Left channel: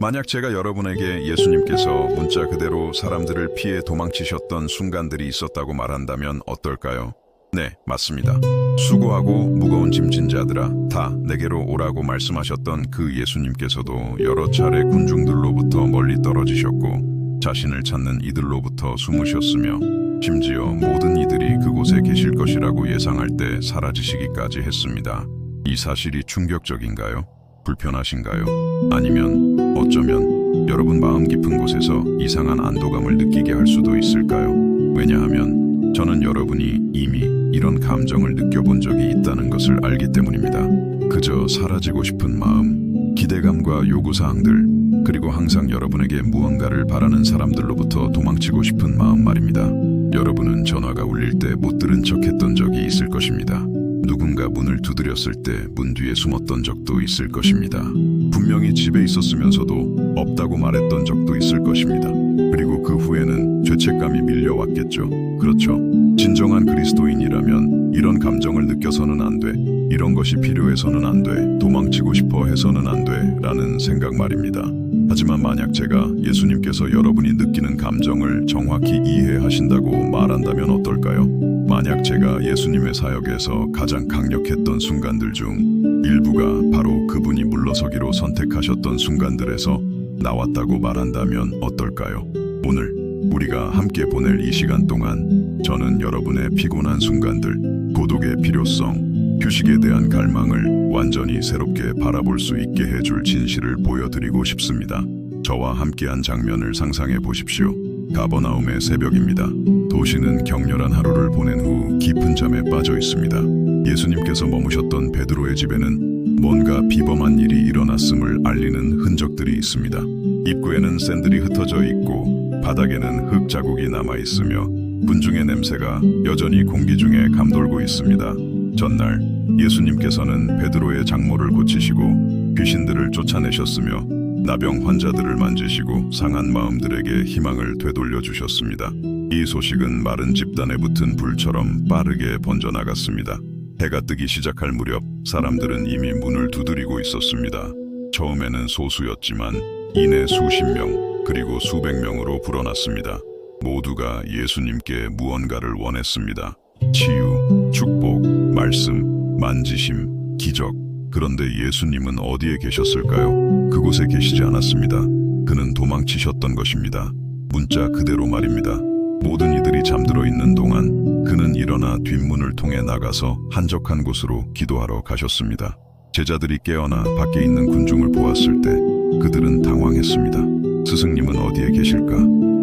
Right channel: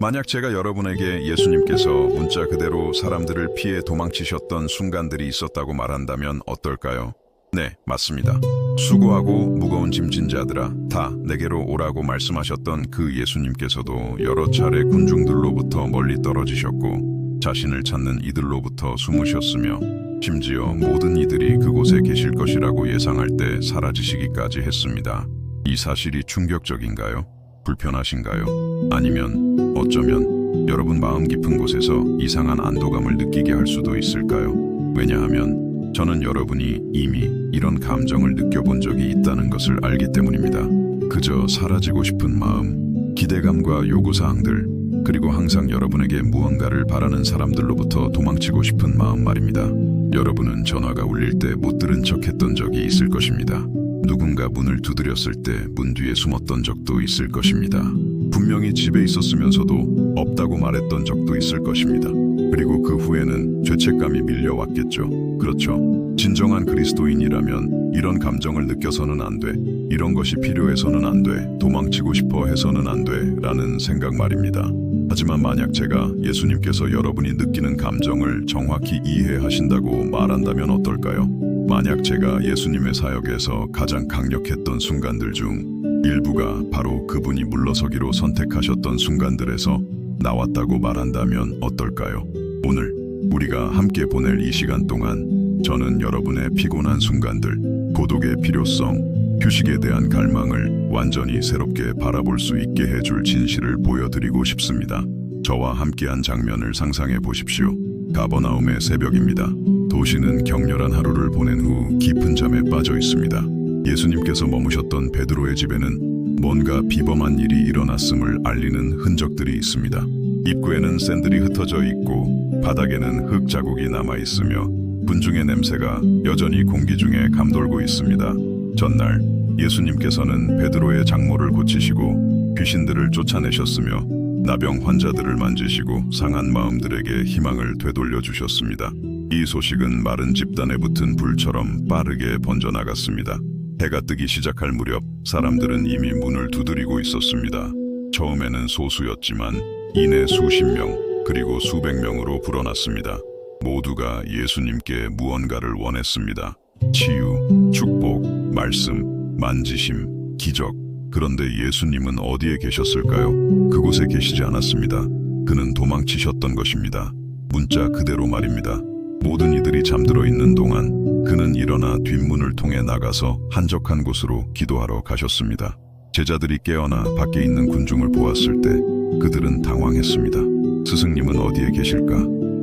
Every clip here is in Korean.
만약 제가 여러분에게 예수님께서 문자 그대로 사람들을 피해 도망치셨던 순간들이 있었다고 말한다면 어떨까요? 네, 맞습니다. 수고하고 무거운 짐진 자들아, 다 내게로 오라고 말씀하셨던 그 예수님께서도 여러 차례 군중들로부터 멀리 떨어지셨고 자신을 찾는 이들로부터 숨으셨으며 심지어 모든 이들이 그곳에 계실 것이라고 예상할 때 사라지시기까지 했습니다. 이 사실이 충격적인가요? 불편하신가요? 아니면 어쩌면 여러분 마음 깊은 곳에서 이상한 안도감을 느끼게 할 수도 있을까요? 왜냐하면 저는 여러분이 이미 이런 감정을 느껴본 적이 있다는 것을 알기 때문입니다. 그저 사라지고 싶은 마음, 기대감과 요구사항들, 그리고 항상 여러분에게 무언가를 바라는 사람들로부터 도망치고 싶은 마음 말입니다. 여러분은 전화가 울릴 때 못 들은 척 했던 적이 있을 것입니다. 누군가 문을 두드렸을 때 문 뒤에 숨었던 적도 있을 것입니다. 분명히 집에 있었으면서도 없다고 말했던 적도 있을 것입니다. 그리고 그 후에는 죄책감이 밀려왔겠죠. 그렇죠. 진정한 그리스도인이라면 이런 감정을 느껴서는 안 돼, 이런 것이 필요해서는 안 돼, 도망치고 싶어 해서는 안 돼 라는 생각 말입니다. 하지만 만약 제가 예수님께서 여러분이 느끼는 감정을 정확히 이해하신다고 말한다면 어떨까요? 만약 제가 예수님의 사역에서 가장 강력했던 순간들 중 일부가 바로 그분이 물러서기로 선택하셨던 순간들에서 나왔다고 말한다면 어떨까요? 오늘 우리가 함께 보낼 이 시간 동안 저는 여러분의 피곤한 순간들, 고독의 필요성, 휴식에 대한 갈망을 완전히 새롭게 바라볼 수 있게 해줄 진실을 보여드리고 싶습니다. 저와 함께한 장면을 상상해 보십시오. 가버나움의 새벽입니다. 도시는 격렬한 하루를 보낸 후 깊은 잠에 빠져 있습니다. 예수님께서 머무셨던 베드로의 집에는 뭔가 비범한 일이 일어났음을 알리는 흔적들이 있습니다. 입구에는 샌들이 흩어져 있고 바닥에는 흙 자국이 남아 있으며 군중의 냄새가 여전히 공기 중에 감돌고 있습니다. 전날 예수님께서는 베드로의 장모를 고치시고 귀신들을 쫓아내셨으며 나병 환자들을 만지시고 상한 마음들에게 희망을 되돌려 주셨습니다. 이 소식은 마른 집단에 붙은 불처럼 빠르게 번져나갔습니다. 해가 뜨기 시작할 무렵 사람들은 이미 문을 두드리고 있었습니다. 처음에는 소수였지만 이내 수십 명 그리고 수백 명으로 불어났습니다. 모두가 예수님께 무언가를 원했습니다. 치유, 축복, 말씀, 만지심, 기적. 그런데 예수님은 어디에 계셨을까요? 그곳에 계시지 않았습니다. 그는 도망치셨던 것입니다. 문자 그대로 말입니다. 모든 이들이 잠들어 있는 동안 그는 일어나 뒷문을 통해 나가서 한적한 곳으로 기도하러 가셨습니다. 제자들이 깨어나 밖에 있는 군중을 보았을 때 그들은 당황했습니다. 스승님은 어디에 계실까?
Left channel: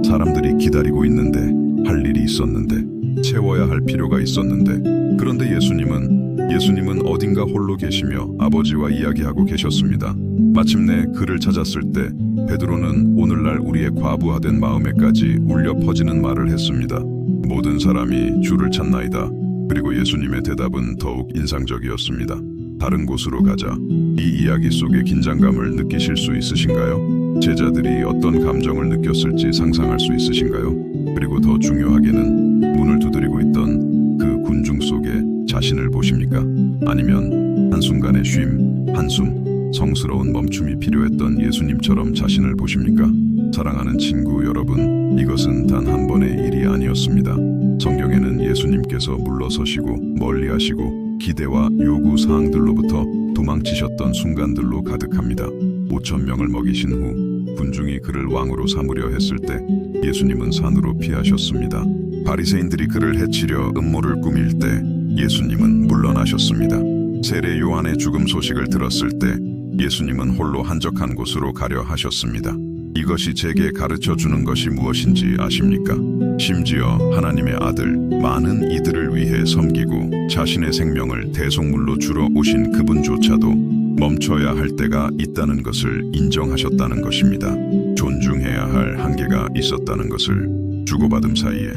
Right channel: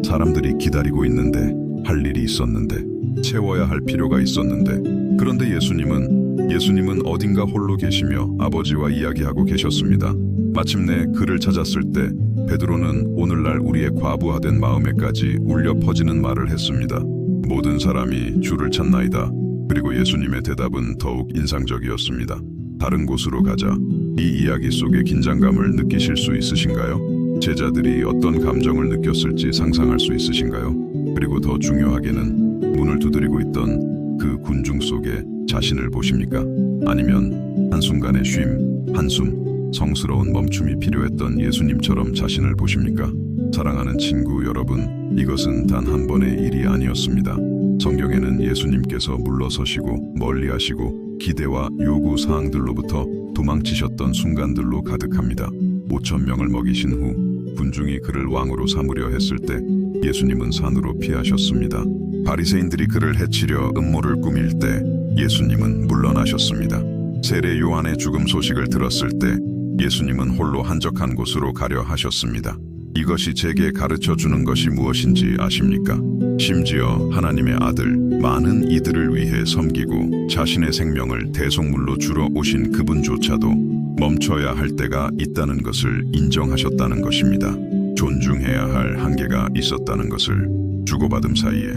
사람들이 기다리고 있는데, 할 일이 있었는데, 채워야 할 필요가 있었는데, 그런데 예수님은 어딘가 홀로 계시며 아버지와 이야기하고 계셨습니다. 마침내 그를 찾았을 때 베드로는 오늘날 우리의 과부하된 마음에까지 울려 퍼지는 말을 했습니다. 모든 사람이 주를 찾나이다. 그리고 예수님의 대답은 더욱 인상적이었습니다. 다른 곳으로 가자. 이 이야기 속의 긴장감을 느끼실 수 있으신가요? 제자들이 어떤 감정을 느꼈을지 상상할 수 있으신가요? 그리고 더 중요하게는 문을 두드리고 있던 그 군중 속에 자신을 보십니까? 아니면 한순간의 쉼, 한숨, 성스러운 멈춤이 필요했던 예수님처럼 자신을 보십니까? 사랑하는 친구 여러분, 이것은 단 한 번의 일이 아니었습니다. 성경에는 예수님께서 물러서시고 멀리하시고 기대와 요구 사항들로부터 도망치셨던 순간들로 가득합니다. 5,000명을 먹이신 후 군중이 그를 왕으로 삼으려 했을 때 예수님은 산으로 피하셨습니다. 바리새인들이 그를 해치려 음모를 꾸밀 때 예수님은 물러나셨습니다. 세례 요한의 죽음 소식을 들었을 때 예수님은 홀로 한적한 곳으로 가려 하셨습니다. 이것이 제게 가르쳐 주는 것이 무엇인지 아십니까? 심지어 하나님의 아들, 많은 이들을 위해 섬기고 자신의 생명을 대속물로 주러 오신 그분조차도 멈춰야 할 때가 있다는 것을 인정하셨다는 것입니다. 존중해야 할 한계가 있었다는 것을, 주고받음 사이에,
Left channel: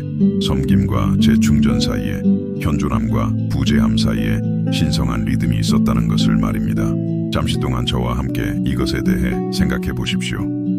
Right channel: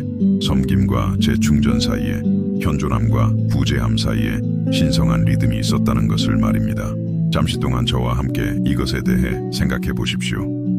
섬김과 재충전 사이에, 현존함과 부재함 사이에 신성한 리듬이 있었다는 것을 말입니다. 잠시 동안 저와 함께 이것에 대해 생각해 보십시오.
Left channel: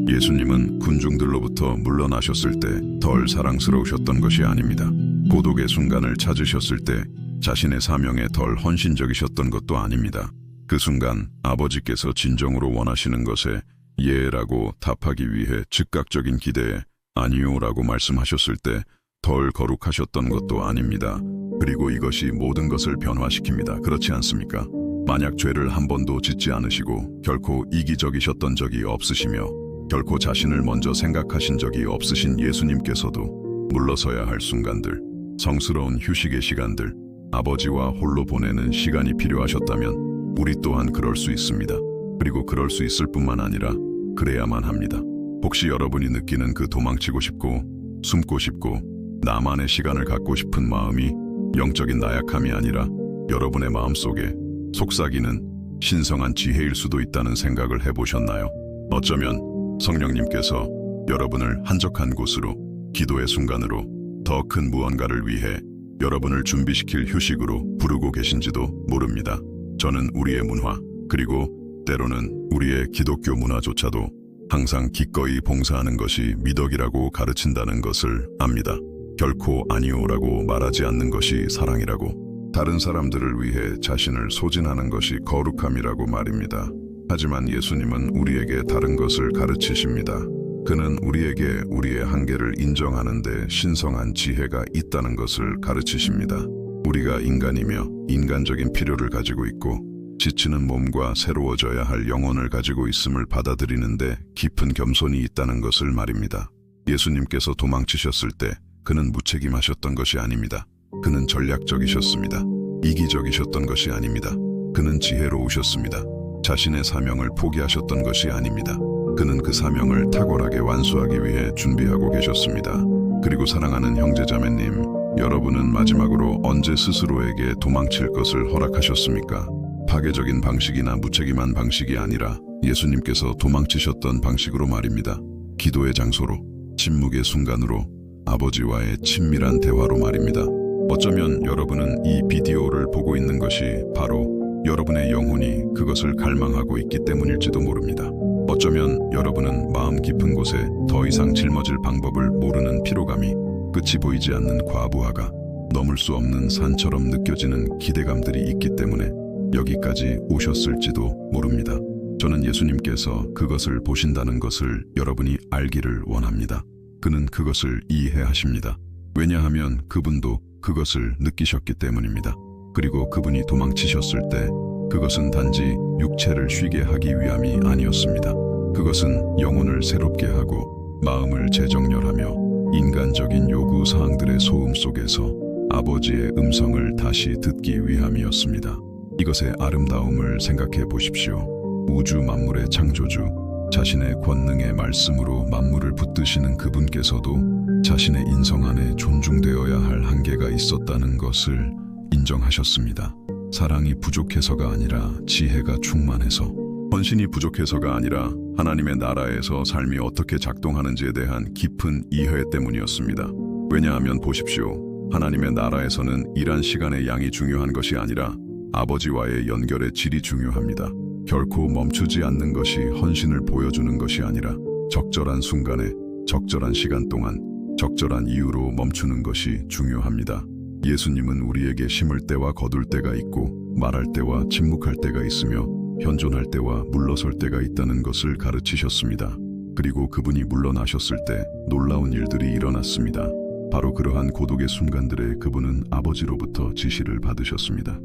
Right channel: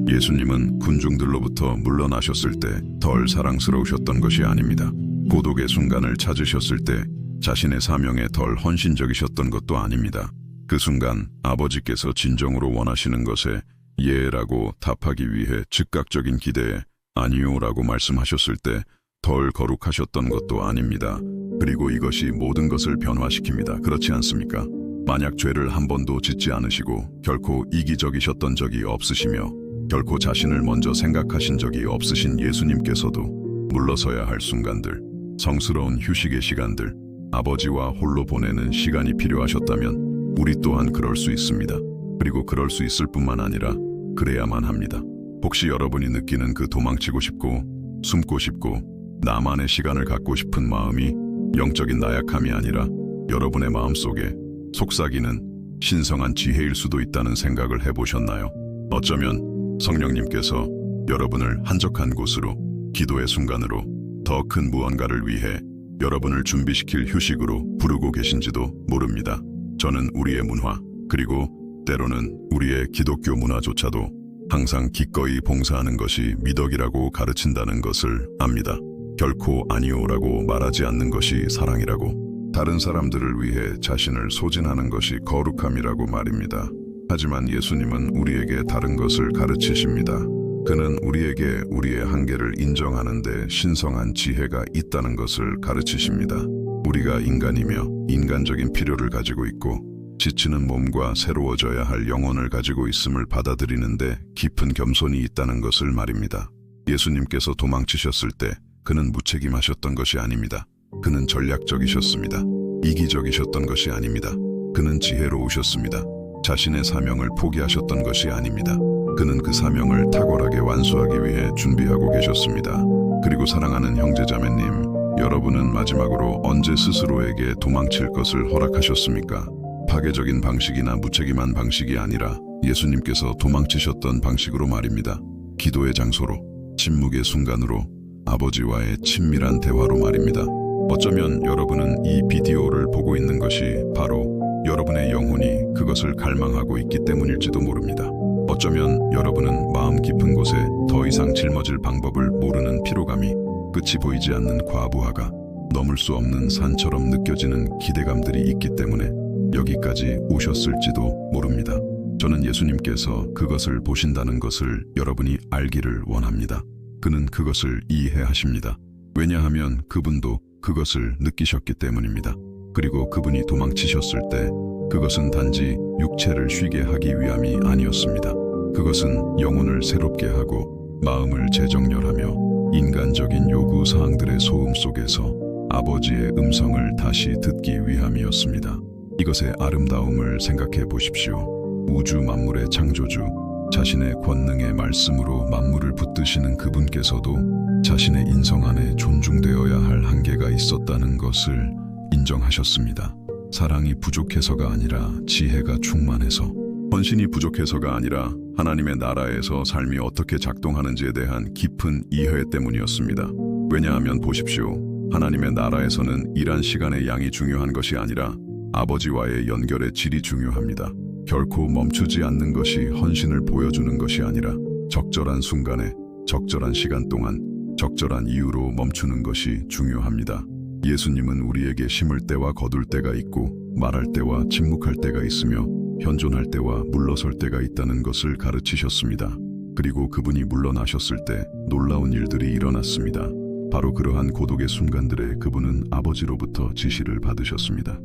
예수님은 군중들로부터 물러나셨을 때 덜 사랑스러우셨던 것이 아닙니다. 고독의 순간을 찾으셨을 때 자신의 사명에 덜 헌신적이셨던 것도 아닙니다. 그 순간 아버지께서 진정으로 원하시는 것에 예라고 답하기 위해 즉각적인 기대에 아니요라고 말씀하셨을 때 덜 거룩하셨던 것도 아닙니다. 그리고 이것이 모든 것을 변화시킵니다. 그렇지 않습니까? 만약 죄를 한 번도 짓지 않으시고 결코 이기적이셨던 적이 없으시며 결코 자신을 먼저 생각하신 적이 없으신 예수님께서도 물러서야 할 순간들, 성스러운 휴식의 시간들, 아버지와 홀로 보내는 시간이 필요하셨다면 우리 또한 그럴 수 있습니다. 그리고 그럴 수 있을 뿐만 아니라 그래야만 합니다. 혹시 여러분이 느끼는 그 도망치고 싶고 숨고 싶고 나만의 시간을 갖고 싶은 마음이 영적인 나약함이 아니라 여러분의 마음속에 속삭이는 신성한 지혜일 수도 있다는 생각을 해보셨나요? 어쩌면 성령님께서 여러분을 한적한 곳으로, 기도의 순간으로, 더 큰 무언가를 위해 여러분을 준비시킬 휴식으로 부르고 계신지도 모릅니다. 저는 우리의 문화, 그리고 때로는 우리의 기독교 문화조차도 항상 기꺼이 봉사하는 것이 미덕이라고 가르친다는 것을 압니다. 결코 아니오라고 말하지 않는 것이 사랑이라고, 다른 사람들을 위해 자신을 소진하는 것이 거룩함이라고 말입니다. 하지만 예수님은 우리에게 다른 것을 가르치십니다. 그는 우리에게 우리의 한계를 인정하는데 신성한 지혜가 있다는 것을 가르치십니다. 우리가 인간이며 인간적인 필요를 가지고 있고 지치는 몸과 새로워져야 할 영혼을 가지고 있음을 받아들이는데 깊은 겸손이 있다는 것을 말입니다. 예수님께서 도망치셨을 때 그는 무책임하셨던 것이 아닙니다. 그는 전략적이셨습니다. 이기적이셨던 것이 아닙니다. 그는 지혜로우셨습니다. 자신의 사명을 포기하셨던 것이 아닙니다. 그는 그 사명을 탁월하게 완수하기 위해 준비하고 계셨습니다. 그리고 사랑하는 형제자매님, 여러분은 마지막으로 언제 스스로에게 도망칠 것을 허락하셨습니까? 파괴적인 방식이나 무책임한 방식이 아니라 예수님께서 도망치셨던 방식으로 말입니다. 기도의 장소로, 침묵의 순간으로, 아버지와의 친밀한 대화로 말입니다. 어쩌면 여러분은 이 비디오를 보고 있는 것이 바로 여러분의 영혼이 그것을 갈망하고 있기 때문일지도 모릅니다. 어쩌면 여러분은 마음 깊은 곳에 더 이상 짊어질 방법을 모르는 피로감이, 끝이 보이지 않는 과부하가, 넘을 수 없는 산처럼 느껴지는 기대감들이 있기 때문에 여기까지 오셨을지도 모릅니다. 저는 예수님께서 그것을 보신다는 것을 여러분이 알기를 원합니다. 그는 그것을 이해하십니다. 왜냐하면 그분도 그것을 느끼셨기 때문입니다. 그리고 그분이 도망치셨을 때 그것은 단지 육체를 쉬게 하기 위함이 아니었습니다. 그것은 영혼을 새롭게 하고 마음을 재정렬하며 인간적인 요구 사항들의 소음 속에서 아버지의 음성을 다시 듣기 위함이었습니다. 이것의 아름다움을 생각해 보십시오. 우주 만물의 창조주, 자신의 권능의 말씀으로 만물을 붙드시는 그분께서도 자신의 인성 안에 존중되어야 할 한계가 있었다는 것을 인정하셨습니다. 사랑이 부족해서가 아니라 지혜가 충만해서, 헌신이 부족해서가 아니라 하나님의 나라에서 삶이 어떻게 작동하는지에 대한 깊은 이해 때문이었습니다. 왜냐하면 보십시오. 하나님의 나라에서는 일한 시간의 양이 중요한 것이 아니라 아버지와의 연결의 질이 중요합니다. 결코 멈추지 않는 것이 헌신을 보여주는 것이 아니라 적절한 순간에, 적절한 시간 동안, 적절한 이유로 멈추는 것이 중요합니다. 예수님은 우리에게 심을 때와 거둘 때가 있고 말할 때와 침묵할 때가 있으며 현존할 때와 물러설 때가 있다는 것을 가르치셨습니다. 그리고 그분이 물러나셨을 때 놀라운 일들이 일어났습니다. 바로 그러한 고독의 순간들에 그분은 아버지로부터 지시를 받으셨습니다.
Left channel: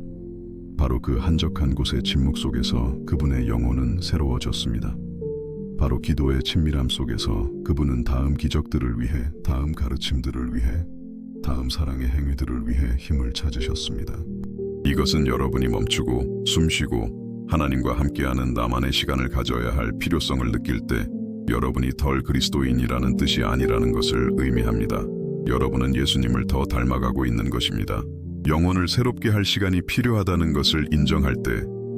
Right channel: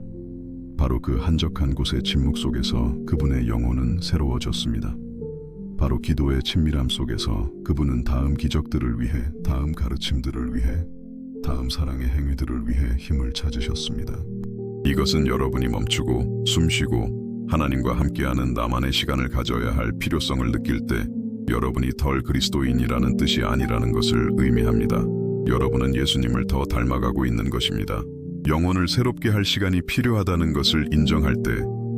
바로 그 한적한 곳의 침묵 속에서 그분의 영혼은 새로워졌습니다. 바로 기도의 친밀함 속에서 그분은 다음 기적들을 위해, 다음 가르침들을 위해, 다음 사랑의 행위들을 위해 힘을 찾으셨습니다. 이것은 여러분이 멈추고 숨쉬고 하나님과 함께하는 나만의 시간을 가져야 할 필요성을 느낄 때 여러분이 덜 그리스도인이라는 뜻이 아니라는 것을 의미합니다. 여러분은 예수님을 더 닮아가고 있는 것입니다. 영혼을 새롭게 할 시간이 필요하다는 것을 인정할 때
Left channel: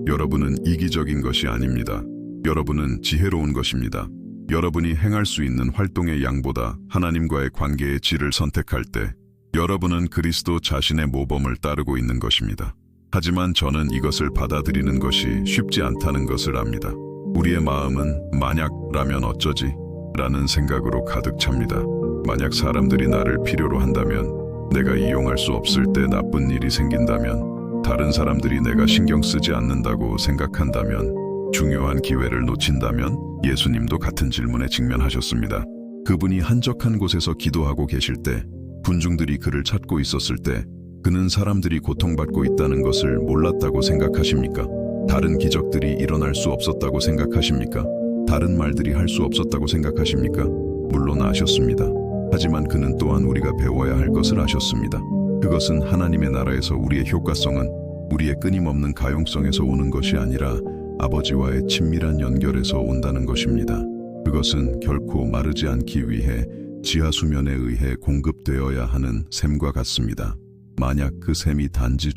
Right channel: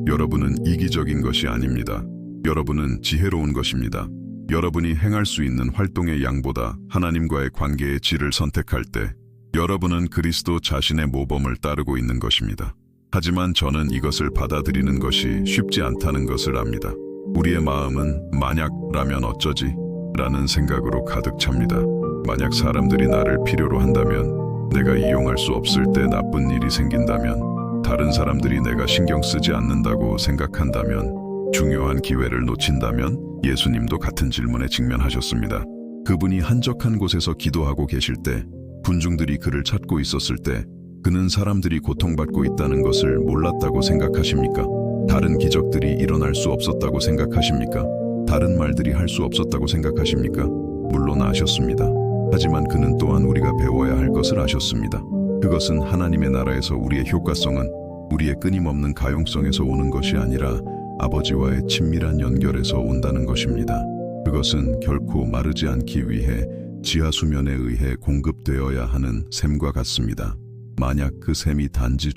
여러분은 이기적인 것이 아닙니다. 여러분은 지혜로운 것입니다. 여러분이 행할 수 있는 활동의 양보다 하나님과의 관계의 질을 선택할 때 여러분은 그리스도 자신의 모범을 따르고 있는 것입니다. 하지만 저는 이것을 받아들이는 것이 쉽지 않다는 것을 압니다. 우리의 마음은 만약라면 어쩌지? 라는 생각으로 가득 찹니다. 만약 사람들이 나를 필요로 한다면, 내가 이용할 수 없을 때 나쁜 일이 생긴다면, 다른 사람들이 내가 신경 쓰지 않는다고 생각한다면, 중요한 기회를 놓친다면 예수님도 같은 질문에 직면하셨습니다. 그분이 한적한 곳에서 기도하고 계실 때, 군중들이 그를 찾고 있었을 때, 그는 사람들이 고통받고 있다는 것을 몰랐다고 생각하십니까? 다른 기적들이 일어날 수 없었다고 생각하십니까? 다른 말들이 할 수 없었다고 생각하십니까? 물론 아셨습니다. 하지만 그는 또한 우리가 배워야 할 것을 아셨습니다. 그것은 하나님의 나라에서 우리의 효과성은 우리의 끊임없는 가용성에서 오는 것이 아니라 아버지와의 친밀한 연결에서 온다는 것입니다. 그것은 결코 마르지 않기 위해 지하 수면에 의해 공급되어야 하는 샘과 같습니다. 만약 그 샘이 단지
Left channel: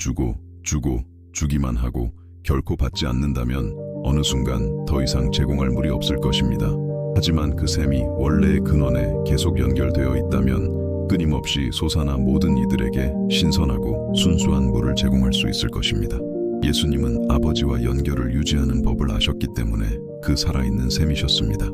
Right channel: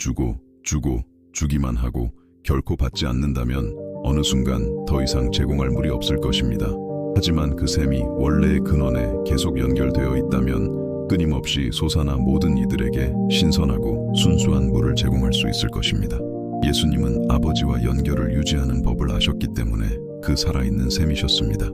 주기만 하고 결코 받지 않는다면 어느 순간 더 이상 제공할 물이 없을 것입니다. 하지만 그 샘이 원래의 근원에 계속 연결되어 있다면 끊임없이 솟아나 모든 이들에게 신선하고 순수한 물을 제공할 수 있을 것입니다. 예수님은 아버지와 연결을 유지하는 법을 아셨기 때문에 그 살아있는 샘이셨습니다.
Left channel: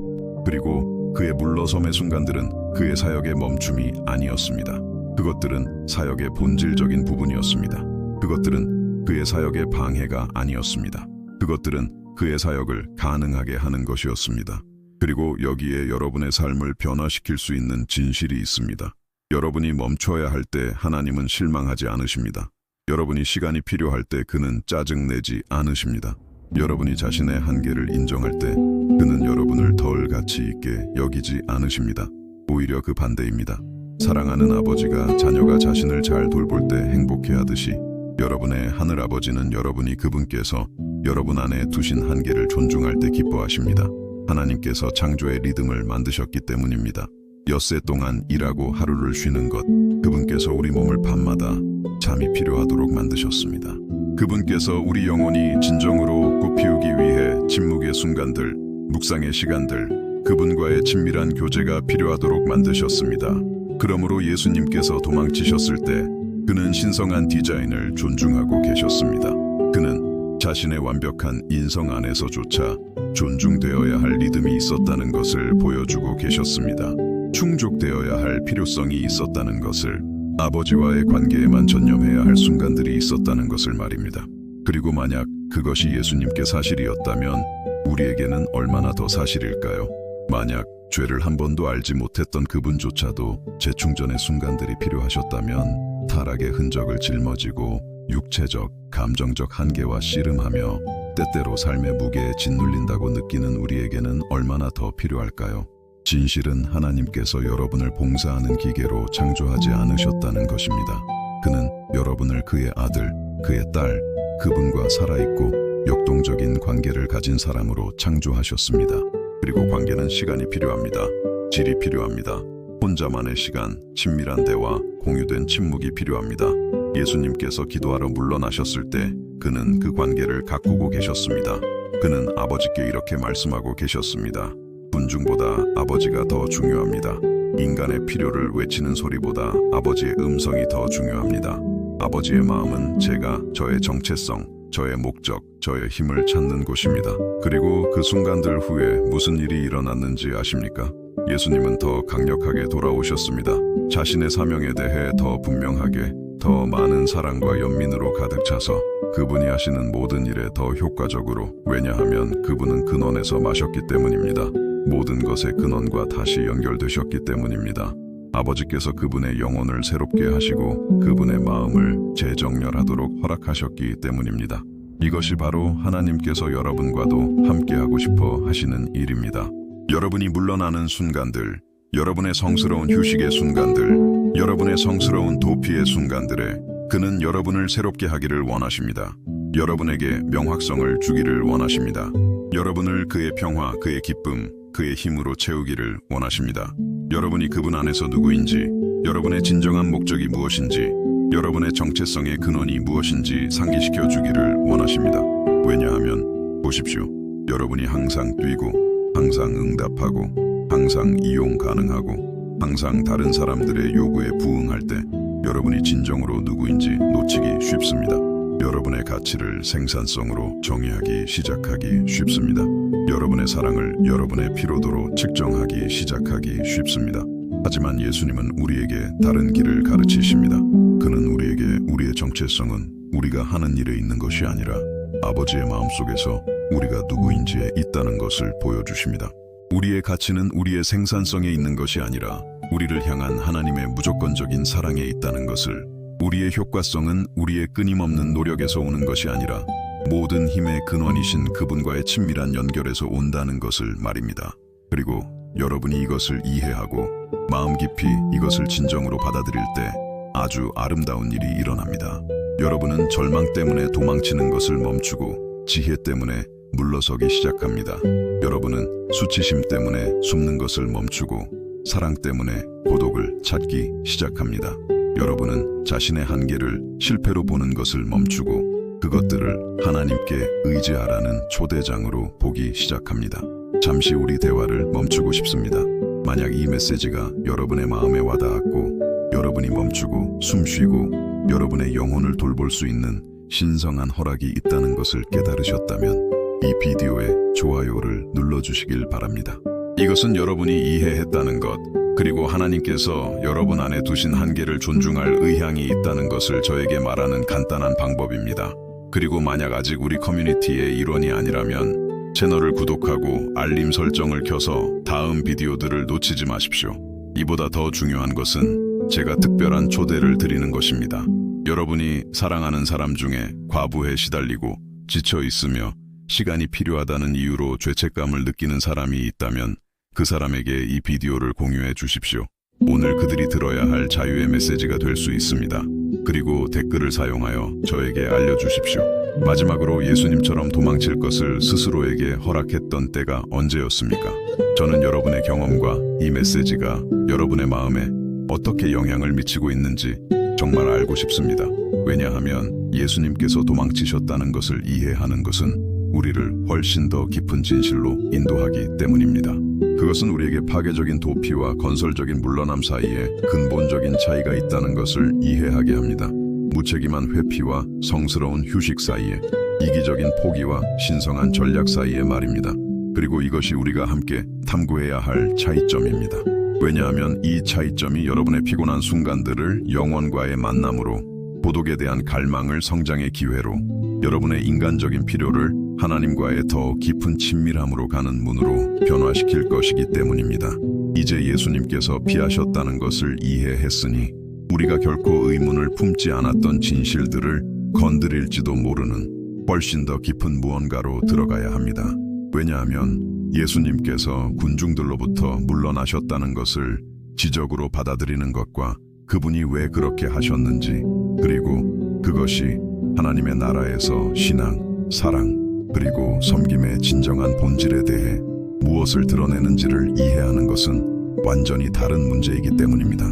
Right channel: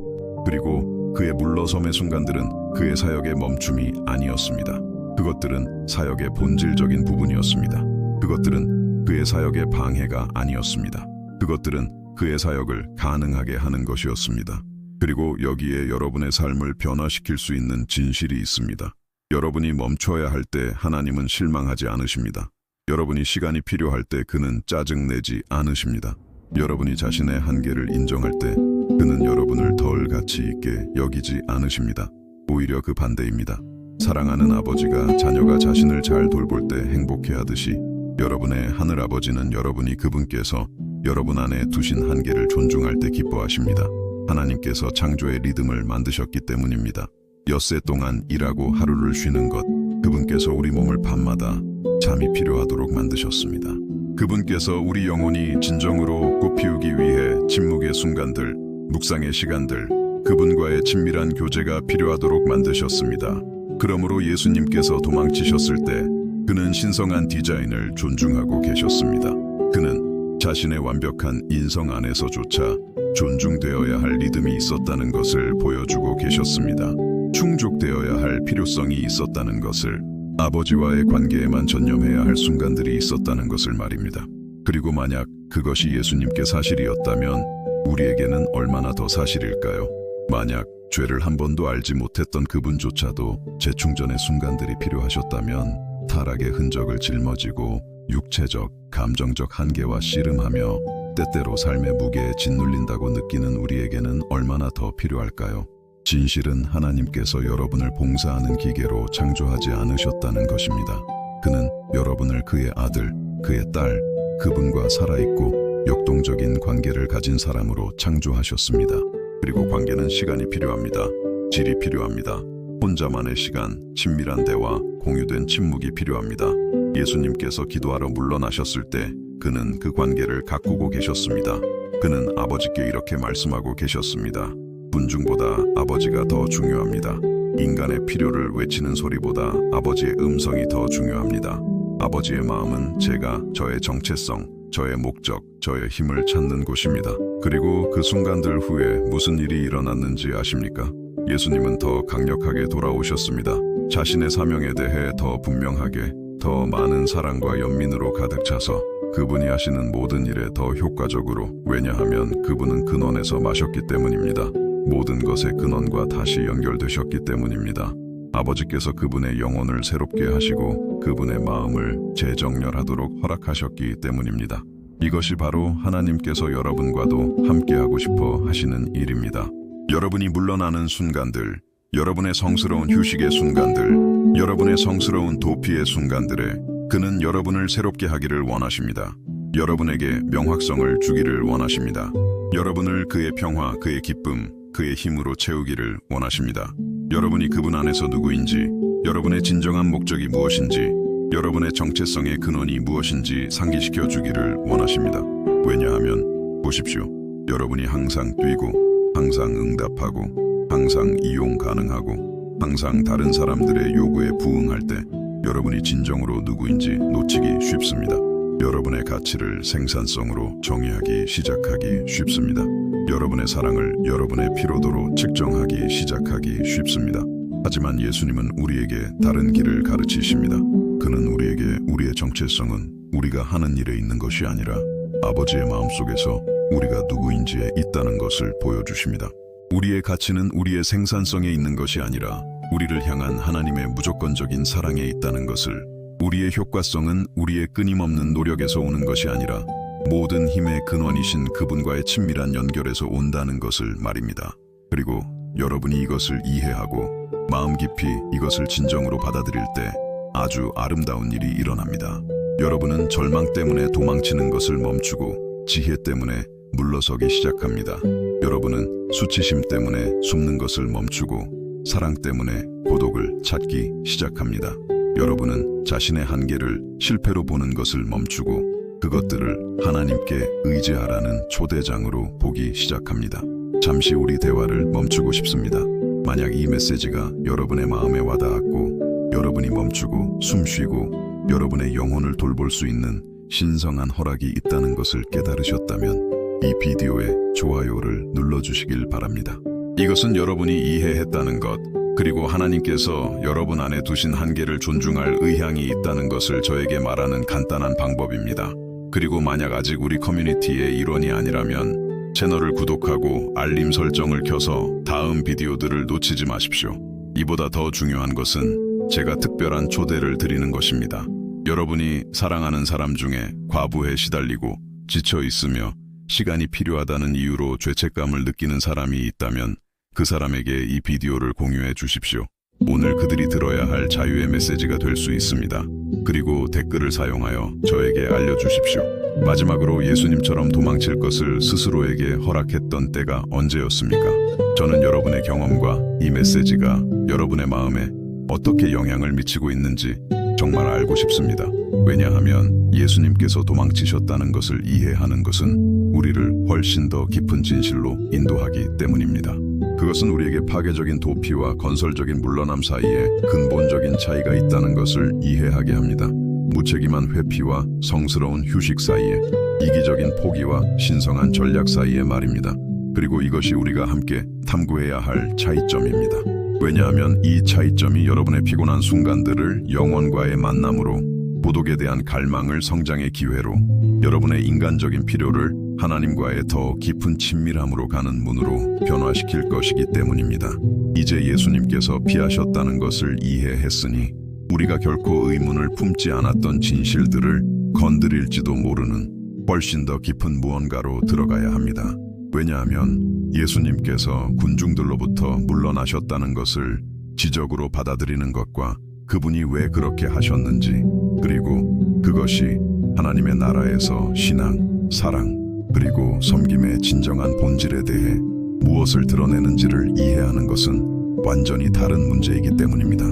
그리고 그의 물러섬의 순간들은 그의 사역의 멈춤이 아니었습니다. 그것들은 사역의 본질적인 부분이었습니다. 그것들은 그의 사역의 방해가 아니었습니다. 그것들은 그의 사역을 가능하게 하는 것이었습니다. 그리고 여기에 여러분의 삶을 변화시킬 수 있는 진실이 있습니다. 여러분이 멈춰야 할 때 하나님은 실망하지 않으십니다. 여러분이 시간이 필요할 때 그는 짜증내지 않으십니다. 여러분이 자신의 한계를 인정할 때 그는 여러분을 덜 가치 있게 여기지 않으십니다. 오히려 그 반대입니다. 사랑하는 아버지가 자녀가 자신을 잘 돌볼 때 행복해하듯이 여러분의 하늘아버지는 여러분이 그분께서 여러분 안에 두신 한계를 존중할 때 기뻐하십니다. 하나님께서 창조의 리듬을 만드셨기 때문입니다. 엿새 동안 일하고 하루를 쉬는 것, 그분께서 우리 몸을 밤마다 잠이 필요하도록 만드셨습니다. 그분께서 우리 영혼이 진정으로 꽃피우기 위해 침묵의 순간들, 묵상의 시간들, 그분과의 친밀한 교제가 필요하도록 만드셨습니다. 그러므로 예수님께서 도망치셨을 때 그는 신성한 디자인을 존중하고 계셨습니다. 그는 자신의 완벽한 인성 안에서조차 존중되어야 할 리듬이 있었다는 것을 보여주고 계셨습니다. 충족되어야 할 필요성이 있었다는 것을, 아버지와의 관계에만 전념해야 할 순간들이 있었다는 것을 말입니다. 그리고 만약 그것이 예수님께 사실이었다면 우리에게는 얼마나 더 사실일까요? 만약 죄를 한 번도 알지 못했던 그분조차도 재충전의 순간들이 필요하셨다면 타락의 흔적을 짊어지고 육체적, 감정적 한계와 씨름하며 때때로 삶의 무게에 짓눌린다고 느끼는 우리에게는 얼마나 더 필요할까요? 진실은 하나님께서 여러분을 봉사하는 기계로 창조하지 않으셨다는 것입니다. 그는 여러분을 그의 아들, 그의 딸, 그분과 살아있고 역동적인 관계를 가진 사람으로 창조하셨습니다. 그리고 관계는 시간이 필요합니다. 질이 필요합니다. 혼자만의 시간, 친밀한 대화, 공유된 침묵이 필요합니다. 예수님께서 기도하러 물러나셨을 때 그는 그 관계를 가꾸고 계셨습니다. 그는 아버지께 이렇게 말씀하고 계셨습니다. 군중보다 아버지가 더 중요합니다. 인간의 필요를 외치는 소리보다 아버지의 음성이 더 중요합니다. 아버지의 마음은 제가 저의 정체성, 저의 목적, 저의 힘을 찾는 곳입니다. 그리고 그 순간들 후에 무슨 일이 일어났는지 아십니까? 예수님은 더 강력하게 돌아오셨습니다. 자신의 사명에 대해 더 분명하게, 더 많은 사랑과 연민으로 가득 차서 그분이 하시는 모든 일에 더 효과적으로, 왜냐하면 그분은 근원에서 마셨기 때문입니다. 모든 것의 근원과 다시 연결되셨기 때문입니다. 아버지께서 그분의 영혼을 새롭게 하시고 그분의 마음을 재정렬하도록 허락하셨기 때문입니다. 이것이 바로 하나님께서 여러분과도 함께하고 싶어 하시는 일입니다. 여러분이 물러나는 순간들, 여러분의 성스러운 휴식의 순간들, 여러분의 성스러운 도피의 순간들에 그는 여러분을 새롭게 하기를 원하십니다. 여러분에게 명확성을 주기를 원하십니다. 여러분을 그의 평화, 그의 기쁨, 그의 힘으로 채우기를 원하십니다. 여러분이 그분 안에서 누구인지, 여러분의 진정한 목적이 무엇인지, 여러분의 정체성의 근원이 무엇인지 상기시켜 주기를 원하십니다. 왜냐하면 보십시오. 여러분이 항상 뛰고, 항상 응답하고, 항상 이용 가능하고, 항상 다른 사람들의 요구에 부응할 때 여러분이 진정으로 누구인지 놓치기 쉽습니다. 여러분의 가치를 생산성으로 정의하기 시작하기 쉽습니다. 여러분의 사랑을 여러분의 피로도로 측정하기 시작하기 쉽습니다. 하지만 예수님은 우리에게 다른 길을 가르치십니다. 그는 우리에게 우리의 정체성은 우리가 하는 일에 있는 것이 아니라 아버지의 마음속에서 우리가 누구인지에 있다는 것을 보여주십니다. 우리의 가치는 우리의 생산성에 있는 것이 아니라 우리를 향한 하나님의 무조건적인 사랑에 있다는 것을, 우리의 효과성은 우리의 끊임없는 노력에서 오는 것이 아니라 모든 힘의 근원이신 그분과의 친밀한 연결에서 온다는 것을 말입니다. 그리고 여러분이 이것을 이해하고 마음 깊이 이것을 진정으로 받아들일 때 아주 아름다운 일이 일어납니다. 여러분은 절망 때문에 도망치는 것을 멈추고 지혜 때문에 물러서기 시작합니다. 여러분은 수치심 때문에 숨는 것을 멈추고 사랑 때문에 고독을 찾기 시작합니다. 여러분은 자신의 한계를 실패로 보는 것을 멈추고 그것들을 하나님께 의지하라는 초대장으로 보기 시작합니다. 잠시 우리 대화를 멈추고 싶습니다. 만약 이 메시지가 여러분의 마음에 와닿았고 여러분이 멈추고 숨 쉬고 여러분의 영혼을 돌볼 수 있는 신성한 허락이 있다는 것을 깨달으셨다면 이 비디오에 좋아요를 눌러주시길 바랍니다. 이것은 여러분이 이해했다는 것, 그리고 하나님께서 여러분 안에 두신 한계를 존중할 의향이 있다는 것을 저에게 말하는 간단한 방법입니다. 그리고 만약 아직 우리 커뮤니티의 일원이 아니라면 채널을 구독하고 알림 설정을 켜서 다음 비디오들을 놓치지 마십시오. 이보다 더 중요한 것은 제가 특별한 초대를 드리는 것입니다. 여러분이 사랑하는 사람 중에 과부에 시달리고 지쳐 있으며 시간이 필요하다는 이유로 죄책감을 느끼는 사람이 있다면 그 사람에게 이 비디오를 공유해 주십시오. 오늘 그들이 들어야 할 자유의 메시지가 될 수 있습니다. 그리고 댓글을 사용하여 저에게 알려주십시오. 마지막으로 예수님처럼 도망칠 것을 스스로에게 허락했던 때가 언제였습니까? 저는 여러분의 경험과 이 메시지가 여러분의 마음에 어떻게 영향을 미치고 있는지 정말 알고 싶습니다. 왜냐하면 예수님께서 도망치셨다는 것을 이해하는 것은 우리를 훨씬 더 깊은 진실로 인도하기 때문입니다. 그것은 우리에게 파괴적인 도피와 건설적인 물러남 사이에 근본적인 차이가 있다는 것을 이해하게 합니다. 무책임한 회피와 성스러운 휴식 사이에, 이기적인 포기와 신성한 전략 사이에 말입니다. 그리고 이것이 우리가 함께 탐구해야 할 차이점입니다. 왜냐하면 이 차이점이 여러분의 피곤한 순간들을 영원과의 만남으로, 고독에 대한 갈망을 성장의 기회로, 여러분의 인간적인 필요를 하나님과의 더 깊은 친밀함으로 가는 문으로 변화시킬 것이기 때문입니다. 이제 예수님께서 피하셨다는 것을 이해했으니 우리가 결코 의문을 품지 않았던 진실들을 건드릴지도 모르는 훨씬 더 깊은 무언가로 들어가야 합니다. 왜냐하면 예수님께서 군중들로부터 물러나셨다는 것을 지적으로 받아들이는 것과 그분이 왜 그렇게 하셨는지, 그리고 그것이 하나님의 나라에서 신앙, 사랑, 그리고 섬김의 진정한 본질에 대해 무엇을 드러내는지를 이해하는 것은 완전히 다른 문제이기 때문입니다.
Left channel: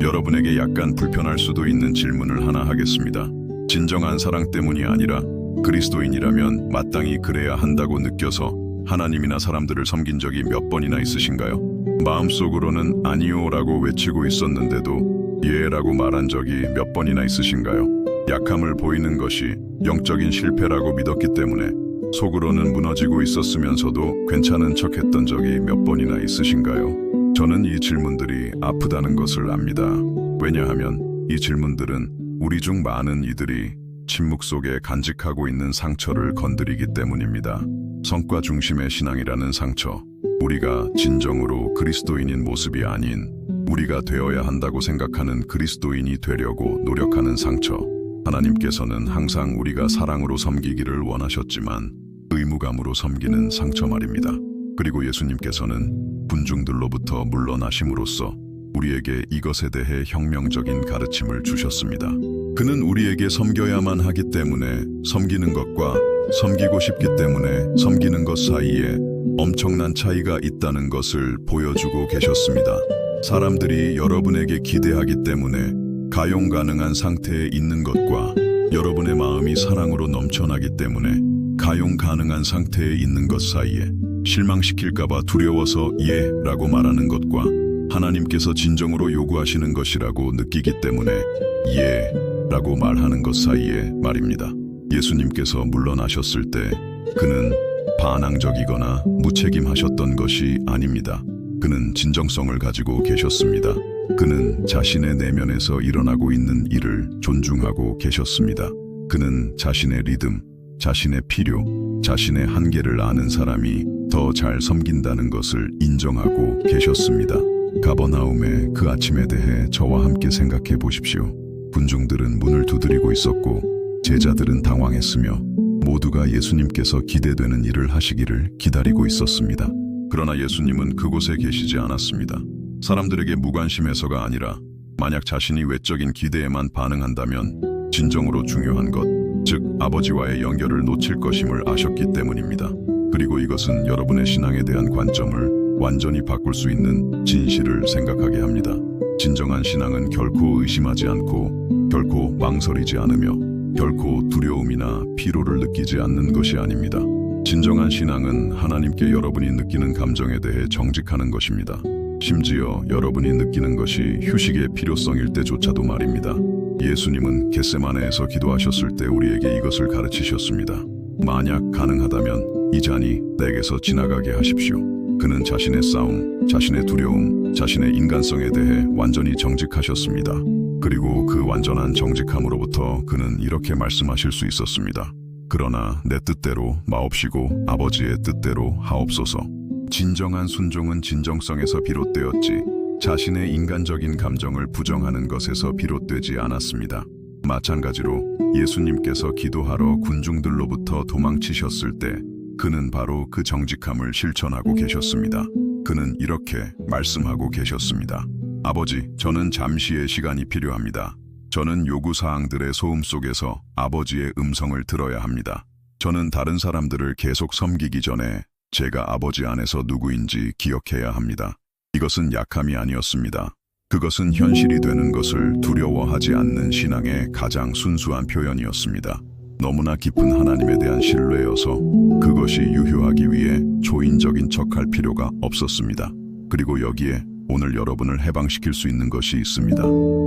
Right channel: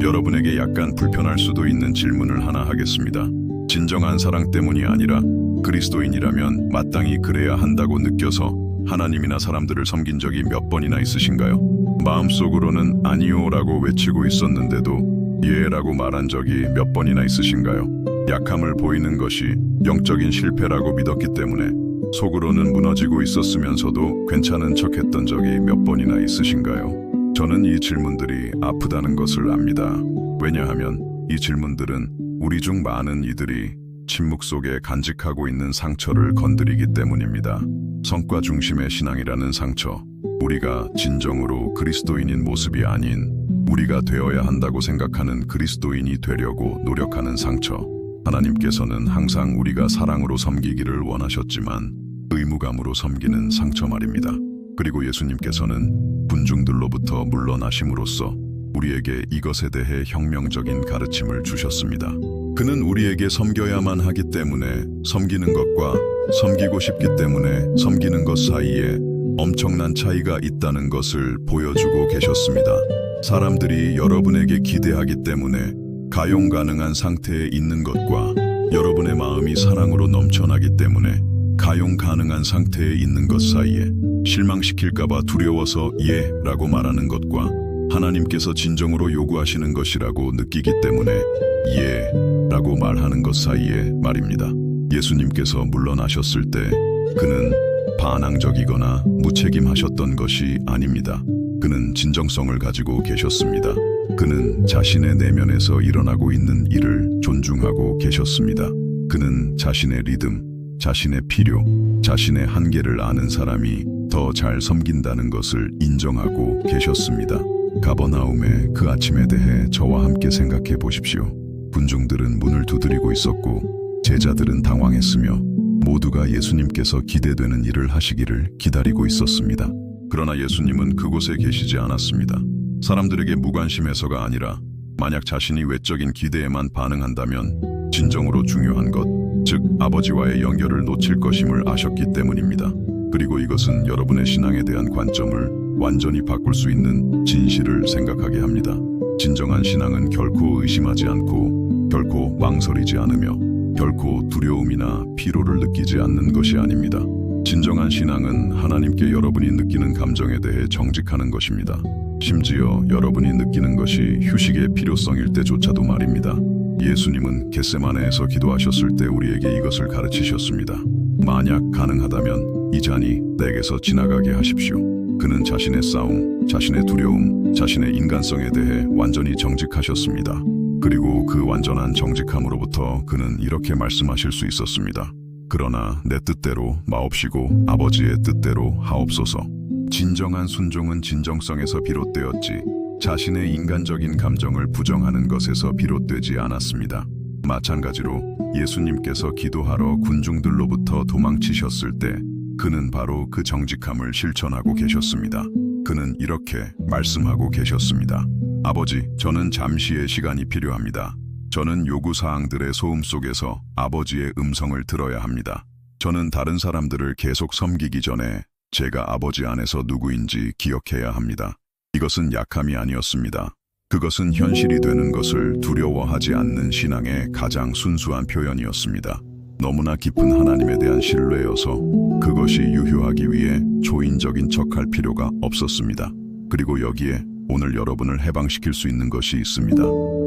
여러분에게 약간 불편할 수도 있는 질문을 하나 하겠습니다. 진정한 사랑 때문이 아니라 그리스도인이라면 마땅히 그래야 한다고 느껴서 하나님이나 사람들을 섬긴 적이 몇 번이나 있으신가요? 마음속으로는 아니요라고 외치고 있었는데도 예라고 말한 적이 몇 번이나 있으신가요? 약함을 보이는 것이 영적인 실패라고 믿었기 때문에 속으로는 무너지고 있었으면서도 괜찮은 척했던 적이 몇 번이나 있으신가요? 저는 이 질문들이 아프다는 것을 압니다. 왜냐하면 이 질문들은 우리 중 많은 이들이 침묵 속에 간직하고 있는 상처를 건드리기 때문입니다. 성과 중심의 신앙이라는 상처, 우리가 진정으로 그리스도인인 모습이 아닌 우리가 되어야 한다고 생각하는 그리스도인이 되려고 노력하는 상처. 하나님께서는 항상 우리가 사랑으로 섬기기를 원하셨지만 의무감으로 섬기는 상처 말입니다. 그리고 예수님께서는 군중들로부터 물러나심으로써 우리에게 이것에 대해 혁명적인 가르침을 주셨습니다. 그는 우리에게 섬겨야만 하기 때문에 섬기는 것과 섬기고 싶기 때문에 섬기는 것 사이에 엄청난 차이가 있다는 것을 보여주고 계셨습니다. 사람들이 여러분에게 기대하기 때문에 가용 가능한 상태에 있는 것과 여러분의 마음이 사랑으로 넘쳐나기 때문에 가용 가능한 상태에 있는 것 사이에 실망시킬까봐 두려워서 예라고 말하는 것과 하나님께서 진정으로 요구하시는 것이라고 느끼기 때문에 예라고 말하는 것 사이에 말입니다. 예수님께서 물러나셨을 때 그는 반항적이거나 무책임하셨던 것이 아닙니다. 그는 진정성을 가지고 계셨습니다. 그는 자신의 내면에서 일어나고 있는 일을 존중하고 계셨습니다. 그는 자신의 리듬, 자신의 필요, 자신의 한계를 아는 사람이 더 잘 섬긴다는 것을 인정하고 계셨습니다. 가버나움의 그 아침에 대해 저와 함께 생각해 보십시오. 군중들은 문을 두드리고 있었고 제자들은 당황했으며 모두가 예수님께서 기대되는 일을 하시기를 기다리고 있었습니다. 그러나 예수님은 그곳에 계시지 않았습니다. 사람들에게 무관심해서가 아니라 만약 자신이 외적인 기대에만 반응한다면 진정으로 중요한 것, 즉 아버지와의 연결을 놓칠 것임을 아셨기 때문입니다. 그리고 이것은 여러분의 신앙에 대한 관점을 완전히 바꿀 수 있는 진실을 생각하게 합니다. 진정한 신앙은 결코 의심하지 않고 결코 망설이지 않으며 결코 두려움이나 피로를 느끼지 않는 것이 아닙니다. 진정한 신앙은 하나님께 여러분이 느끼는 감정에 대해 정직하는 것입니다. 심지어 여러분이 느끼는 것이 휴식의 필요성일 때조차도 말입니다. 예수님은 겟세마네에서 기도하셨을 때 우리에게 이것을 가르치셨습니다. 만약 가능하다면 이 잔이 내게서 지나가게 하십시오. 그는 자신의 싸움, 자신의 두려움, 자신의 인간성에 대해 완전히 정직하셨습니다. 그리고 그 완전한 정직함으로부터 그는 이렇게 말씀하실 수 있었습니다. 그러나 내 뜻대로 마옵시고 아버지의 뜻대로 하옵소서. 진정한 순종은 진정성에서 비롯되었지 자신의 인간적인 감정을 부정하는 것에서 비롯되지 않았습니다. 마찬가지로 예수님께서 기도하러 군중들로부터 도망치셨을 때 그는 바로 그 정직함을 실천하고 계셨습니다. 그는 이렇게 말씀하고 계셨습니다. 아버지, 저는 잠시의 시간이 필요합니다. 저는 요구사항들의 소음 속에서 아버지의 음성을 들어야 합니다. 저는 다른 사람들을 계속 섬기기 전에 제가 아버지 안에서 누구인지 기억해야 합니다. 이것은 약함이 아니었습니다. 그것은 현실이 되는 것을 두려워하지 않는 신앙의 가장 순수한 표현이었습니다. 너무나 깊은 하나님에 대한 신뢰여서 그것이 유효하기 위해 초인적인 척할 필요가 없었습니다. 그리고 여기에 오늘 여러분을 해방시킬 수 있는 것이 있습니다.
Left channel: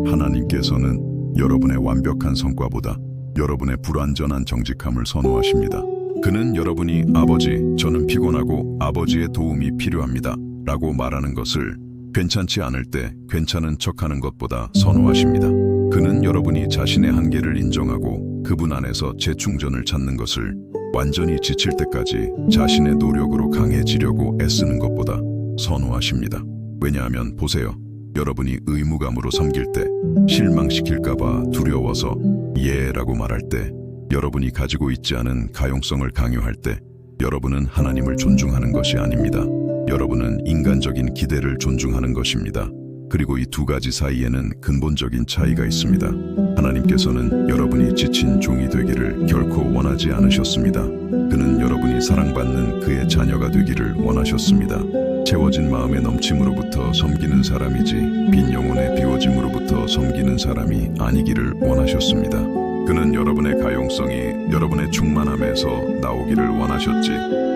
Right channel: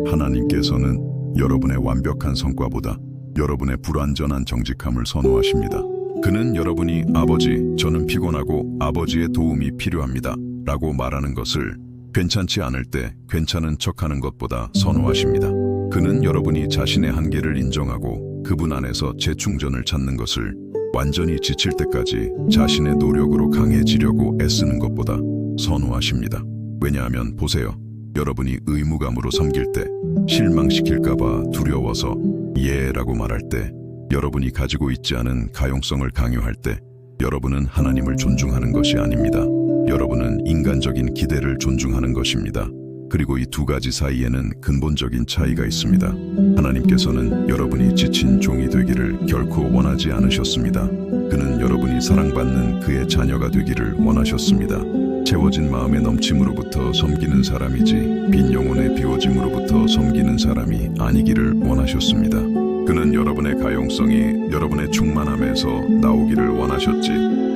하나님께서는 여러분의 완벽한 성과보다 여러분의 불완전한 정직함을 선호하십니다. 그는 여러분이 아버지, 저는 피곤하고 아버지의 도움이 필요합니다 라고 말하는 것을 괜찮지 않을 때 괜찮은 척하는 것보다 선호하십니다. 그는 여러분이 자신의 한계를 인정하고 그분 안에서 재충전을 찾는 것을 완전히 지칠 때까지 자신의 노력으로 강해지려고 애쓰는 것보다 선호하십니다. 왜냐하면 보세요. 여러분이 의무감으로 섬길 때, 실망시킬까봐 두려워서 예라고 말할 때, 여러분이 가지고 있지 않은 가용성을 강요할 때, 여러분은 하나님을 존중하는 것이 아닙니다. 여러분은 인간적인 기대를 존중하는 것입니다. 그리고 이 두 가지 사이에는 근본적인 차이가 있습니다. 하나님께서는 여러분이 지친 종이 되기를 결코 원하지 않으셨습니다. 그는 여러분이 사랑받는 그의 자녀가 되기를 원하셨습니다. 채워진 마음의 넘침으로부터 섬기는 사람이지 빈 영혼의 비워짐으로부터 섬기는 사람이 아니기를 원하셨습니다. 그는 여러분의 가용성이 여러분의 충만함에서 나오기를 원하셨지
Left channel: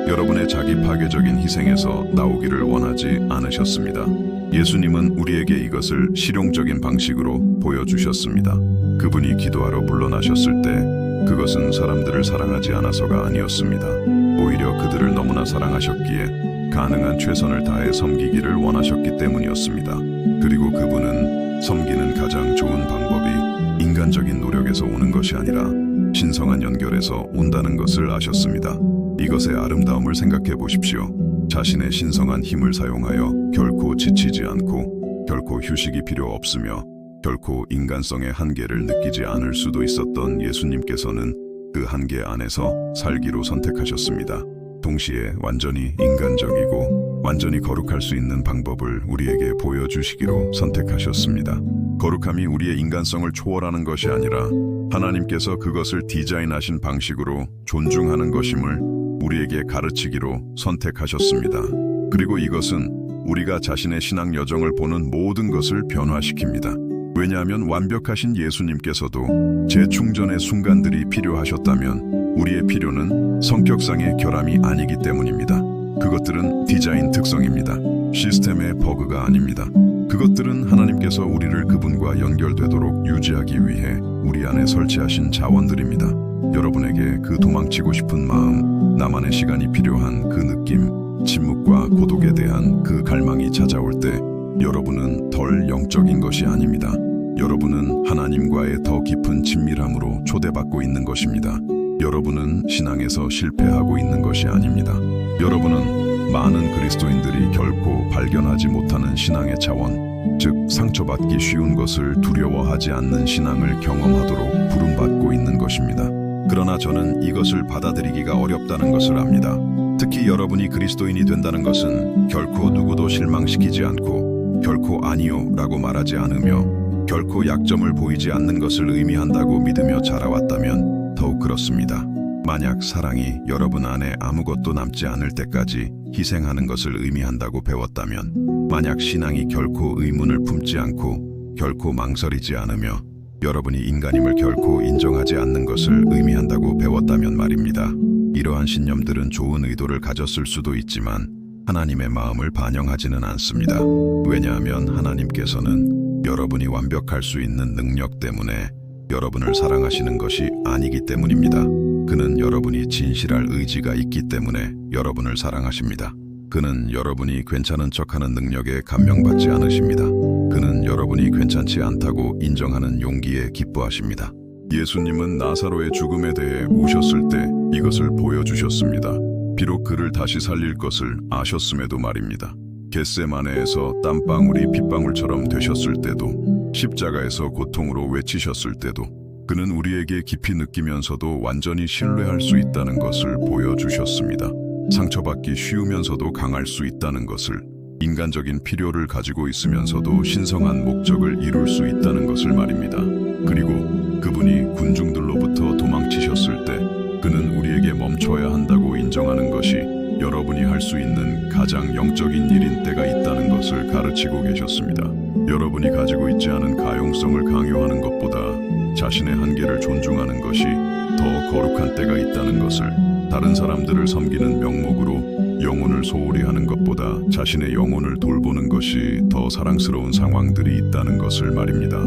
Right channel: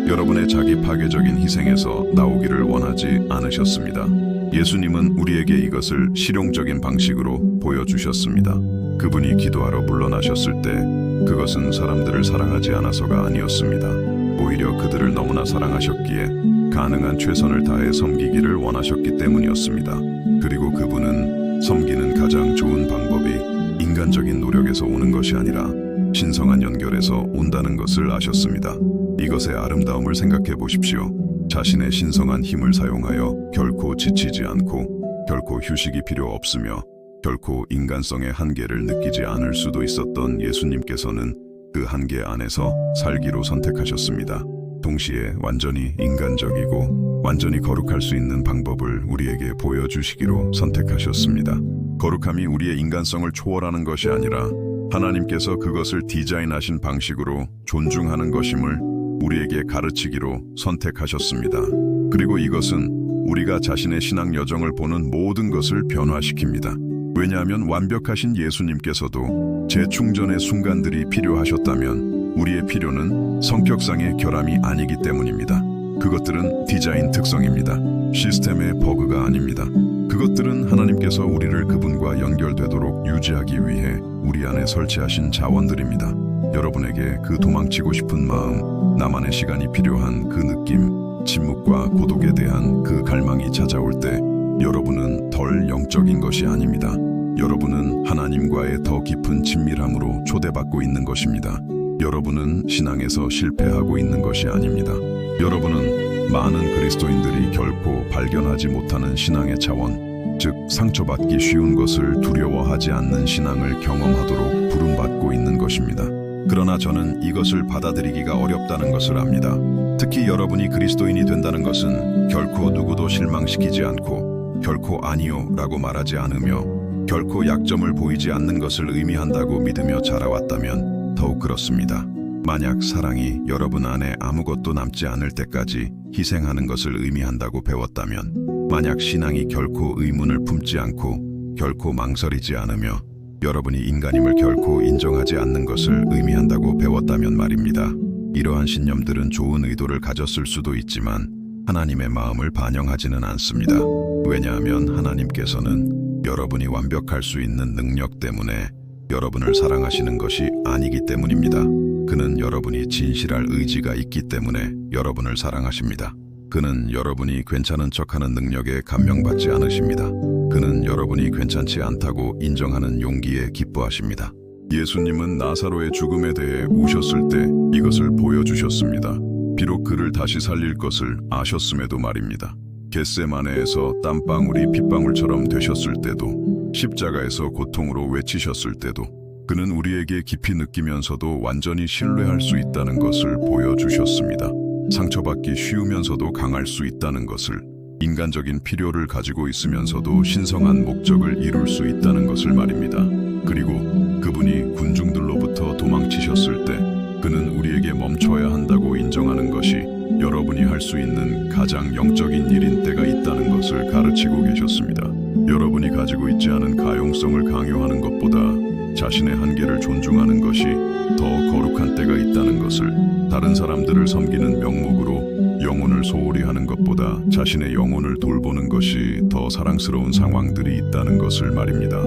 여러분의 자기 파괴적인 희생에서 나오기를 원하지 않으셨습니다. 예수님은 우리에게 이것을 실용적인 방식으로 보여주셨습니다. 그분이 기도하러 물러나셨을 때 그것은 사람들을 사랑하지 않아서가 아니었습니다. 오히려 그들을 너무나 사랑하셨기에 가능한 최선을 다해 섬기기를 원하셨기 때문이었습니다. 그리고 그분은 섬기는 가장 좋은 방법이 인간적인 노력에서 오는 것이 아니라 신성한 연결에서 온다는 것을 아셨습니다. 이것의 아름다움을 생각해 보십시오. 자신의 신성한 힘을 사용하여 결코 지치지 않고 결코 휴식이 필요 없으며 결코 인간성의 한계를 느끼지 않을 수도 있었던 예수님께서는 그 한계 안에서 살기로 선택하셨습니다. 동시에 완전히 인간적이고 완전히 거룩할 수 있는 방법을 우리에게 보여주시기로 선택하셨습니다. 거룩함이 우리의 인간성을 초월하는 것이 아니라 하나님께서 그것을 디자인하신 방식으로 존중하는 것임을 우리에게 가르치기로 선택하셨습니다. 그리고 이것은 우리가 자신의 신앙 여정을 보는 모든 것을 변화시킵니다. 왜냐하면 완벽하신 예수님께서도 재충전의 순간들이 필요하셨다면 우리의 필요는 성격상의 결함이 아니기 때문입니다. 그것들은 디자인 특성입니다. 시스템의 버그가 아닙니다. 그것들은 하나님께서 우리를 그분과 연결되도록 유지하기 위해 우리 안에 설치하신 자원들입니다. 여러분에게 그 도망치고 싶은 마음, 나만의 시간이 필요한 그 느낌, 침묵과 고독에 대한 그 갈망이 찾아올 때 여러분은 덜 영적인 것이 아닙니다. 여러분은 하나님과의 더 깊은 친밀함으로 초대받고 있는 것입니다. 여러분은 신앙에서 실패하고 있는 것이 아닙니다. 여러분은 많은 그리스도인들이 결코 발견하지 못하는 신앙의 차원, 즉 상처받기 쉬운 것을 두려워하지 않는 신앙을 경험하도록 부름받고 있는 것입니다. 그러나 저는 이것을 받아들이기가 어렵다는 것을 압니다. 특히 여러분이 그리스도인이 된다는 것은 결코 누구도 실망시키지 않고 결코 아니요 라고 말하지 않으며 결코 약점을 보이지 않는 것을 의미한다고 믿으며 자라왔다면 더욱 그렇습니다. 만약 사랑이 여러분 안에 아무것도 남지 않을 때까지 희생하는 것을 의미한다고 배웠다면, 만약 신앙이 결코 의문을 품지 않고 결코 망설이지 않으며 여러분이 인간임을 결코 인정하지 않는 것을 의미한다고 배웠다면 말입니다. 이러한 신념들은 좋은 의도를 가졌을 수도 있지만 하나님의 마음을 반영하지는 않습니다. 왜냐하면 하나님께서는 여러분이 완벽할 수 있는 능력 때문에 여러분을 사랑하시는 것이 아니기 때문입니다. 그는 여러분이 진실할 의지가 있기 때문에 여러분을 사랑하십니다. 그는 여러분이 괜찮은 척하는 능력에 감명받지 않으십니다. 그는 여러분이 괜찮지 않다고 인정하는 용기에 기뻐하십니다. 예수님은 나사로의 죽음에 대해 우셨을 때 이것을 보여주셨습니다. 비록 그를 다시 살릴 것을 아셨음에도 말입니다. 겟세마네에서 땀방울이 핏방울처럼 되셨을 때도, 십자가에서 고통으로 외치셨을 때도 그는 우리에게 깊이 느끼면서도 완전히 신뢰할 수 있다는 것을 보여주셨습니다. 상처받기 쉬우면서도 강할 수 있다는 것을, 인간적인 필요를 가지고 있으면서도 신성한 목적을 이룰 수 있다는 것을 말입니다. 그리고 그분이 군중들로부터 도망치셨을 때 그는 우리에게 멈춰야 한다고 인정하는 것이 여러분이 할 수 있는 가장 영적인 일인 때가 있다는 것을 가르치고 계셨습니다. 여러분이 가지고 있지 않은 가용성을 강요하는 것보다 자신의 한계를 존중하는 것이 더 거룩한 때가 있다는 것을, 다른 사람들을 섬기는 명목으로 영혼을 소홀히 하는 것보다 자신의 영혼을 돌보는 것이 더 사랑스러운 상황들이 있다는 것을 말입니다.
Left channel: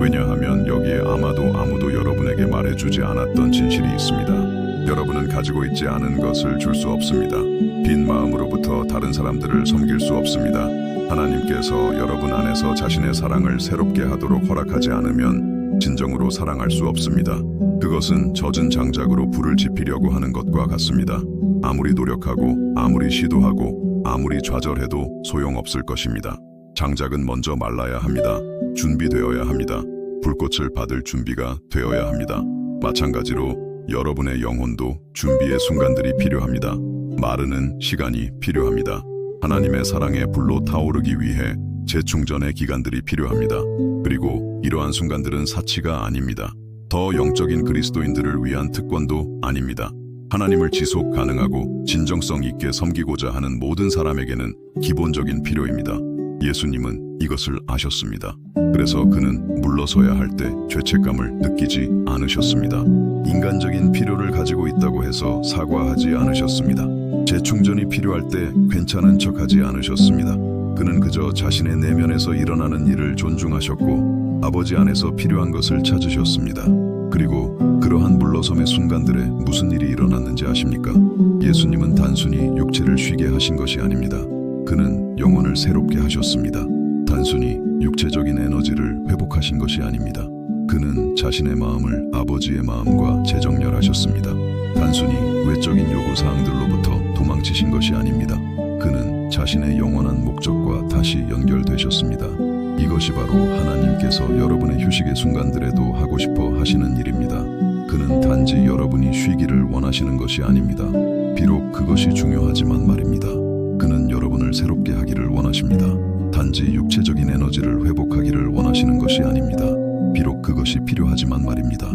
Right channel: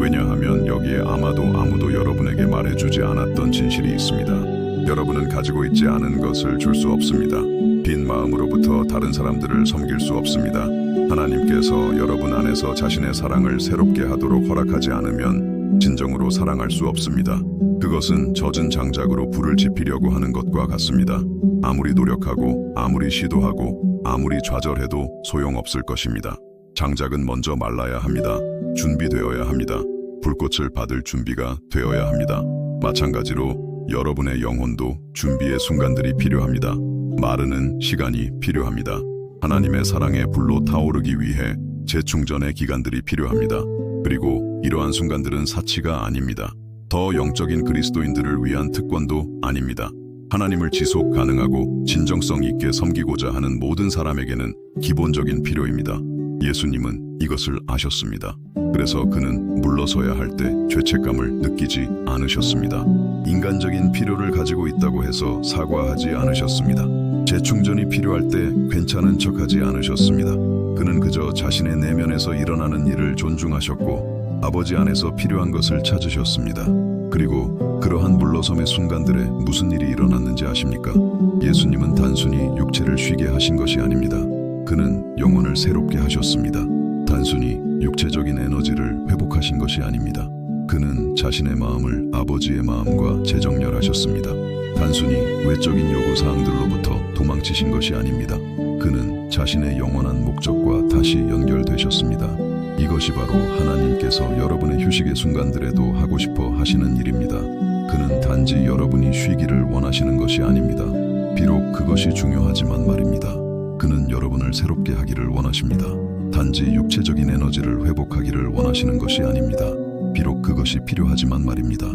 왜냐하면 여기에 아무도 여러분에게 말해주지 않았던 진실이 있습니다. 여러분은 가지고 있지 않은 것을 줄 수 없습니다. 빈 마음으로부터 다른 사람들을 섬길 수 없습니다. 하나님께서 여러분 안에서 자신의 사랑을 새롭게 하도록 허락하지 않으면 진정으로 사랑할 수 없습니다. 그것은 젖은 장작으로 불을 지피려고 하는 것과 같습니다. 아무리 노력하고 아무리 시도하고 아무리 좌절해도 소용없을 것입니다. 장작은 먼저 말라야 합니다. 준비되어야 합니다. 불꽃을 받을 준비가 되어야 합니다. 마찬가지로 여러분의 영혼도 준비의 순간들이 필요합니다. 마르는 시간이 필요합니다. 하나님의 사랑의 불로 타오르기 위해 재충전의 기간들이 필요합니다. 그리고 이러한 순간들은 사치가 아닙니다. 더 영적인 그리스도인들을 위한 특권도 아닙니다. 하나님을 지속 가능하고 진정성 있게 섬기고자 하는 모든 사람에게는 기본적인 필요입니다. 예수님은 이것을 아셨습니다. 그래서 그는 물러서야 할 때 죄책감을 느끼지 않으셨습니다. 인간적인 필요를 가지고 있다고 해서 사과하지 않으셨습니다. 재충전이 필요할 때 괜찮은 척하지 않으셨습니다. 그는 그저 자신의 내면에서 일어나는 일을 존중하셨고 아버지 안에서 필요한 것을 찾으셨습니다. 그리고 그러한 물러섬의 순간들에 무슨 일이 일어났는지 아십니까? 예수님은 단순히 육체를 쉬게 하신 것이 아닙니다. 그는 영혼을 새롭게 하셨습니다. 단순히 육체적인 에너지를 회복하신 것이 아닙니다. 그는 자신의 마음을 아버지의 마음과 재정렬하셨습니다. 단순히 외적인 요구사항들로부터 도망치신 것이 아닙니다. 그는 자신의 영원한 목적과 다시 연결되셨습니다. 이것이 바로 하나님께서 여러분의 휴식의 순간들에도 하고 싶어 하시는 일입니다. 그는 단지 여러분이 쉬기를 원하시는 것이 아닙니다. 비록 그것이 중요하지만 말입니다. 그는 여러분을 새롭게 하기를 원하십니다. 단지 육체적인 에너지를 회복하기를 원하시는 것이 아닙니다. 비록 그것이 필요하지만 말입니다.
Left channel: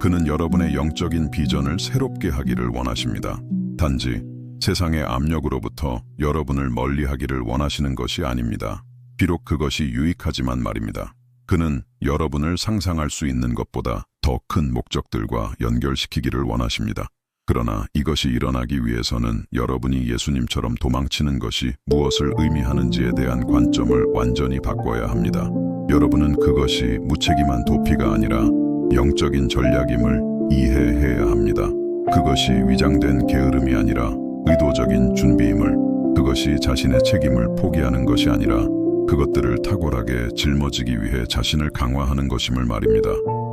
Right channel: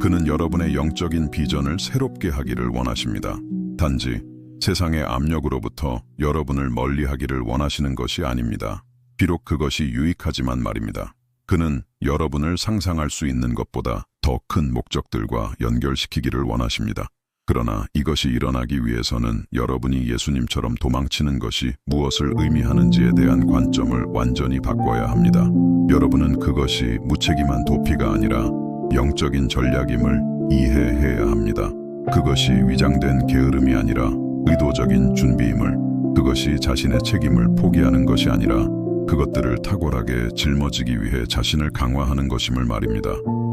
그는 여러분의 영적인 비전을 새롭게 하기를 원하십니다. 단지 세상의 압력으로부터 여러분을 멀리하기를 원하시는 것이 아닙니다. 비록 그것이 유익하지만 말입니다. 그는 여러분을 상상할 수 있는 것보다 더 큰 목적들과 연결시키기를 원하십니다. 그러나 이것이 일어나기 위해서는 여러분이 예수님처럼 도망치는 것이 무엇을 의미하는지에 대한 관점을 완전히 바꿔야 합니다. 여러분은 그것이 무책임한 도피가 아니라 영적인 전략임을 이해해야 합니다. 그것이 위장된 게으름이 아니라 의도적인 준비임을, 그것이 자신의 책임을 포기하는 것이 아니라 그것들을 탁월하게 짊어지기 위해 자신을 강화하는 것임을 말입니다.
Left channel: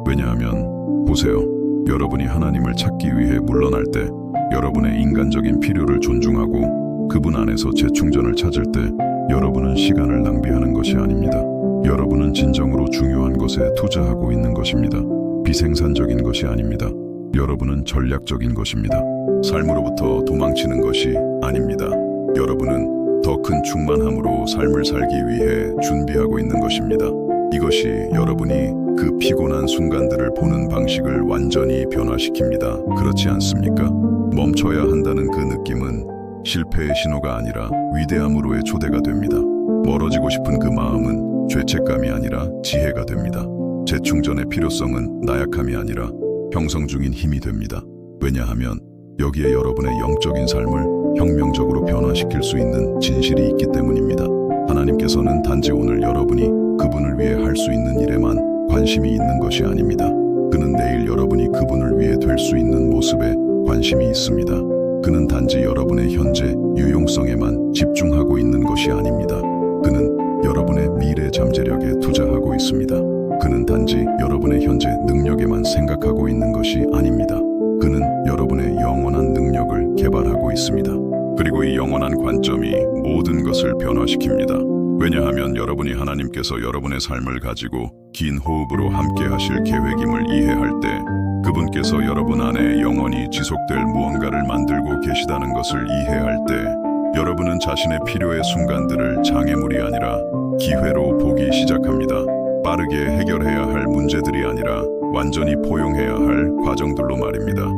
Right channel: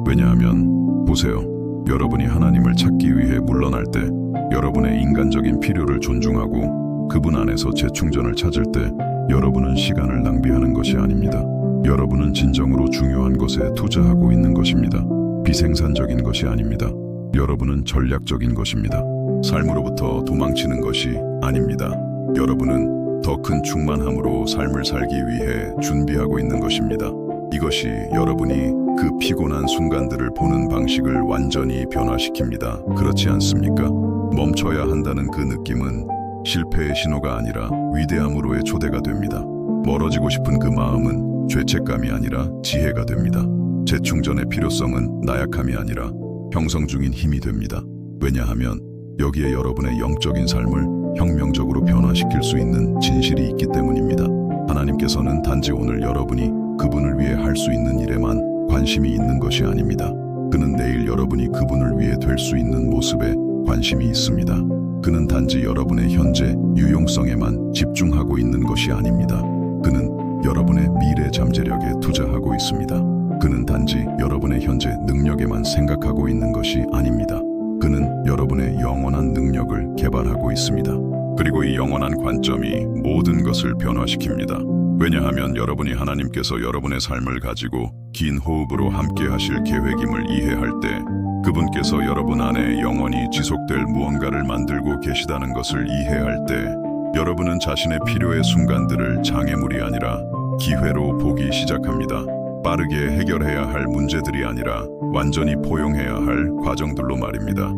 왜냐하면 보세요. 여러분이 하나님을 찾기 위해 물러날 때, 여러분의 인간적인 필요를 존중하고 그분 안에서 재충전을 찾을 때 여러분은 시간을 낭비하는 것이 아닙니다. 여러분은 진정으로 중요한 것에 투자하고 있는 것입니다. 비생산적인 것이 아닙니다. 여러분은 전략적인 것입니다. 삶으로부터 도망치는 것이 아닙니다. 여러분은 더 큰 충만함으로 삶을 살기 위해 준비하고 있는 것입니다. 이것이 여러분이 그 피곤한 순간들을 보는 방식을 완전히 변화시킵니다. 그렇지 않습니까? 멈춰야 한다는 그 느낌은 실패의 신호가 아니라 위대함으로의 초대가 됩니다. 멀어지고 싶은 그 마음은 죄책감이 아니라 지혜가 됩니다. 재충전의 필요성은 나약함이 아니라 형성 중인 힘이 됩니다. 왜냐하면 여기에 여러분의 영적인 삶을 혁명적으로 변화시킬 수 있는 진실이 있기 때문입니다. 하나님께서는 단지 오늘 여러분이 그분을 위해 할 수 있는 일에만 관심이 있는 것이 아닙니다. 그는 내일 여러분이 그분을 위해 될 수 있는 모습에 관심이 있습니다. 그는 단지 여러분의 현재 유용성에만 집중하고 있는 것이 아닙니다. 그는 여러분의 미래 잠재력에 투자하고 있습니다. 그는 단지 여러분의 현재 능력에만 생각하고 있는 것이 아닙니다. 그는 여러분의 영원한 능력을 개발하고 있습니다. 그리고 이 영원한 관점이 모든 것을 변화시킵니다. 왜냐하면 여러분이 하나님께서 여러분의 삶을 가지고 긴 호흡으로 함께 하실 계획임을 이해할 때 그분께서 여러분 안에 영원히 지속될 무언가를 만들고 계시다는 것을 이해할 때 여러분은 자신의 필요의 순간들을 장애물이 아니라 기회로 보기 시작합니다. 빠르게 해결해야 할 문제들이 아니라 완전히 포용해야 할 과정들로 말입니다.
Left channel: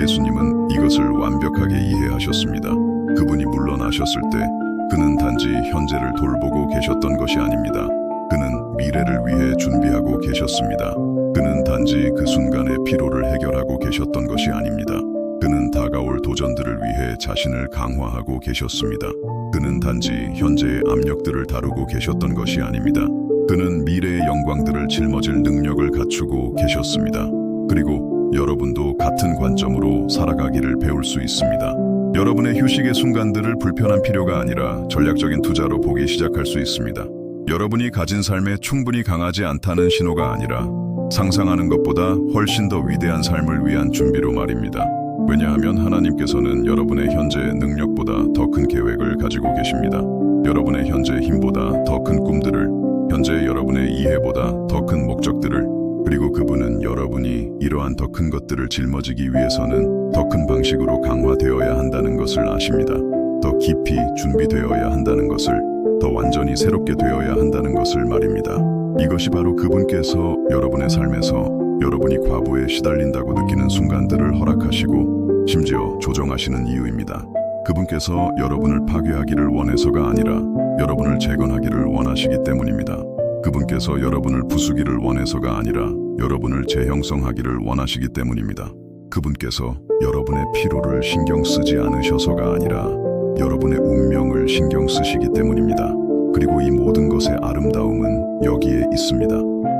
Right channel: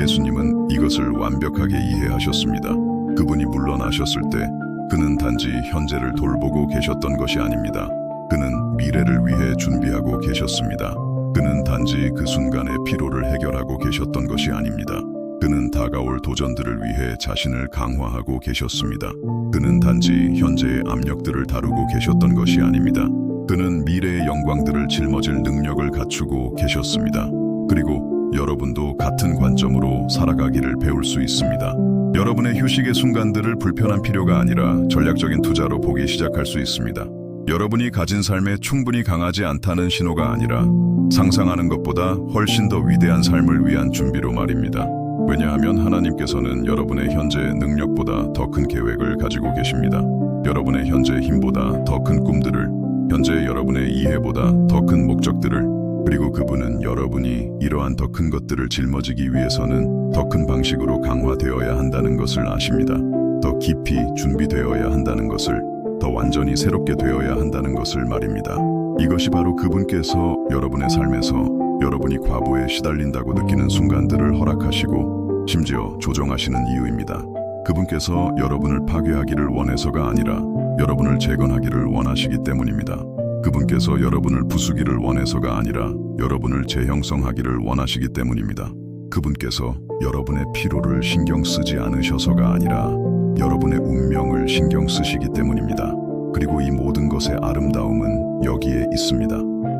예수님은 이것을 완벽하게 이해하셨습니다. 그분이 물러나셨을 때 그는 단지 현재를 돌보고 계셨던 것이 아닙니다. 그는 미래를 위해 준비하고 계셨습니다. 그는 단지 그 순간의 피로를 해결하고 계셨던 것이 아닙니다. 그는 다가올 도전들을 위해 자신을 강화하고 계셨습니다. 그는 단지 현재의 압력들을 다루고 계셨던 것이 아닙니다. 그는 미래의 영광들을 짊어질 능력을 갖추고 계셨습니다. 그리고 여러분도 같은 관점으로 살아가기를 배울 수 있습니다. 여러분의 휴식의 순간들을 불편한 필요가 아니라 전략적인 투자로 보기 시작할 수 있습니다. 여러분이 가진 삶에 충분히 강하지 않다는 신호가 아니라 상상하는 것보다 훨씬 더 위대한 삶을 위한 준비로 말입니다. 왜냐하면 하나님께서는 여러분의 현재 능력보다 더 큰 계획을 가지고 계십니다. 여러분의 현재 힘보다 더 큰 꿈들을, 현재 여러분의 이해보다 더 큰 목적들을, 그리고 그분은 여러분이 이러한 더 큰 것들을 짊어지기 위해서는 더 큰 방식으로 강화되어야 한다는 것을 아십니다. 더 깊이 준비되어야 한다는 것을, 더 완전히 새롭게 되어야 한다는 것을 말입니다. 이것이 바로 그분께서 여러분의 삶에서 여러분이 과부에 시달린다고 느끼는 순간들을 허락하시고 심지어 조정하시는 이유입니다. 그분께서 여러분을 파괴하기를 원해서가 아니라 여러분을 재건하기를 원하시기 때문입니다. 그분께서 여러분을 부수기를 원해서가 아니라 여러분을 재형성하기를 원하시기 때문입니다. 그분께서 여러분의 피로를 신경 쓰지 않으셔서가 아니라 여러분의 운명을 신경 쓰시기 때문입니다. 그리고 이 모든 것의 아름다움은 여기에 있습니다.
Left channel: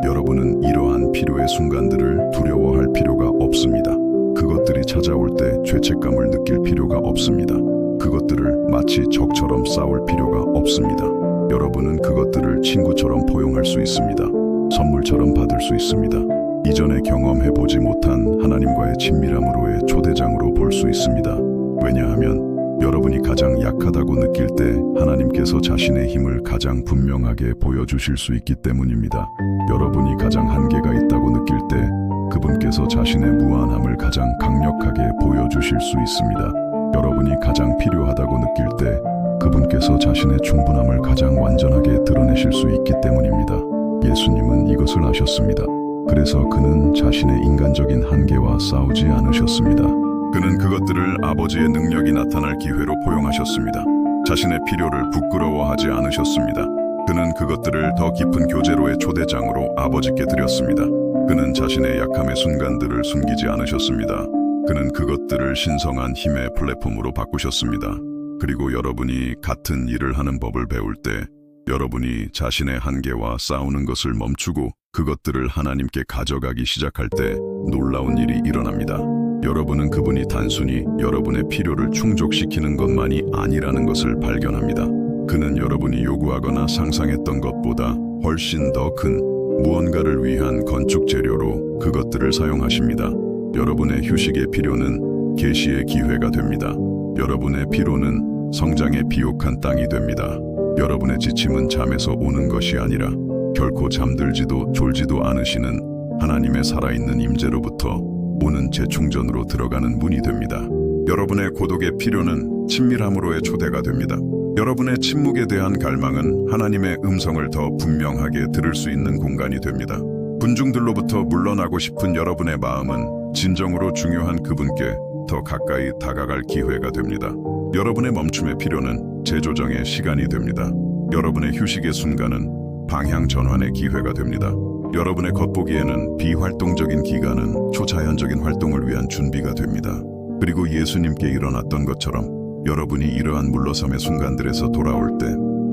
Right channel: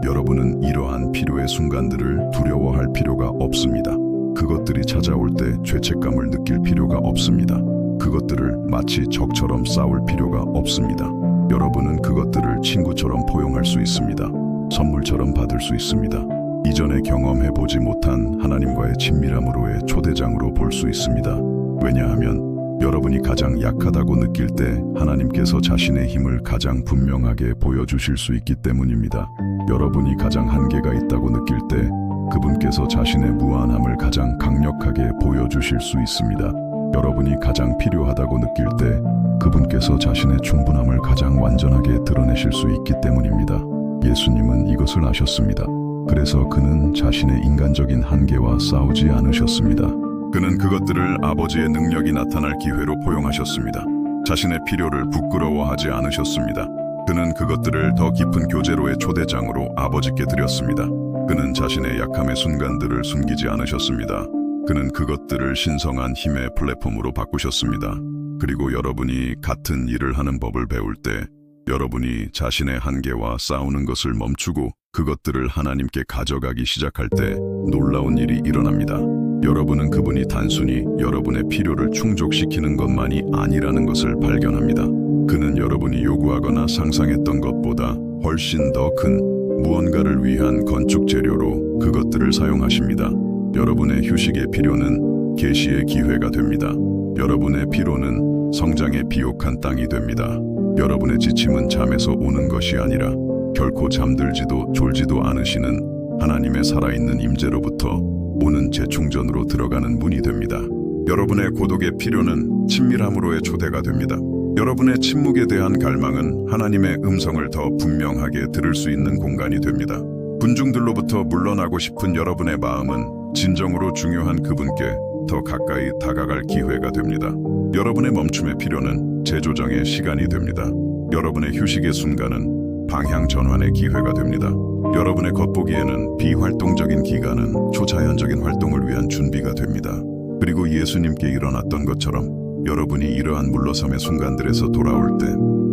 여러분은 이러한 필요의 순간들을 두려워할 필요가 없습니다. 그것들이 찾아올 때 죄책감을 느낄 필요가 없습니다. 그것들을 마치 적처럼 싸울 필요가 없습니다. 여러분은 그것들을 친구처럼 포용할 수 있습니다. 선물처럼 받을 수 있습니다. 이전에 경험해보지 못한 하나님과의 친밀함으로의 초대장으로 볼 수 있습니다. 왜냐하면 여러분이 가장 약하다고 느낄 때 하나님께서 자신의 힘을 가장 분명하게 보여주실 수 있기 때문입니다. 여러분이 가장 한계가 있다고 느낄 때 그분께서 자신의 무한함을 가장 강력하게 보여주실 수 있습니다. 여러분이 가장 필요하다고 느낄 때 그분께서 자신의 충분함을 가장 완전하게 드러내실 수 있기 때문입니다. 예수님은 이것을 아셨습니다. 그래서 그는 자신의 인간적인 한계와 싸우지 않으셨습니다. 그는 그것들을 아버지의 능력이 나타날 기회로 포용하셨습니다. 자신의 필요를 부끄러워하지 않으셨습니다. 그는 그것들을 더 깊은 교제로의 초대장으로 아버지께 드렸습니다. 그는 자신의 약함의 순간들을 숨기지 않으셨습니다. 그는 그것들을 신성한 힘의 플랫폼으로 바꾸셨습니다. 그리고 여러분이 같은 일을 하는 법을 배울 때 여러분이 자신의 한계와 싸우는 것을 멈추고 그것들을 하나님께 가져가기 시작할 때 놀라운 일이 일어납니다. 여러분은 그분이 단순히 여러분의 필요를 충족시키는 것만이 아니라는 것을 발견합니다. 그는 여러분이 요구하거나 상상했던 것보다 훨씬 더 큰 무언가를 위한 건축 재료로 그것들을 사용하십니다. 여러분의 휴식의 필요는 계시의 기회가 됩니다. 여러분의 피로는 성장의 비옥한 땅이 됩니다. 여러분의 지침은 잠에서 오는 것이 아니라 결코 잠들지도 졸지도 않으시는 하나님의 살아있는 임재로부터 오는 재충전으로 들어가는 문이 됩니다. 여러분의 고독의 필요는 친밀함으로의 초대가 됩니다. 여러분의 침묵에 대한 갈망은 하나님의 음성을 더 분명하게 들을 수 있는 공간이 됩니다. 군중들로부터 물러나고 싶은 여러분의 마음은 진정으로 중요한 그분께 더 가까이 다가갈 기회가 됩니다. 여러분의 멈춤의 필요는 재조정의 시간이 됩니다. 여러분의 휴식의 순간은 방향 전환의 기회가 됩니다. 여러분의 겉보기에는 비활동적인 기간은 초자연적인 활동을 위한 준비가 됩니다. 그리고 예수님께 일어났던 것처럼 여러분이 이러한 물러섬의 순간들에서 돌아올 때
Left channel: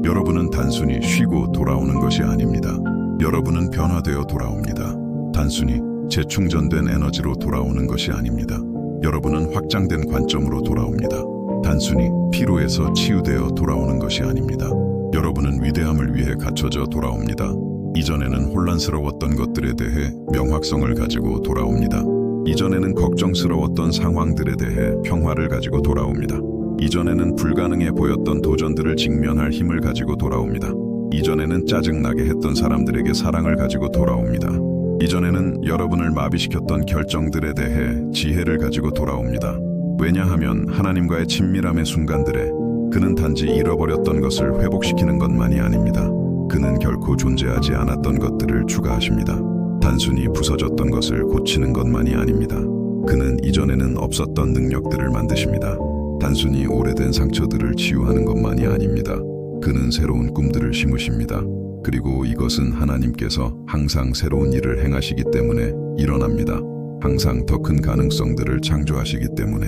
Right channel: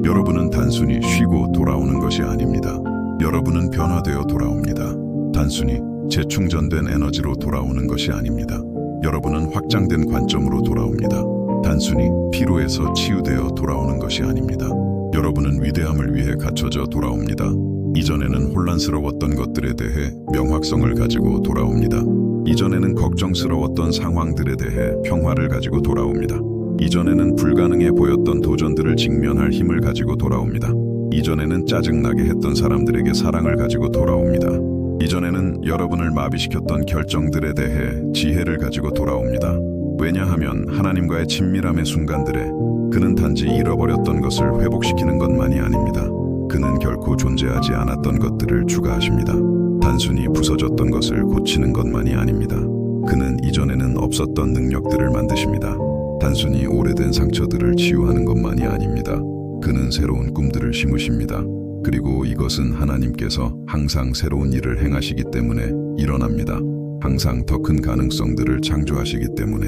여러분은 단순히 쉬고 돌아오는 것이 아닙니다. 여러분은 변화되어 돌아옵니다. 단순히 재충전된 에너지로 돌아오는 것이 아닙니다. 여러분은 확장된 관점으로 돌아옵니다. 단순히 피로에서 치유되어 돌아오는 것이 아닙니다. 여러분은 위대함을 위해 갖춰져 돌아옵니다. 이전에는 혼란스러웠던 것들에 대해 명확성을 가지고 돌아옵니다. 이전에는 걱정스러웠던 상황들에 대해 평화를 가지고 돌아옵니다. 이전에는 불가능해 보였던 도전들을 직면할 힘을 가지고 돌아옵니다. 이전에는 짜증나게 했던 사람들에게 사랑을 가지고 돌아옵니다. 이전에는 여러분을 마비시켰던 결정들에 대해 지혜를 가지고 돌아옵니다. 왜냐하면 하나님과의 친밀함의 순간들에 그는 단지 잃어버렸던 것을 회복시키는 것만이 아닙니다. 그는 결코 존재하지 않았던 것들을 추가하십니다. 단순히 부서졌던 것을 고치는 것만이 아닙니다. 그는 이전에는 없었던 능력들을 만드십니다. 단순히 오래된 상처들을 치유하는 것만이 아닙니다. 그는 새로운 꿈들을 심으십니다. 그리고 이것은 하나님께서 항상 새로운 일을 행하시기 때문에 일어납니다. 항상 더 큰 가능성들을 창조하시기 때문에,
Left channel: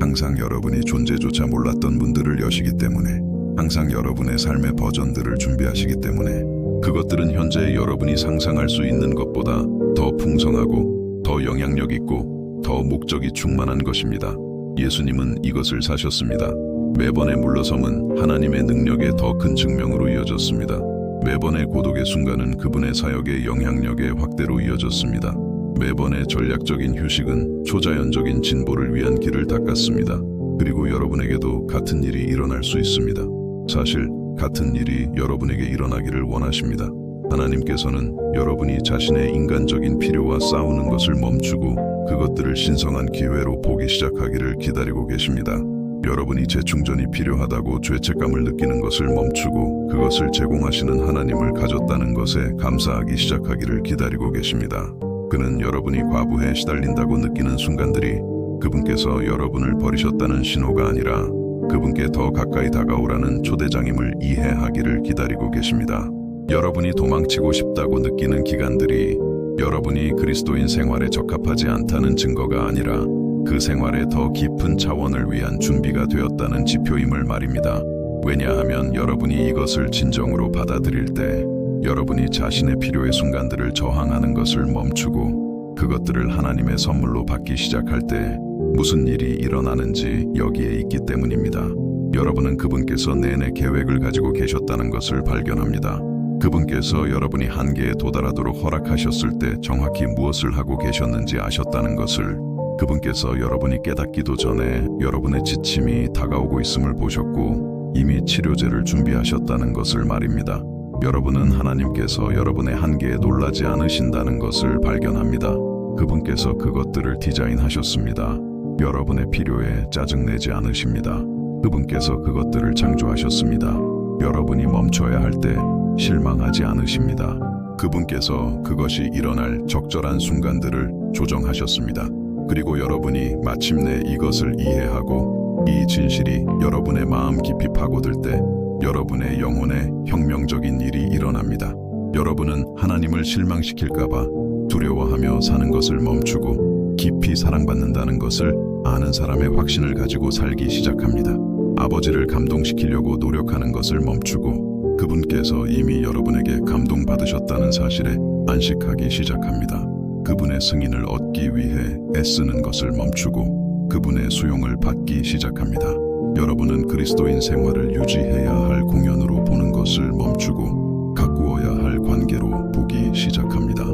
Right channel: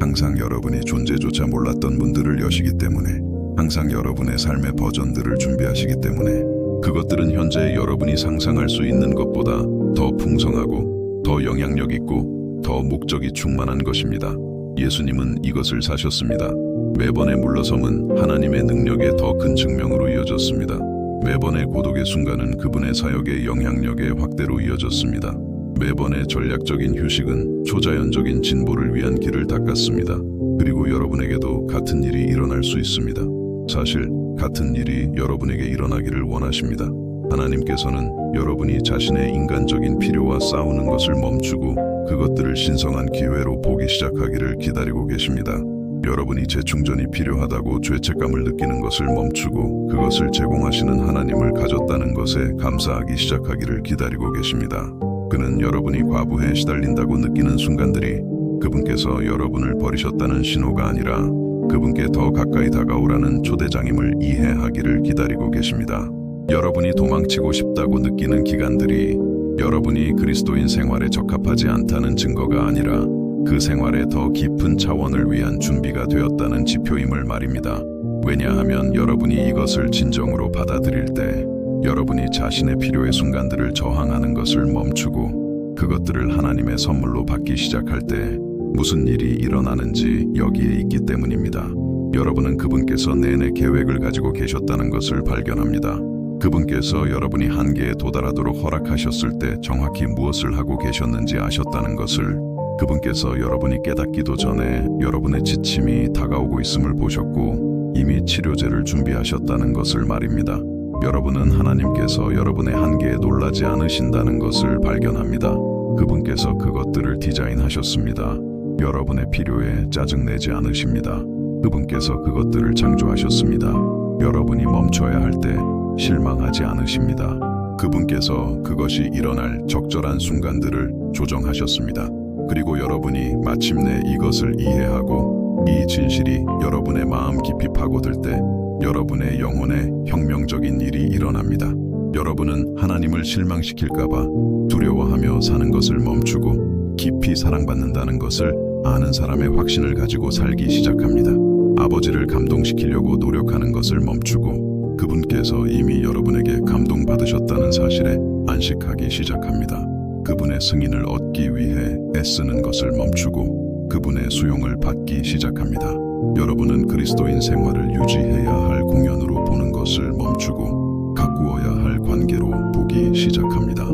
항상 여러분이 존재조차 몰랐던 문들을 여시기 때문에, 항상 여러분의 삶의 버전들을 준비하시기 때문에 그것들은 현재 여러분이 상상할 수 있는 것보다 더 풍성하고 더 영향력 있고 더 목적이 충만한 것입니다. 예수님은 이것을 사셨습니다. 매번의 물러섬은 하나님의 능력의 더 큰 증명으로 이어졌습니다. 매번의 고독의 순간은 그분의 사역의 영향력의 확대로 이어졌습니다. 매번의 전략적인 휴식은 초자연적인 진보를 위한 길을 닦았습니다. 그리고 여러분에게도 같은 일이 일어날 수 있습니다. 사실 같은 일이 여러분에게 일어나기를 원하십니다. 하나님께서는 여러분이 자신의 인간적인 필요와 싸우는 것을 멈추고 그것들을 신성한 기회로 보기 시작하기를 기다리고 계십니다. 여러분이 재충전이 필요하다고 죄책감을 느끼는 것을 멈추고 그것을 제공하시는 하나님을 가졌다는 것에 감사하기 시작하기를 기다리고 계십니다. 그는 여러분이 과부에 시달린다고 느끼는 순간들이 그분께서 여러분을 버리셨다는 신호가 아니라 그분께 더 가까이 다가오라는 초대장임을 이해하기를 기다리고 계십니다. 여러분이 도망치고 싶다고 느끼는 기간들이 여러분이 그리스도인 생활에 적합하지 않다는 증거가 아니라 그 생활의 더 깊은 차원을 위한 준비가 되었다는 지표임을 말입니다. 왜냐하면 여러분이 이것을 진정으로 받아들일 때 여러분이 자신의 필요의 순간들을 저항하는 것을 멈추고 그것들을 하나님의 선물로 받기 시작할 때 무슨 일이 일어나는지 여기에 있기 때문입니다. 여러분은 그분께서 내내 계획을 가지고 계셨다는 것을 발견합니다. 그분께서 여러분이 한계에 도달하도록 허락하셨을 때 정확히 무엇을 하고 계셨는지 아셨다는 것을, 그분께서 여러분이 깨닫기도 전에 여러분의 지침이 다가오고 있음을 보셨고 이미 치료제를 준비하셨다는 것을 말입니다. 여러분은 하나님께서 여러분의 한계에 놀라지 않으신다는 것을 발견합니다. 그분께서 그것들을 디자인하셨습니다. 여러분의 필요에 짜증내지 않으십니다. 그분께서 그것들을 창조하셨습니다. 여러분이 멈춰야 할 때 실망하지 않으십니다. 그분께서 그것이 일어날 적절한 순간들을 조정하셨습니다. 그리고 여러분이 마침내 이것을 이해하고 이 진실이 여러분의 마음 깊이 파고들 때 여러분의 영혼에 혁명적인 일이 일어납니다. 여러분은 하나님을 실망시킬까봐 두려워하며 사는 것을 멈추고 깊이 사랑받는다는 것을 아는 사람의 확신을 가지고 살기 시작합니다. 아버지를 감동시키려고 노력하는 것을 멈추고 그분께서 이미 여러분에게 감동받으셨다는 사실에 안식하기 시작합니다. 그분의 승인을 얻기 위해 애쓰는 것을 멈추고 그분의 수용을 받기 시작합니다. 여러분은 그리스도인 생활을 유지해야 할 공연으로 보는 것을 멈추고 가꾸어야 할 관계로 보기 시작합니다.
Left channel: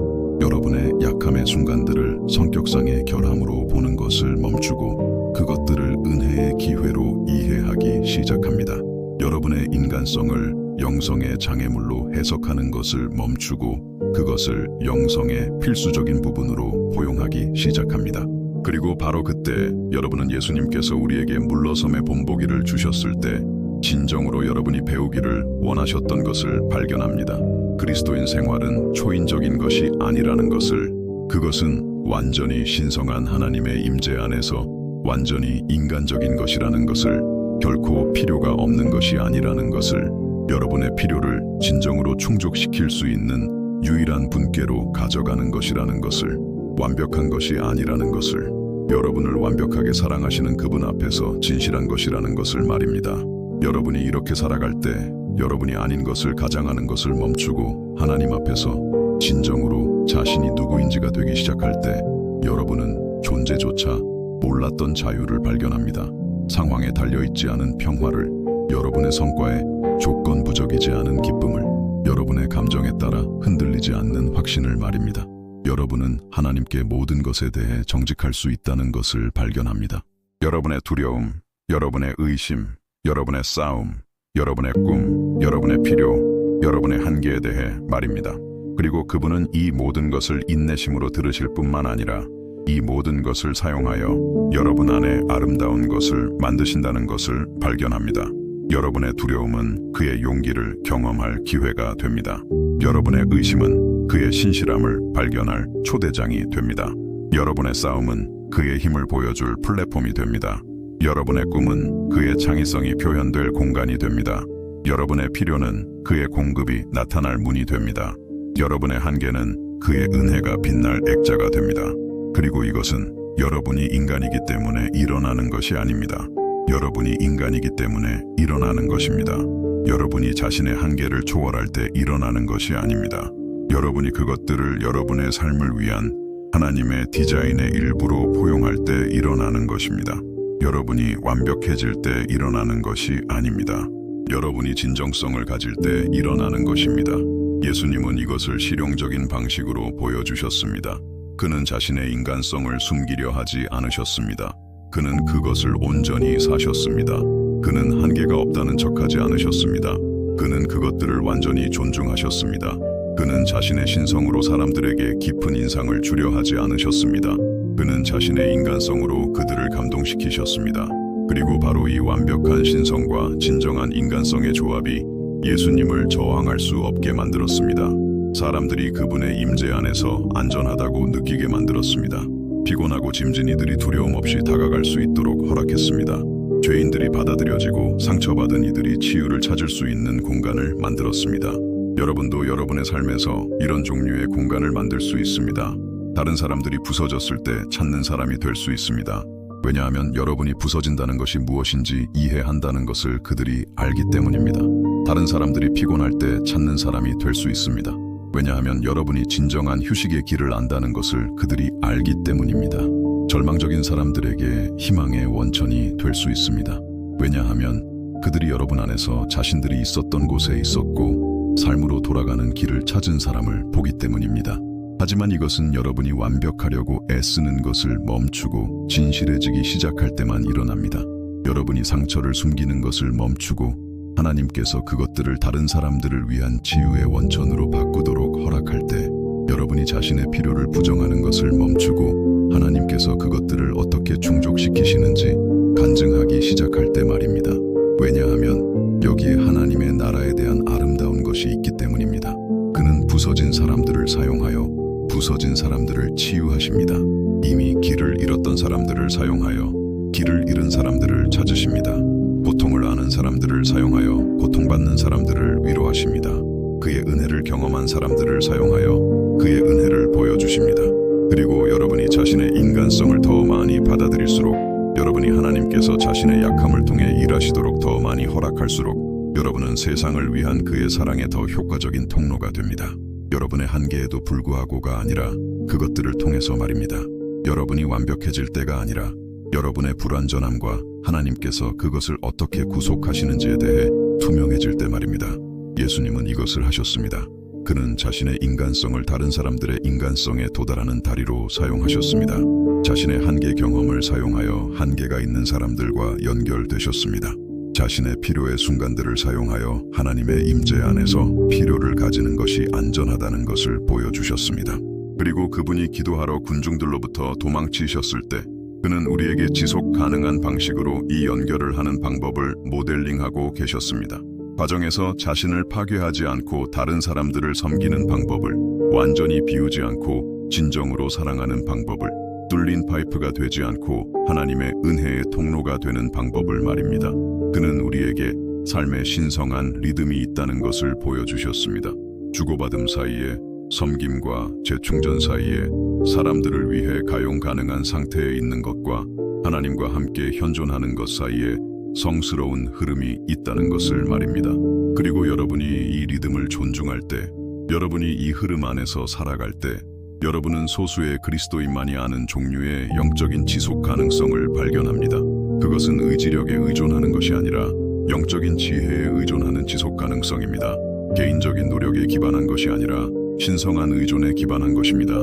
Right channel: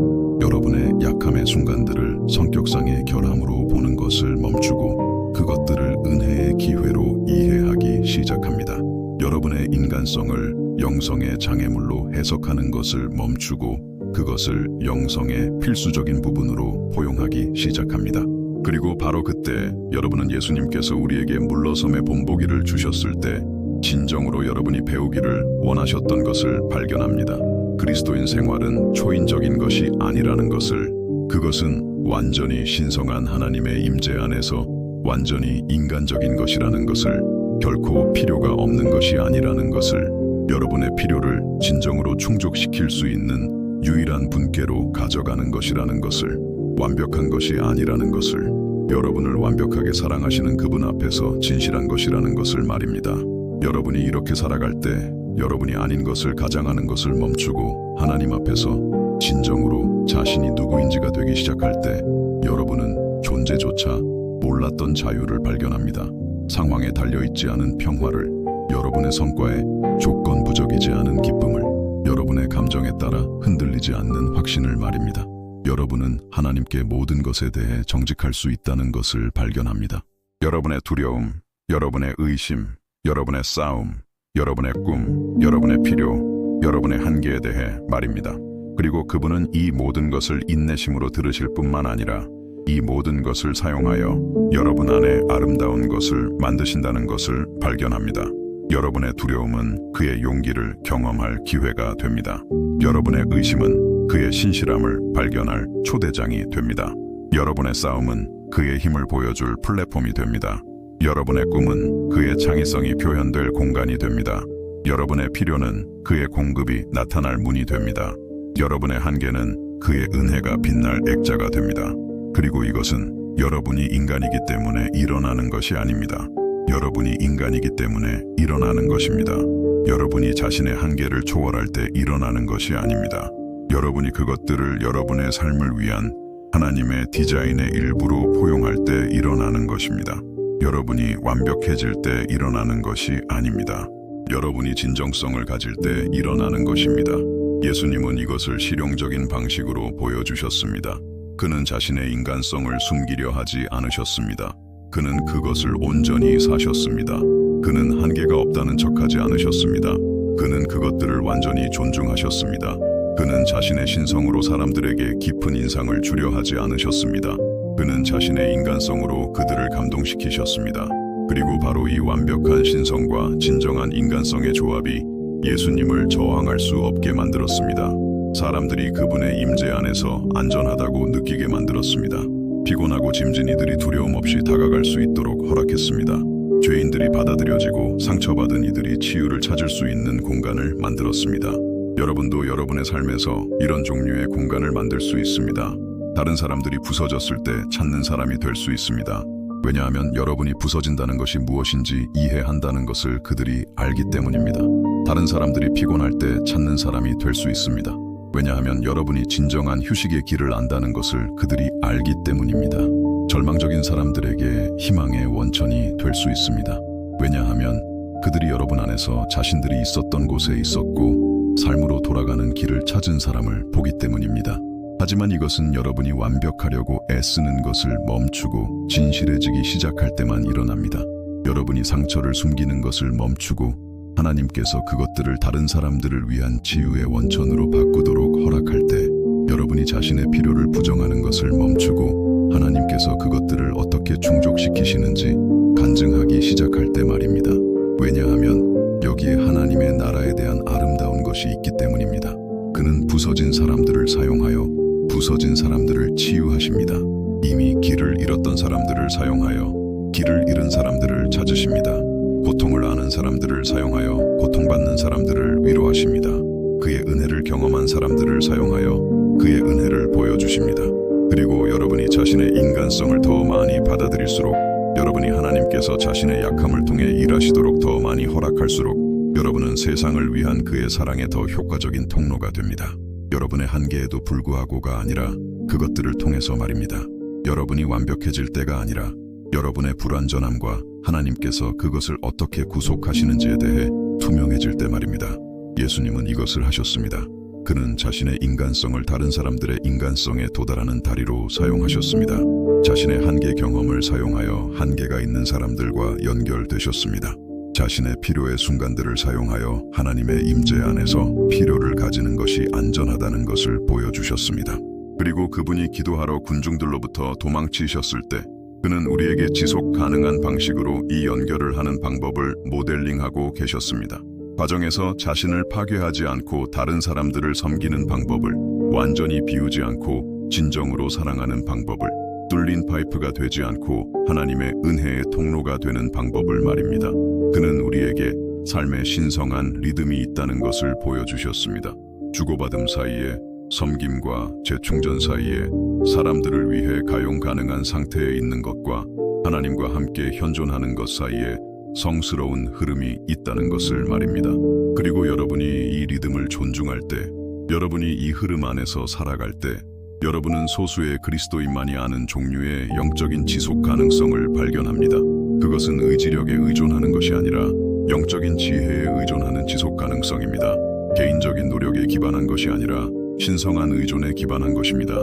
여러분의 약함의 순간들을 성격상의 결함으로 보는 것을 멈추고 그것들을 은혜의 기회로 이해하기 시작합니다. 여러분의 인간성을 영성의 장애물로 해석하는 것을 멈추고 그것을 영성의 필수적인 부분으로 포용하기 시작합니다. 그리고 바로 그때 여러분은 예수님께서 우리에게 물러섬의 본보기를 주셨을 때 진정으로 여러분이 배우기를 원하셨던 것을 발견합니다. 그리스도인 생활은 초인적인 것이 아니라는 것을, 그것은 완전히 신성한 하나님의 임재 안에서 완전히 인간적인 것이라는 것을, 결코 필요가 없는 것이 아니라는 것을, 여러분의 필요를 진정으로 충족시킬 수 있는 유일한 분께로 가져가는 것이라는 것을, 완벽한 것이 아니라는 것을, 여러분을 완벽하게 사랑하시는 그분 앞에서 진실한 것이라는 것을 말입니다. 여러분이 이렇게 살아갈 때 여러분이 아닌 것을 가장하는 것을 멈추고 하나님 앞에서 진정으로 자신이 누구인지가 되기 시작할 때 여러분은 존재조차 몰랐던 자유를 발견합니다. 상황에 달려있지 않은 평화를, 여러분의 성과에 조건부적이지 않은 기쁨을, 여러분의 감정에 따라 흔들리지 않는 확신을 말입니다. 여러분은 하나님께 모든 것에 대해 정직할 수 있다는 것을 발견합니다. 여러분의 두려움, 여러분의 의심, 여러분의 싸움, 여러분의 꿈, 여러분의 필요, 여러분의 한계에 대해 말입니다. 그리고 그분은 이 모든 것을 인내심으로 들으실 뿐만 아니라 이 모든 것을 사용하여 여러분 안에 아름다운 것을 만드신다는 것을 발견합니다. 여러분의 두려움은 그의 용기를 경험할 기회가 됩니다. 여러분의 의심은 그의 신실함을 발견할 초대장이 됩니다. 여러분의 싸움은 그의 힘을 보여줄 플랫폼이 됩니다. 여러분의 꿈은 그의 창의성이 표현될 공간이 됩니다. 여러분의 필요는 그의 공급이 나타날 문이 됩니다. 여러분의 한계는 그의 은혜가 빛날 액자가 됩니다. 그리고 이것은 여러분이 인간이기 때문에 일어나는 것이 아닙니다. 여러분이 인간이기 때문에 일어나는 것입니다. 여러분이 자신의 한계를 초월할 때 일어나는 것이 아닙니다. 여러분이 그것들을 여러분의 삶을 위한 하나님의 디자인의 일부로 포용할 때 일어나는 것입니다. 여러분이 완벽해질 때 일어나는 것이 아닙니다. 여러분이 진정성을 가질 때 일어나는 것입니다. 예수님은 이것을 실용적인 방식으로 보여주셨습니다. 그는 자신의 인간성을 숨기려 하지 않으셨습니다. 그는 그것을 온전히 사셨습니다. 그는 한계가 없다는 척하지 않으셨습니다. 그는 그것들을 완전히 존중하셨습니다. 그는 자신의 신성으로 사람들에게 깊은 인상을 주려 하지 않으셨습니다. 그는 자신의 인간성으로 그들을 감동시키셨습니다. 그리고 바로 이 완벽한 신성과 진정한 인간성의 조합이 예수님을 저항할 수 없게 만들었습니다. 사람들이 그분의 임재 안에서 안전하다고 느끼게 만들었습니다. 피곤하고 짐진 이들이 두려움 없이 다가갈 수 있도록 허락했습니다. 죄인들이 받아들여지고 상처받은 이들이 치유를 찾을 수 있는 공간을 만들었습니다. 여러분도 여러분의 삶에서 이런 종류의 공간을 만들 수 있습니다. 다른 사람들이 부서졌을 때 찾는 사람이 될 수 있습니다. 왜냐하면 여러분이 부서진다는 것이 무엇인지 이해한다는 것을 그들이 알기 때문입니다. 다른 사람들이 피곤할 때 찾는 사람이 될 수 있습니다. 왜냐하면 여러분이 진정한 휴식의 길을 안다는 것을 그들이 알기 때문입니다. 절망적인 사람들에게 희망의 원천이 될 수 있습니다. 왜냐하면 그들이 여러분 안에서 자신들이 있었던 곳에 있었고 삶으로 돌아가는 길을 찾은 사람을 보기 때문입니다. 하지만 이것은 여러분이 완벽하려고 애쓰는 것을 멈추고 진실해지기 시작할 때만 일어납니다. 여러분이 상처를 숨기는 것을 멈추고 하나님께서 그것들을 다른 사람들을 위한 치유의 원천으로 바꾸도록 허락할 때, 여러분이 자신의 필요를 부정하는 것을 멈추고 하나님께서 그것들을 어떻게 충족시키시는지 간증하기 시작할 때 말입니다. 왜냐하면 여기에 하나님의 나라에 대한 아름다운 것이 있기 때문입니다. 그는 부서진 사람들을 사용하여 부서진 사람들을 치유하십니다. 이미 길을 잃었던 사람들을 사용하여 길을 잃은 사람들을 찾으십니다. 고통을 아는 사람들을 사용하여 고통받는 사람들을 위로하십니다. 그의 은혜를 경험한 사람들을 사용하여 그의 은혜를 보여주십니다. 그리고 여러분이 자신의 인간성을 더 많이 받아들일수록, 여러분이 하나님께서 자신의 약함을 통해 일하시도록 더 많이 허락할수록 여러분은 세상을 위한 그의 사랑의 더 효과적인 통로가 됩니다. 여러분의 한계에도 불구하고가 아니라 그것들을 통해서 말입니다. 여러분이 완벽해질 때가 아니라 여러분의 불완전함과 하나님께서 그것을 어떻게 구속하시는지에 대해 투명해질 때 말입니다. 예수님은 이것을 하셨습니다. 그는 자신의 인간성을 다른 사람들의 인간성에 도달하는 다리로 사용하셨습니다. 자신의 한계 경험을 사용하여 한계가 있는 사람들과 연결되셨습니다. 자신의 필요의 순간들을 사용하여 하나님의 임재 안에서 필요를 가지는 것이 안전하다는 것을 보여주셨습니다. 그리고 그분이 기도하러 군중들로부터 도망치셨을 때 그는 우리에게 지속 가능한 방식으로 이 연결을 하는 방법을 모델링하고 계셨습니다. 과정에서 자신을 파괴하지 않고 다른 사람들을 섬기는 방법을, 완전히 비우지 않고 진정으로 사랑하는 방법을, 뚫린 파이프가 되지 않고 하나님의 은혜의 통로가 되는 방법을 말입니다. 그는 우리에게 삶의 신성한 리듬이 있다는 것을 보여주셨습니다. 주고받음 사이에, 섬김과 재충전 사이에, 사람들을 위해 가용 가능한 상태에 있는 것과 하나님과 함께 현존하는 것 사이에 성스러운 흐름이 있다는 것을 말입니다. 그리고 여러분이 이 리듬을 존중할 때, 여러분이 이 흐름 안에서 살아갈 때, 여러분은 소수의 그리스도인만이 아는 종류의 영적인 지속 가능성을 발견합니다. 그것은 의지력에 의존하는 것이 아니라 영적인 지혜에 의존하는 지속 가능성입니다. 개인적인 노력에 기반한 것이 아니라 신성한 의존에 기반한 것입니다.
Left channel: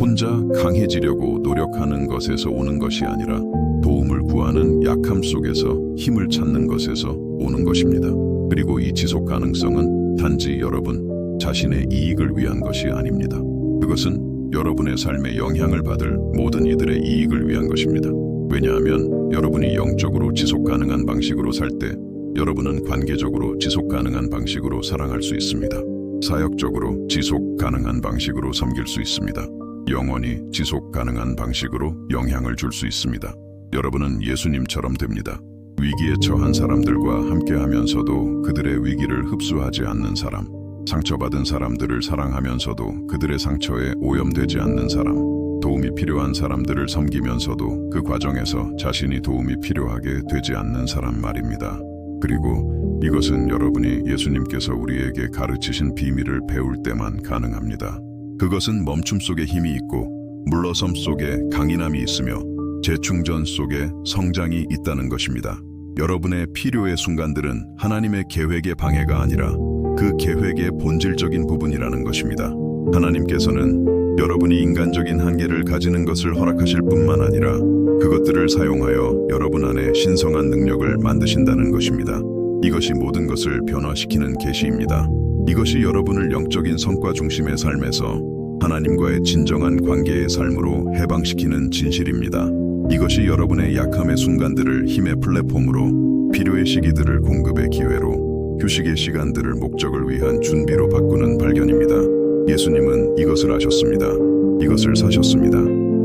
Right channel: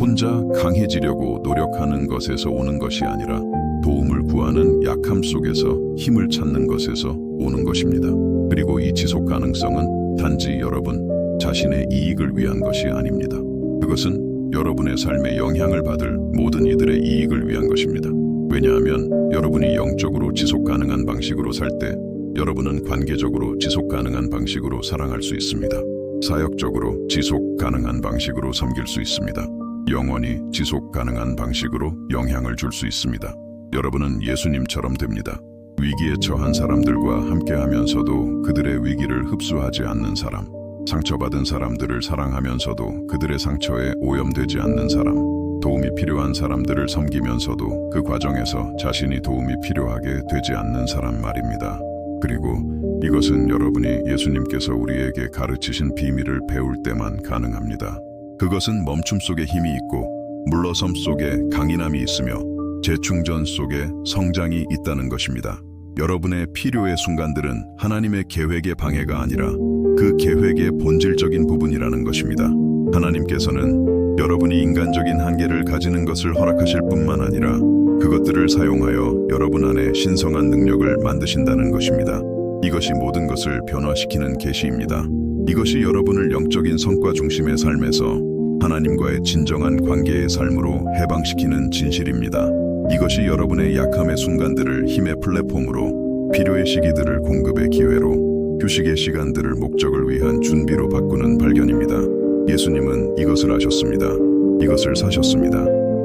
혼자 강해지려고 노력하는 것에서 오는 것이 아니라 도움을 구하는 약함 속에서 힘을 찾는 것에서 오는 것입니다. 그리고 이 지속 가능성은 단지 여러분 자신의 이익을 위한 것이 아닙니다. 그것은 여러분의 삶에 영향을 받을 모든 이들의 이익을 위한 것입니다. 왜냐하면 여러분이 영적으로 지속 가능한 방식으로 살 때 여러분은 관계적으로 지속 가능한 방식으로 사랑할 수 있습니다. 사역적으로 지속 가능한 방식으로 섬길 수 있습니다. 영원히 지속 가능한 방식으로 영향을 줄 수 있습니다. 여러분은 예수님처럼 됩니다. 위기에 처한 사람들과 함께하면서도 그들의 위기를 흡수하지 않는 사람, 상처받은 사람들을 사랑하면서도 그들의 상처에 오염되지 않는 사람, 도움이 필요한 사람들을 섬기면서도 그 과정에서 자신이 도움이 필요하게 되지 않는 사람 말입니다. 그리고 이것은 여러분이 예수님께서 우리에게 가르치신 비밀을 배울 때만 가능합니다. 그것은 멈춤 속에 힘이 있고 물러섬 속에 강인함이 있으며 재충전 속에 성장이 있다는 것입니다. 여러분의 필요의 순간들은 하나님의 계획의 방해가 아니라 그 계획의 본질적인 부분이라는 것입니다. 하나님께서는 여러분이 인간적인 한계를 가지는 것을 허락하실 뿐만 아니라 그것들을 사용하여 여러분 안에 신성한 능력을 만드신다는 것입니다. 이것이 모든 것을 변화시키는 계시입니다. 이것이 여러분을 영적인 성과 중심의 삶에서 하나님과의 진정한 관계의 삶으로 해방시키는 진실입니다. 이것이 여러분의 약함의 순간들을 힘의 플랫폼으로, 필요의 시기들을 공급의 기회로, 휴식의 시간들을 목적을 위한 준비로 바꾸는 발견입니다. 예수님은 이것을 아셨습니다. 이것을 사셨습니다.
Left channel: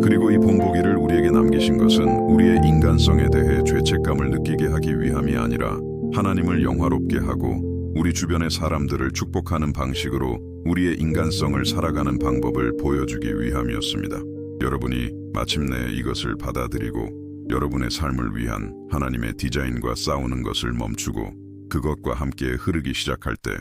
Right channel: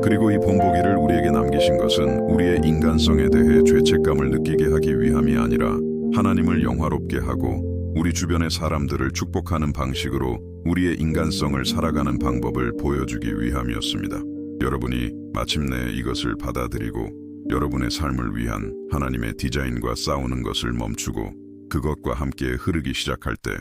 그리고 이 본보기를 우리에게 남기신 것은 우리의 인간성에 대해 죄책감을 느끼게 하기 위함이 아니라 하나님을 영화롭게 하고 우리 주변의 사람들을 축복하는 방식으로 우리의 인간성을 살아가는 방법을 보여주기 위함이었습니다. 여러분이 마침내 이것을 받아들이고 여러분의 삶을 위한 하나님의 디자인과 싸우는 것을 멈추고 그것과 함께 흐르기 시작할 때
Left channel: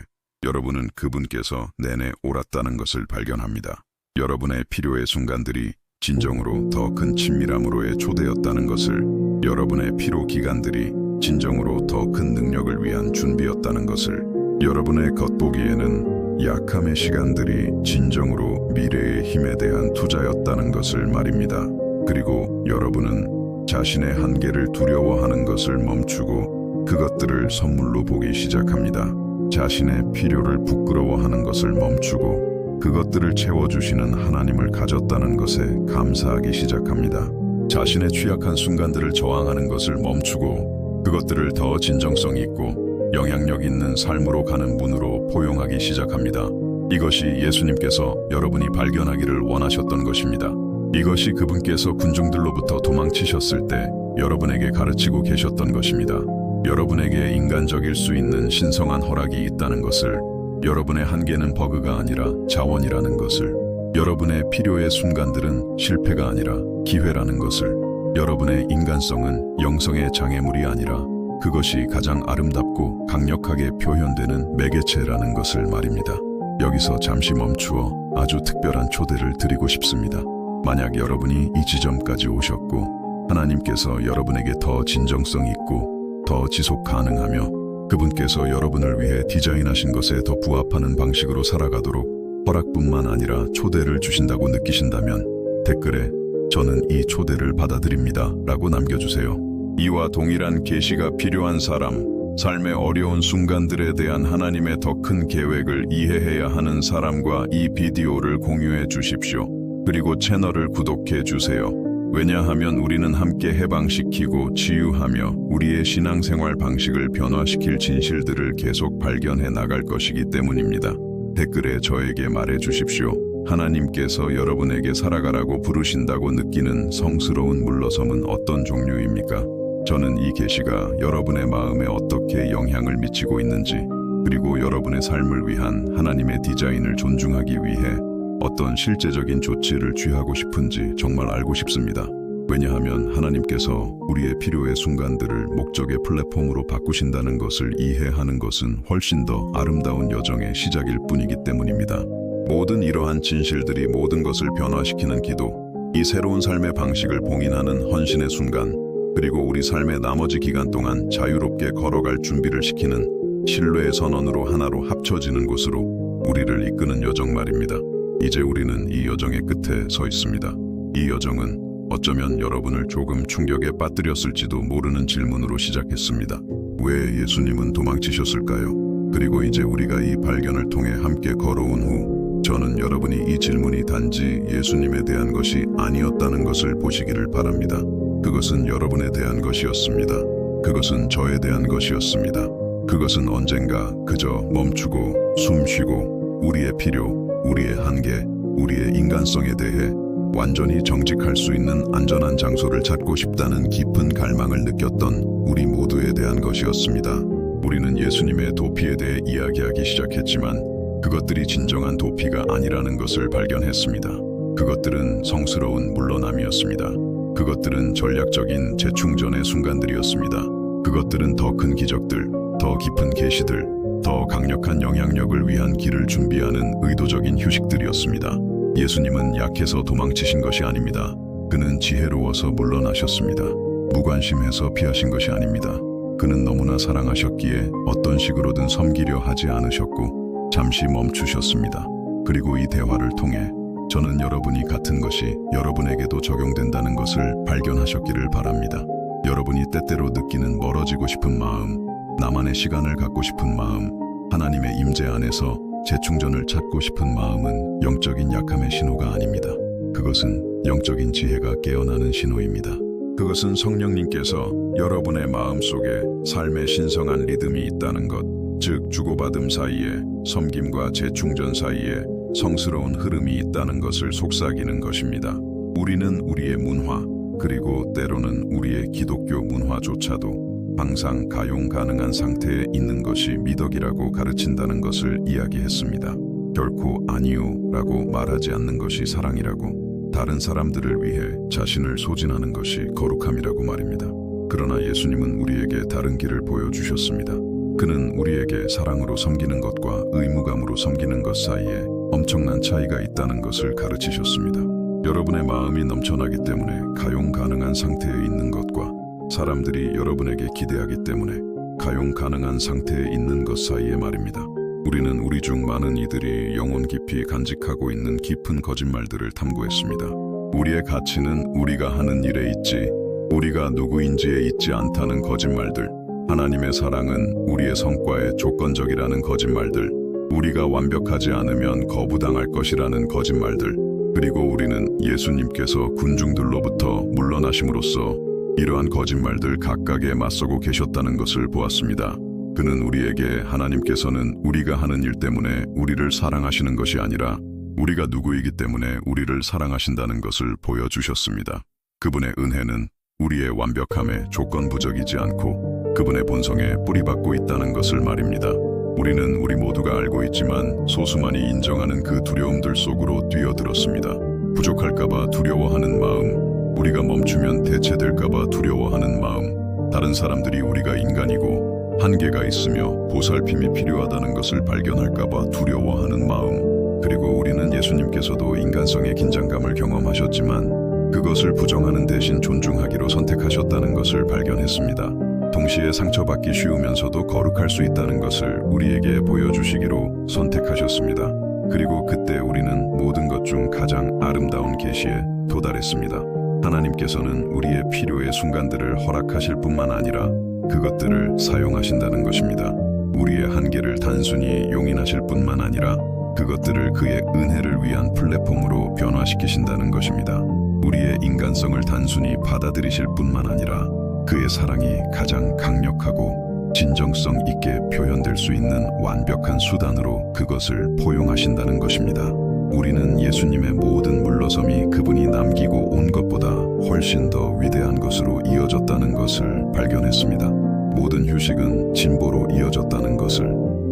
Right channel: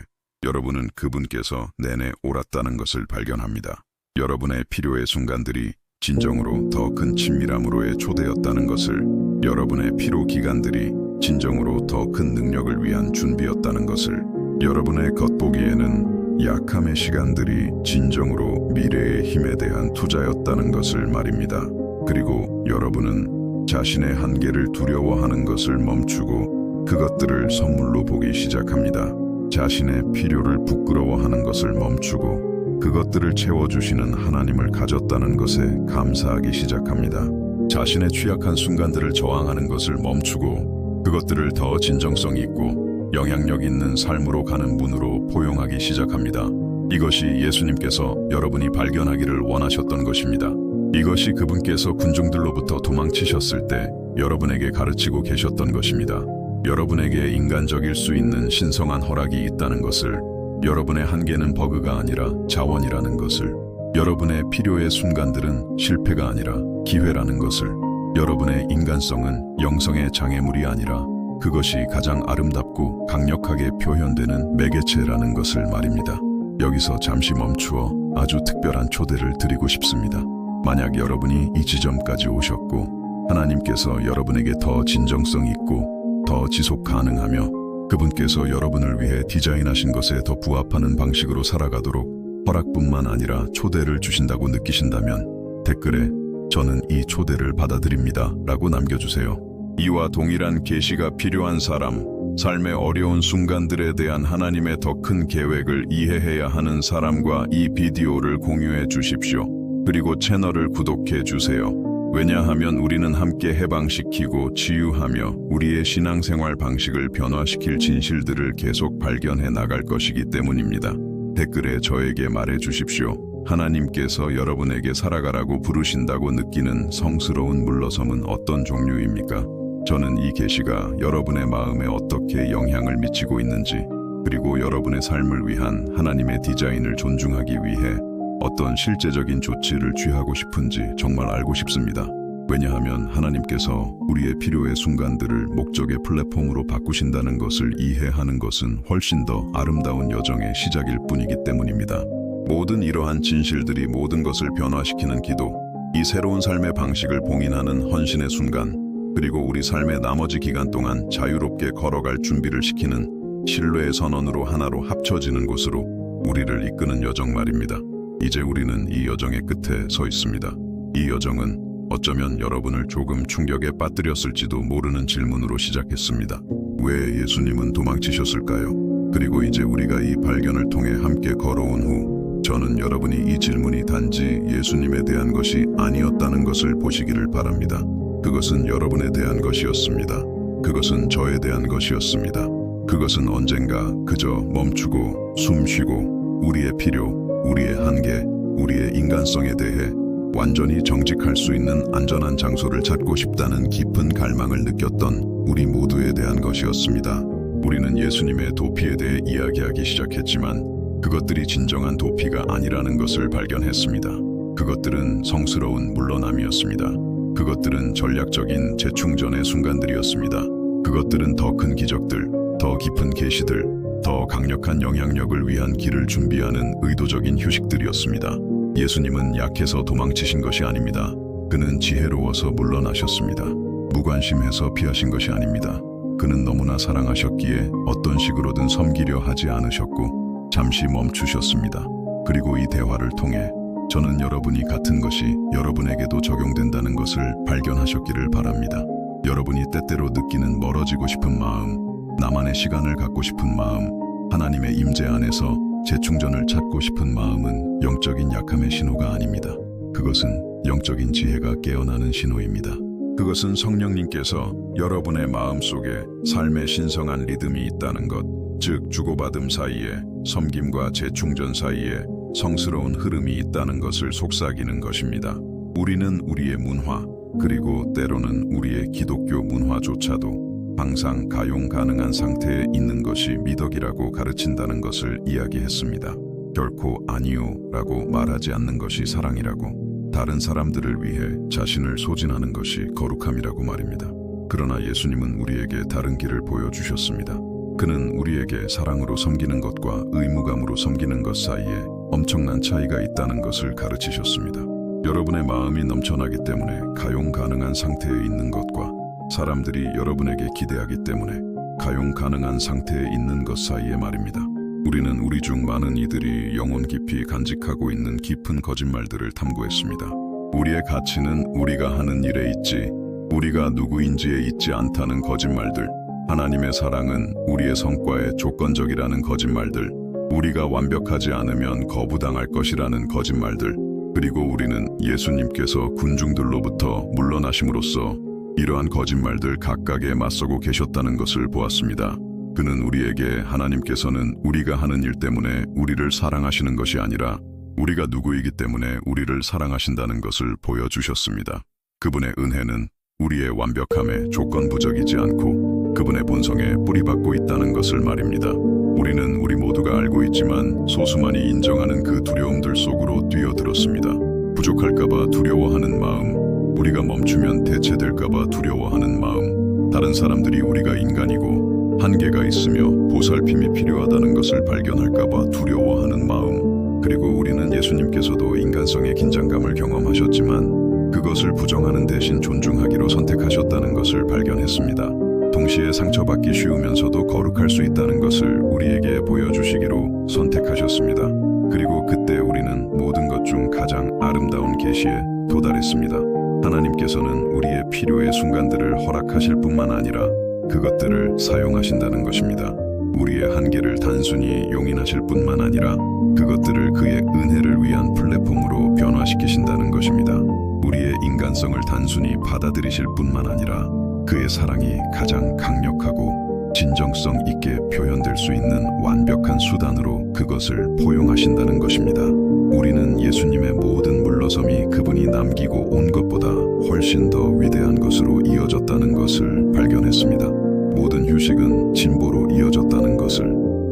여러분은 그분께서 내내 옳았다는 것을 발견합니다. 여러분의 필요의 순간들이 진정으로 더 큰 친밀함으로의 초대였다는 것을, 여러분의 피로 기간들이 진정으로 더 큰 능력을 위한 준비였다는 것을, 여러분의 겉보기에는 약함의 시간들이 진정으로 미래의 힘에 대한 투자였다는 것을 말입니다. 그리고 여러분은 자신의 한계를 두려워하는 것을 멈추고 그것들을 선물로 보기 시작합니다. 자신의 필요를 부끄러워하는 것을 멈추고 그것들을 채워주시는 하나님을 가졌다는 것에 감사하기 시작합니다. 자신의 취약한 순간들을 저항하는 것을 멈추고 그것들을 더 진정성 있고 영향력 있는 삶으로 가는 문으로 포용하기 시작합니다. 이것이 예수님께서 여러분이 발견하기를 원하셨던 것입니다. 이것이 그분께서 군중들로부터 도망치셨을 때 여러분에게 가르치고 계셨던 것입니다. 여러분에게 인간적일 수 있는 신성한 허락이 있다는 것을, 여러분의 한계는 버그가 아니라 자원이라는 것을, 여러분의 필요의 순간들은 실패가 아니라 기회라는 것을, 여러분의 인간성은 영성의 장애물이 아니라 그것이 가장 아름답고 강력하게 표현되는 매개체라는 것을 말입니다. 여기서 잠시 멈추어 아주 특별한 초대를 드리고 싶습니다. 만약 여러분이 이 지점까지 오셨고 하나님께서 여러분에게 더 진정성 있고 더 지속 가능하며 그분께서 여러분을 위해 디자인하신 것에 더 부합하는 방식으로 살아가도록 허락뿐만 아니라 초대를 주신다고 느끼신다면 댓글에 저는 이 초대를 받아들입니다 라고 남겨주세요. 이와 동일한 계시가 필요한 사람, 삶의 어려운 순간들에 대한 하나님의 더 큰 계획을 이해해야 하는 사람과 이 비디오를 공유해 주십시오. 그리고 채널을 구독해 주세요. 왜냐하면 우리는 함께 해방시키고 치유하며 우리의 신앙생활 방식을 변화시킬 진실들을 계속 발견해 나갈 것이기 때문입니다. 댓글에 저에게 말해 주십시오. 하나님께서 여러분에게 살아가라고 부르신다고 느끼는 성스러운 물러섬은 어떤 종류입니까? 저는 이 계시가 여러분의 마음에 어떻게 영향을 미치고 있는지, 그리고 여러분의 삶을 위한 하나님의 디자인을 존중하기 위해 어떤 실제적인 조치를 취하고 싶은지 정말 알고 싶습니다. 왜냐하면 하나님께서 우리의 필요의 순간들을 목적의 플랫폼으로 바꾸신다는 것을 이해하는 것은 훨씬 더 아름다운 여정의 시작일 뿐이기 때문입니다. 모든 이러한 진실들이 모든 것을 변화시키는 기도, 이 새로운 삶의 방식을 봉인하는 헌신의 순간, 그리고 우리 삶의 나머지 기간 동안 자유롭게 걸어갈 준비를 시키는 신뢰의 선언으로 하나로 합쳐지는 곳으로 우리를 이끄는 여정 말입니다. 이제 우리는 이 여정의 끝에 서 있습니다. 이 여정은 어쩌면 여러분을 조금 충격에 빠뜨렸을지도 모르는 질문으로 시작했습니다. 왜 예수님은 도망치셨을까요? 그리고 이제 우리가 이 발견을 통해 함께 걸어온 후 저는 여러분이 이 질문이 단지 예수님에 대한 것이 아니었다는 것을 보시기를 바랍니다. 그것은 여러분에 대한 것이었습니다. 그것은 저에 대한 것이었습니다. 그것은 언젠가 그저 멈추고 숨 쉬고 우리의 필요, 우리의 한계, 우리의 인간성에 대해 완전히 정직할 수 있는 안전한 장소를 찾고 싶다는 깊은 갈망을 느꼈던 우리 모두에 대한 것이었습니다. 우리는 예수님의 도피에 대해 이야기하기 시작했지만 그것들이 진정한 도피가 아니라는 것을 발견했습니다. 그것들은 성스러운 물러남이었습니다. 그것들은 전략적인 재충전의 순간들이었습니다. 그것들은 더 큰 기적들, 더 깊은 계시들, 더 강력한 영향력을 위한 길을 준비하는 의도적인 휴식들이었습니다. 예수님은 약해서 도망치신 것이 아닙니다. 그는 지혜로워서 물러나셨습니다. 무관심해서 피하신 것이 아닙니다. 그는 너무나 사랑하셨기에 어떤 식으로든 섬기려 하지 않으셨고 잠시 멈추셨습니다. 그리고 이 대화를 통해 저는 여러분이 같은 것이 여러분에게도 적용된다는 것을 발견하셨기를 바랍니다. 여러분이 때때로 느끼는 멀어지고 싶은 마음, 나만의 시간을 갖고 싶은 마음, 하나님의 임재 안에서 재충전을 찾고 싶은 마음은 영적인 약함의 신호가 아닙니다. 그것은 영적인 지혜가 깨어나는 신호입니다. 그것은 성령님께서 여러분의 마음속에 삶의 신성한 리듬이 있다는 것, 즉 주고받음 사이에 섬김과 재충전 사이에 성스러운 흐름이 있다는 것을 속삭이는 것입니다. 우리는 우리의 문화, 그리고 때로는 우리의 기독교 문화조차도 항상 가용 가능한 상태에 있는 것이 미덕이라고 가르친다는 것을 이야기했습니다. 결코 아니요 라고 말하지 않는 것이 사랑이라고, 다른 사람들을 위해 자신을 소진하는 것이 거룩함이라고 말입니다. 그러나 예수님은 우리에게 다른 길을 보여주셨습니다. 그는 우리에게 사랑으로 섬기는 것과 의무감으로 섬기는 것 사이에 엄청난 차이가 있다는 것을 가르치셨습니다. 여러분의 마음이 넘쳐나기 때문에 가용 가능한 상태에 있는 것과 사람들이 여러분에게 기대하기 때문에 가용 가능한 상태에 있는 것 사이에 말입니다. 우리는 우리 중 많은 이들이 영혼 깊이 간직하고 있는 깊은 거짓말들을 탐구했습니다. 우리의 가치는 우리가 하는 일에 있지, 우리가 누구인지에 있지 않다는 거짓말들, 하나님의 사랑은 우리의 성과에 조건적이라는 거짓말들, 우리가 완벽하지 않으면 거부당할 것이라는 거짓말들, 그리고 우리는 예수님께서 군중들로부터 물러나심으로써 이러한 거짓말들 각각에 맞서고 계셨다는 것을 보았습니다. 그는 우리에게 하나님께서는 우리가 하는 일 때문에 우리를 사랑하시는 것이 아니라 우리가 누구이기 때문에 우리를 사랑하신다는 것을 보여주셨습니다. 그분의 은혜는 우리의 완벽함에 조건부적이지 않고 그분의 본성에 뿌리박고 있다는 것을 말입니다. 우리는 우리 모두가 알고 있지만 소수만이 인정하는 그 두려움들 속으로 뛰어들었습니다. 부족할까봐 두려워하는 마음, 우리가 멈추면 대체될까봐 두려워하는 마음, 다른 사람들이 우리가 인간이고 한계가 있으며 보살핌이 필요하다는 것을 발견할까봐 두려워하는 마음, 그리고 우리는 예수님께서도 인간성의 긴장감을 경험하셨지만 그것을 부정하는 대신 존중하기로 선택하셨다는 것을 발견했습니다. 동시에 상처받기 쉬우면서도 거룩할 수 있다는 것을 우리에게 보여주시기로 선택하셨습니다. 그리고 그때 우리는 모든 것 중 가장 아름다운 계시에 도달했습니다. 하나님께서는 우리의 필요의 순간들을 허락하실 뿐만 아니라 그것들을 사용하신다는 것입니다. 우리의 한계를 단순히 용인하실 뿐만 아니라 그것들을 그의 은혜를 위한 플랫폼으로 변화시키신다는 것입니다. 우리의 인간성을 단순히 받아들이실 뿐만 아니라 그의 사랑이 가장 강력하고 진정성 있게 표현될 수 있는 완벽한 수단으로 그것을 포용하신다는 것입니다. 우리는 예수님의 모든 물러섬이 그분이 남기고 온 것보다 훨씬 더 위대한 것으로 이어졌다는 것을 발견했습니다. 모든 휴식은 진보로 이어졌다는 것을,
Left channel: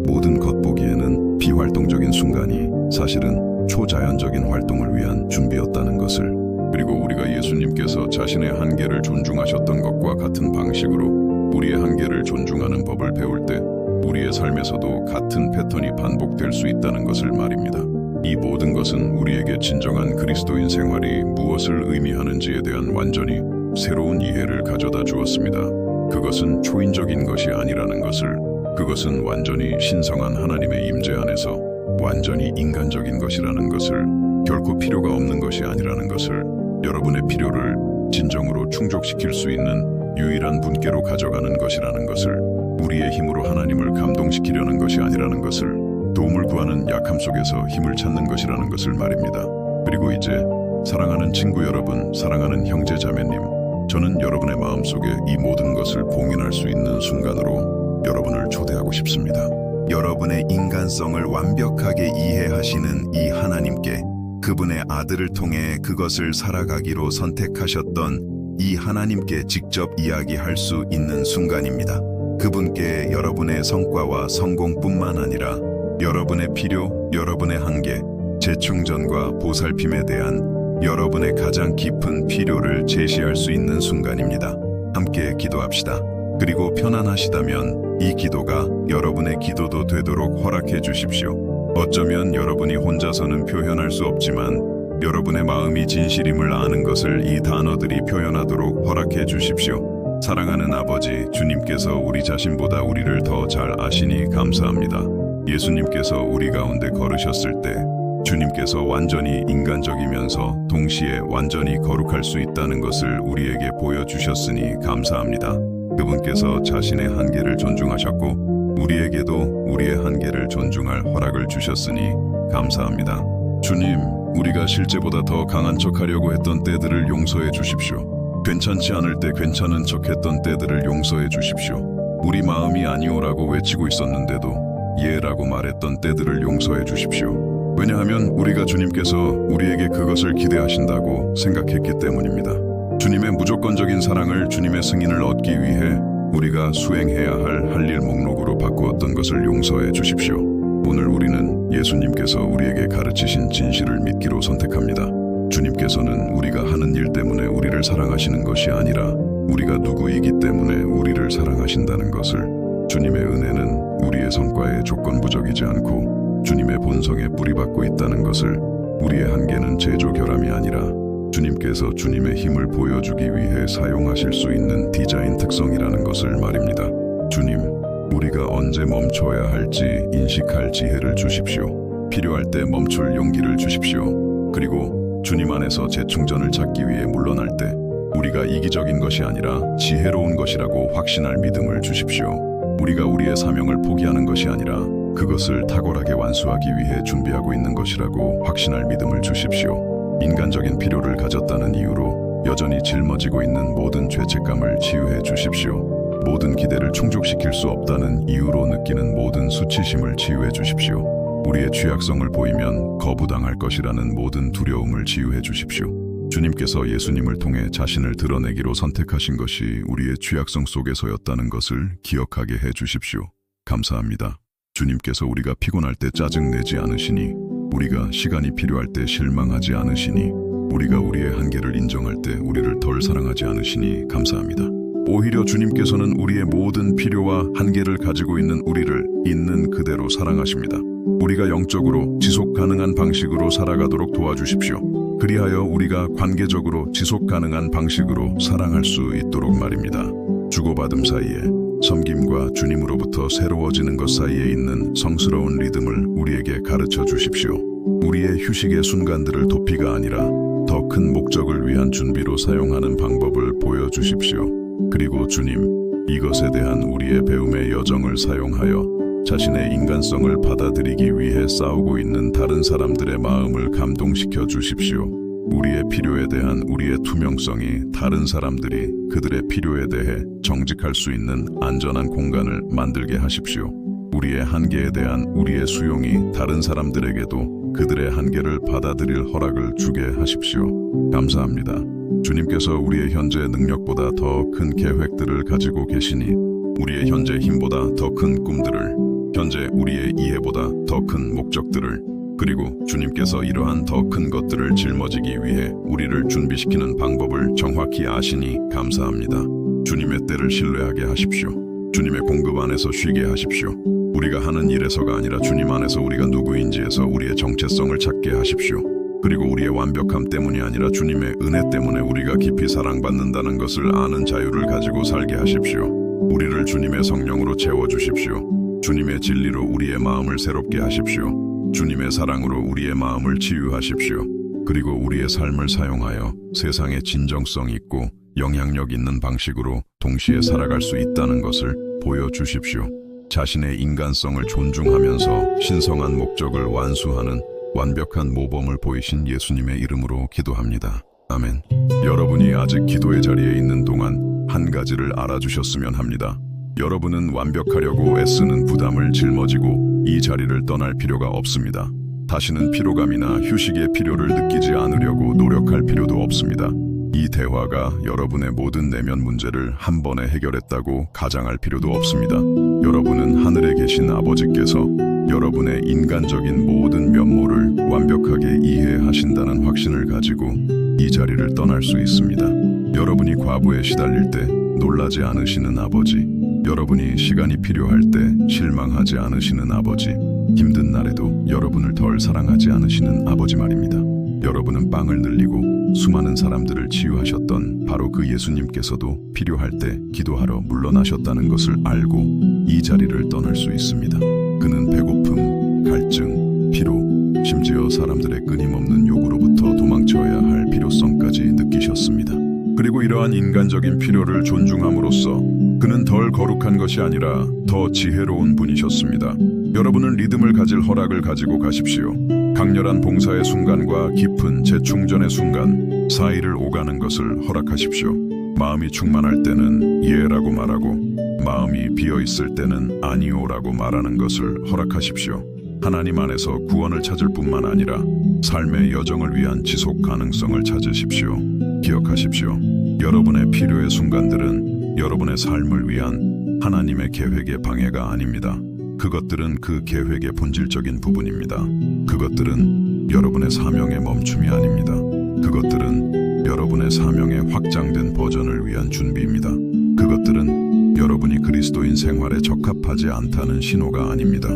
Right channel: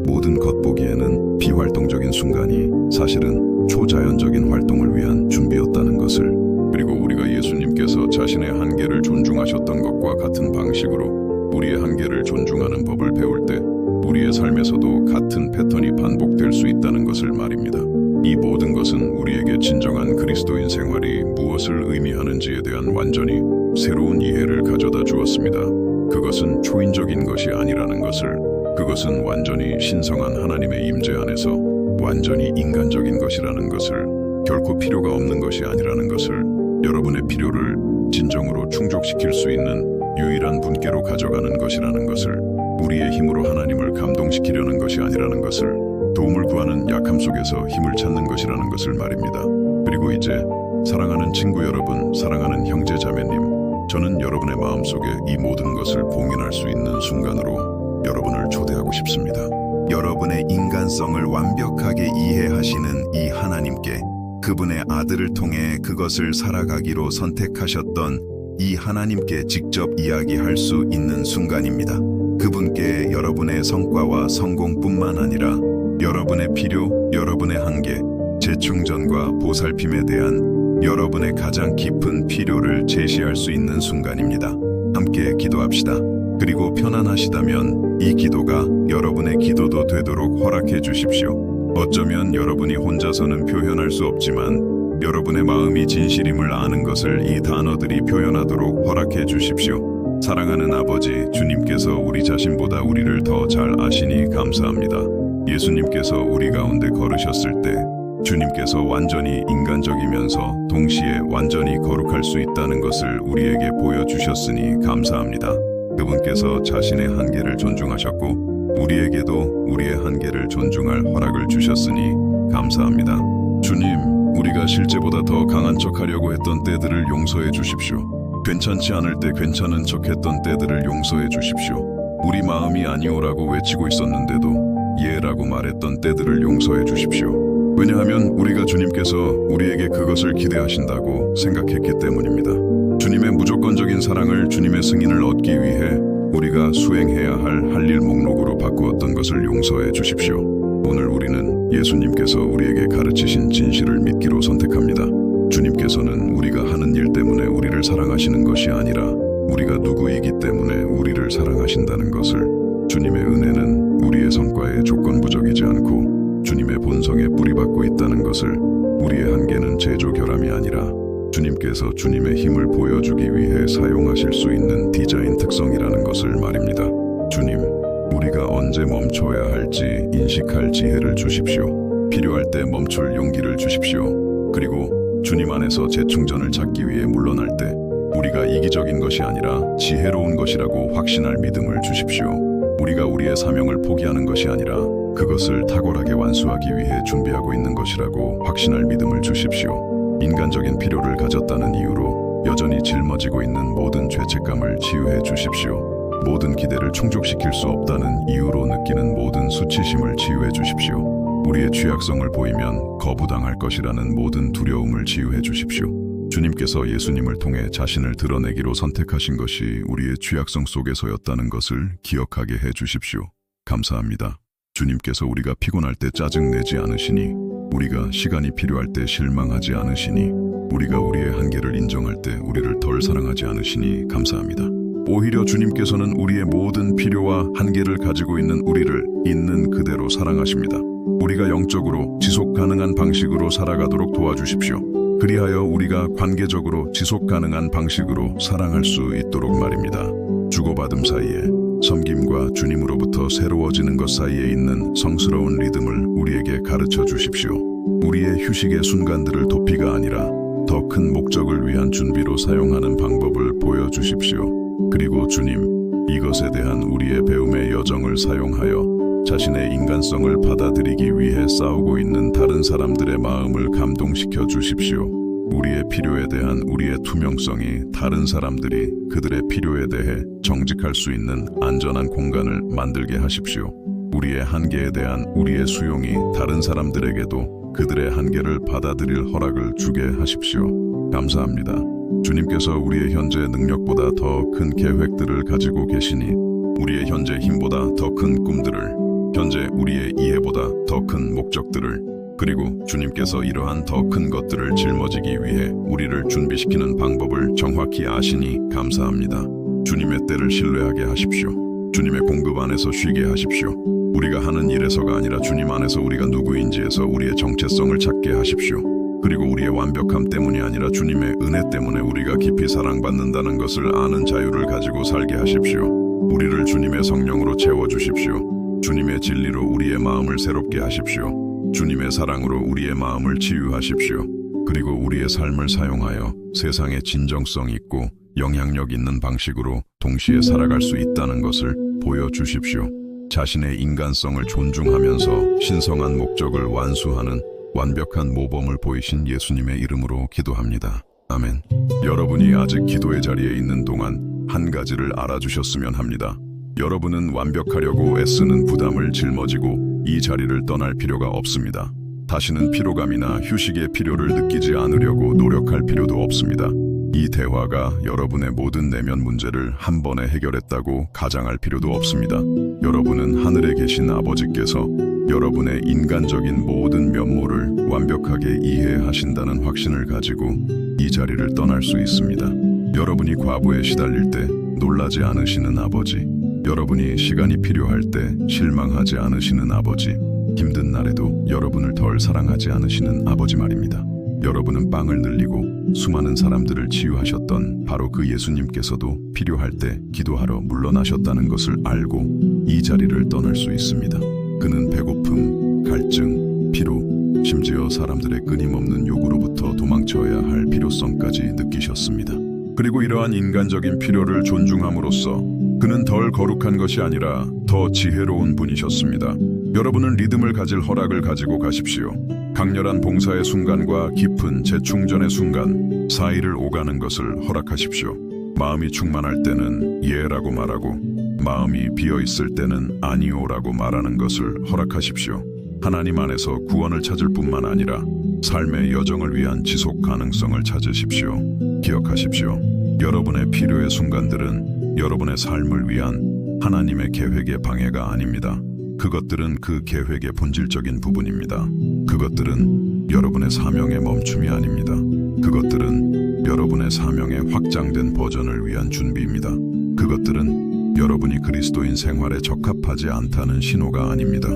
모든 겉보기에는 비활동적인 순간이 사실은 초자연적인 활동을 위한 준비였다는 것을, 그리고 우리가 예수님께서 자신의 한계를 존중하셨던 것과 같은 방식으로 우리의 한계를 존중하는 법을 배울 때 우리의 삶에서도 같은 패턴이 반복될 수 있다는 것을 말입니다. 이 모든 것은 우리에게 진정한 그리스도인 생활이 무엇을 의미하는지에 대한 완전히 새로운 이해를 가져다 주었습니다. 그것은 초인적인 것이 아니라는 것을, 그것은 완전히 신성한 하나님의 임재 안에서 완전히 인간적인 것이라는 것을, 결코 필요가 없는 것이 아니라는 것을, 여러분의 필요를 진정으로 충족시킬 수 있는 유일한 분께로 가져가는 것이라는 것을, 우리의 힘으로 하나님을 감동시키려는 것이 아니라는 것을, 도움을 구하는 약함 속에서 힘을 찾는 것이라는 것을 말입니다. 그리고 이제 사랑하는 친구 여러분, 사랑하는 형제 자매님, 저는 여러분의 마음속에 이 모든 것을 봉인할 수 있는 순간으로 여러분을 초대하고 싶습니다. 여러분의 인간성을 완벽하게 이해하시는 이 하나님께, 그분의 아들을 통해 그것을 살아가기로 선택하셨던 이 하나님께 직접 이야기할 수 있는 순간입니다. 그분께 여러분의 성과와 성공뿐만 아니라 여러분의 필요, 여러분의 한계, 재충전과 보살핌에 대한 여러분의 가장 깊은 필요를 제시할 수 있는 순간입니다. 함께 기도합시다. 그리고 편안하시다면 이 기도가 여러분의 기도도 되도록 허락해 주십시오. 어쩌면 여러분이 혼자서는 표현할 수 없지만 여러분의 마음이 진실임을 아는 것을 이 단어들이 표현하도록 허락해 주십시오. 사랑하는 아버지, 주님께서 우리 자신보다 우리를 더 잘 아시니 감사합니다. 예수님께서 우리 가운데 걸으셨을 때 주님께서 완전히 인간적이면서 동시에 완전히 거룩할 수 있다는 것을 우리에게 보여주셨으니 감사합니다. 그분께서 자신의 한계를 존중하셨고 우리에게도 우리의 한계를 존중할 허락을 주셨으니 감사합니다. 주님, 우리가 실제보다 더 강한 척하려고 했던 때들을 용서해 주십시오. 괜찮지 않을 때 괜찮은 척했던 때들을 용서해 주십시오. 우리 마음이 아니오라고 외치고 있었는데도 예라고 말했던 때들을 용서해 주십시오. 왜냐하면 우리가 주님께서 우리에게 그것을 기대하신다고 생각했기 때문입니다. 주님의 무조건적인 사랑을, 주님의 승인을 얻기 위해 우리가 수행해야 할 일 목록으로 바꾸었던 것을 용서해 주십시오. 오늘 우리는 예수님께서 우리에게 가르치신 진실을 믿기로 선택합니다. 주님께서는 우리가 하는 일 때문에 우리를 사랑하시는 것이 아니라 우리가 누구이기 때문에 우리를 사랑하신다는 것을, 주님의 은혜는 우리의 성과에 조건부적이지 않고 주님의 본성에 뿌리박고 있다는 것을, 우리의 한계는 제조 결함이 아니라 주님께서 주님의 힘을 보여주기 위해 사용하실 수 있는 디자인 특성이라는 것을 말입니다. 주님, 우리가 언제 멈춰야 할지 인식할 지혜를 주십시오. 필요할 때 멈출 용기를 주십시오. 그리고 주님 안에서 재충전을 찾기 위해 물러날 때 우리가 이기적인 것이 아니라 지혜로운 것이라고 확신할 믿음을 주십시오. 우리가 우리의 사명을 포기하는 것이 아니라 그것을 탁월하게 완수하기 위해 준비하고 있는 것이라고 확신할 믿음을 주십시오. 인간적인 필요를 가졌다는 이유로 여전히 짊어지고 있는 모든 죄책감을 치유해 주십시오. 모든 기대를 충족시킬 수 없다는 이유로 느끼는 모든 수치심을 치유해 주십시오. 우리의 취약성을 보이면 거부당할 것이라는 모든 두려움을 치유해 주십시오. 주님께서 예수님을 통해 자신을 드러내기로 선택하신 것이 우리의 취약성 속에서였다는 것을 기억하게 해 주십시오. 감사합니다. 주님께서 우리가 피곤할 때 짜증내지 않으시니, 우리가 시간이 필요할 때 실망하지 않으시니, 우리가 우리의 한계를 인정할 때 우리를 덜 사랑하지 않으시니 감사합니다. 오히려 주님께서는 우리의 모든 필요와 한계를 가지고 있는 우리를 있는 그대로 사랑하십니다. 우리가 영적으로 지속 가능한 방식으로 살아가도록 도와주십시오. 그리하여 우리가 관계적으로 지속 가능한 방식으로 사랑할 수 있도록 말입니다. 주고받음 사이에 섬김과 주님으로부터 새로워지는 것 사이에 있는 성스러운 리듬을 우리에게 가르쳐 주십시오. 우리의 휴식의 순간들을 도피가 아니라 더 큰 목적을 위한 준비로 사용하는 방법을 보여주십시오. 그리고 주님, 이것에 대한 우리의 배움의 여정을 사용하여 자신의 인간성을 받아들이기 위해 싸우고 있는 다른 사람들의 마음을 감동시켜 주십시오. 우리의 필요에 대한 우리의 투명성이 다른 사람들이 그들의 필요에 대해 정직할 수 있는 안전한 공간을 만들게 하십시오. 우리의 한계에 대한 우리의 수용이 다른 사람들에게도 그들의 한계를 받아들일 허락을 주게 하십시오. 감사합니다. 주님께서 우리의 현재 능력보다 더 큰 계획들을 가지고 계시니 우리의 현재 힘보다 더 큰 꿈들을, 현재 우리의 이해보다 더 큰 목적들을, 그리고 주님께서 이러한 더 큰 것들을 짊어지기 위해 우리를 준비시키는 방법을 정확히 아시니 감사합니다. 주님의 때를 신뢰하게 하십시오. 주님의 공급 안에서 쉬게 하십시오. 우리가 하는 일에서가 아니라 주님 안에서 우리가 누구인지에서 우리의 정체성을 찾게 하십시오. 그리고 우리의 완벽함 때문이 아니라 주님의 은혜 때문에 우리가 깊이 사랑받는다는 것을 아는 자유를 가지고 살게 하십시오. 우리를 주님의 성령으로 채워주십시오. 주님의 진리로 우리의 마음을 새롭게 하십시오. 주님의 사랑으로 우리의 마음을 치유하십시오. 그리고 우리의 삶을 사용하여 세상에 진정성 있고 영향력 있는 방식으로 동시에 살아갈 수 있다는 것을 보여주십시오. 자신의 인간성을 존중하면서 신성한 목적을 완수하는 완벽한 모범을 보이신 예수님의 이름으로 기도합니다. 아멘. 여러분이 아직 기도의 자리에 있는 동안 한 가지를 알아주셨으면 합니다. 여러분은 완벽하려고 애쓰는 부담을 짊어지고 이 자리를 떠날 필요가 없습니다. 다시는 피로감이나 휴식의 필요를 느끼지 않으려고 노력할 필요도 없습니다. 이 대화가 여러분의 모든 내면 문제를 한 번에 해결했다고 가장할 필요도 없습니다. 여러분은 하늘에 계신 아버지께서 여러분의 인간적인 모든 면모를 완벽하게 이해하신다는 확신을 가지고 이 자리를 떠날 수 있습니다. 여러분이 과부에 시달릴 때 놀라지 않으시는 아버지, 여러분이 시간이 필요할 때 실망하지 않으시는 아버지, 힘든 날에도 여러분을 덜 사랑하지 않으시는 아버지 말입니다. 여러분은 빵을 늘리고 수많은 사람들을 치유하셨던 바로 그 예수님께서도 필요할 때 기도하러 물러나셨다는 것을 알고 이 자리를 떠날 수 있습니다. 그는 배고픔, 갈증, 피로, 심지어 사람들의 끊임없는 요구로부터 도망쳐야 할 필요성까지 느끼셨습니다. 그리고 이러한 인간적인 필요를 존중함으로써 그는 덜 거룩한 것이 아니라 더 지혜로운 분이셨습니다. 여러분은 리듬을 가질 허락을 가지고 가십시오. 강렬한 봉사의 순간과 깊은 재충전의 순간 사이를 오가는 것을 허락하십시오. 마음이 충만할 때는 예라고 말하고 마음이 비어있을 때는 아니오라고 말하는 것을 허락하십시오. 하나님 안에서 구원을 찾을 뿐만 아니라 삶의 여정을 위한 지속 가능성을 찾으십시오. 기억하십시오. 여러분의 필요의 순간들은 여러분의 삶을 위한 하나님의 계획의 방해가 아닙니다. 그것들은 그 계획의 본질적인 부분입니다. 그것들은 여러분의 사명의 멈춤이 아닙니다. 그것들은 여러분의 사명의 확장된 버전을 위한 준비입니다. 그것들은 여러분이 그리스도인 생활에 적합하지 않다는 신호가 아닙니다.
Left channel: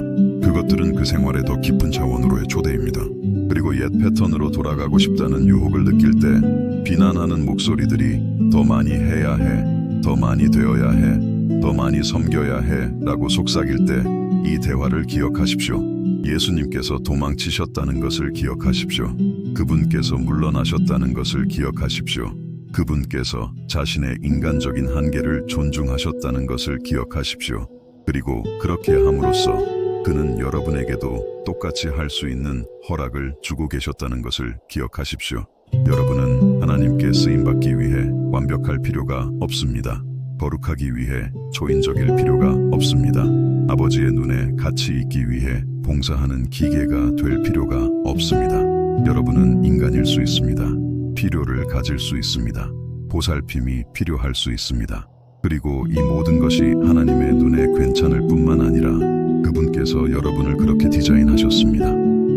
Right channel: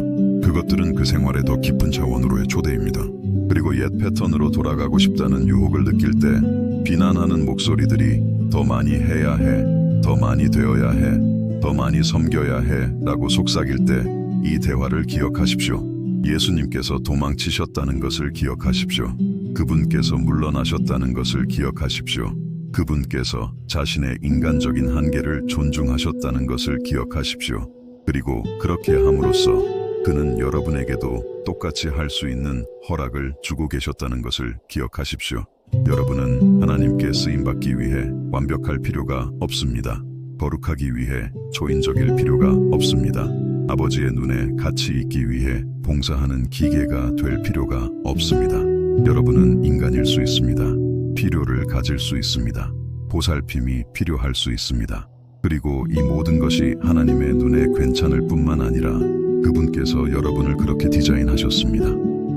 그것들은 그 생활의 더 깊은 차원으로의 초대입니다. 그리고 옛 패턴으로 돌아가고 싶다는 유혹을 느낄 때 비난하는 목소리들이 더 많이 해야 해, 더 많이 되어야 해, 더 많이 섬겨야 해 라고 속삭일 때 이 대화를 기억하십시오. 예수님께서 도망치셨다는 것을 기억하십시오. 그분께서 물러나셨다는 것을 기억하십시오. 그분께서 자신의 인간적인 한계를 존중하셨다는 것을 기억하십시오. 그리고 그렇게 함으로써 그는 여러분에게도 똑같이 할 수 있는 허락을 주고 계셨다는 것을 기억하십시오. 여러분은 하나님께 쓰임받기 위해 완벽할 필요가 없습니다. 거룩하기 위해 초인적일 필요가 없습니다. 아버지의 눈에 가치 있기 위해 봉사하는 기계가 될 필요가 없습니다. 여러분은 인간일 수 있습니다. 필요를 가질 수 있습니다. 보살핌이 필요할 수 있습니다. 그리고 이 모든 것이 하나님의 눈에 괜찮을 뿐만 아니라 그분께서 여러분을 그렇게 디자인하셨습니다.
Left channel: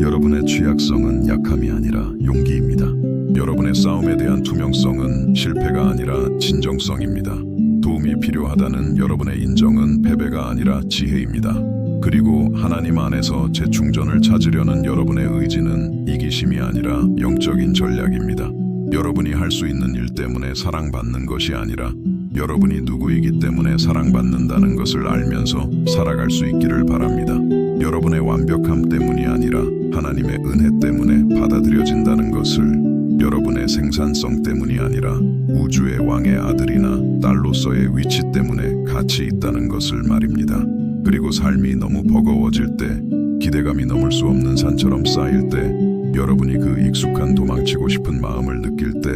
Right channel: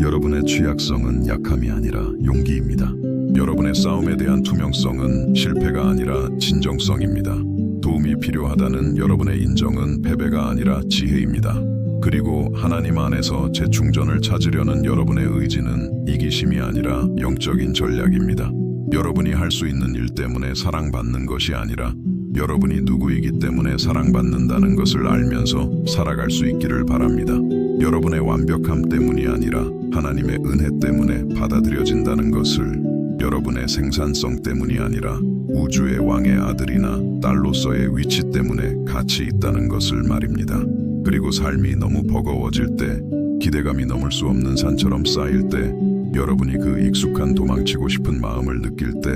여러분의 취약성은 약함이 아니라 용기입니다. 여러분의 싸움에 대한 투명성은 실패가 아니라 진정성입니다. 도움이 필요하다는 여러분의 인정은 패배가 아니라 지혜입니다. 그리고 하나님 안에서 재충전을 찾으려는 여러분의 의지는 이기심이 아니라 영적인 전략입니다. 여러분이 할 수 있는 일 때문에 사랑받는 것이 아니라 여러분이 누구이기 때문에 사랑받는다는 것을 알면서 살아갈 수 있기를 바랍니다. 여러분의 완벽함 때문이 아니라 하나님의 은혜 때문에 받아들여진다는 것을, 여러분의 생산성 때문이 아니라 우주의 왕의 아들이나 딸로서의 위치 때문에 가치 있다는 것을 말입니다. 그리고 삶이 너무 버거워질 때, 기대감이 넘을 수 없는 산처럼 쌓일 때, 여러분이 그 익숙한 도망치고 싶은 마음을 느낄 때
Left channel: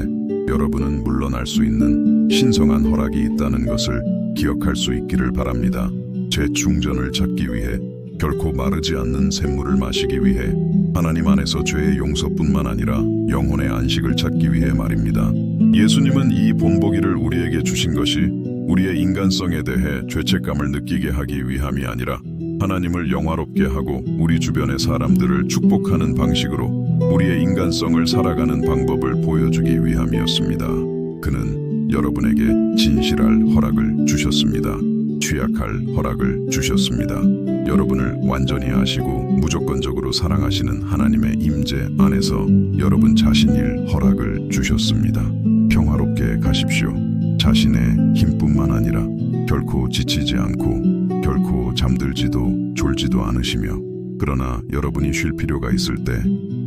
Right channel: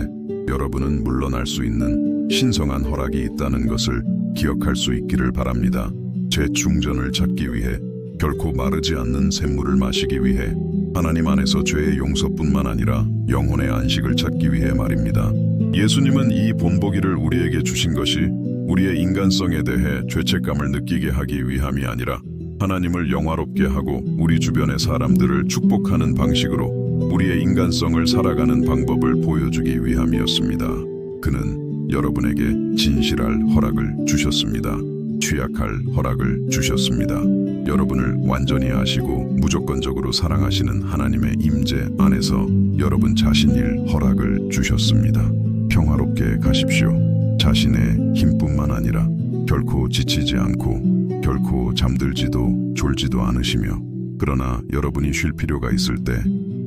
여러분은 물러날 수 있는 신성한 허락이 있다는 것을 기억할 수 있기를 바랍니다. 재충전을 찾기 위해, 결코 마르지 않는 샘물을 마시기 위해, 하나님 안에서 죄의 용서뿐만 아니라 영혼의 안식을 찾기 위해 말입니다. 예수님은 이 본보기를 우리에게 주신 것이 우리의 인간성에 대해 죄책감을 느끼게 하기 위함이 아니라 하나님을 영화롭게 하고 우리 주변의 사람들을 축복하는 방식으로 우리의 인간성을 살아가는 방법을 보여주기 위함이었습니다. 그는 여러분에게 진실할 허락을 주셨습니다. 취약할 허락을 주셨습니다. 여러분을 완전히 아시고 무조건적으로 사랑하시는 하나님의 임재 안에서 여러분 자신일 허락을 주셨습니다. 평화롭게 가십시오. 자신의 힘뿐만 아니라 결코 지치지 않고 결코 잠들지도 졸지도 않으시며, 그러나 여러분이 쉴 필요가 있을 때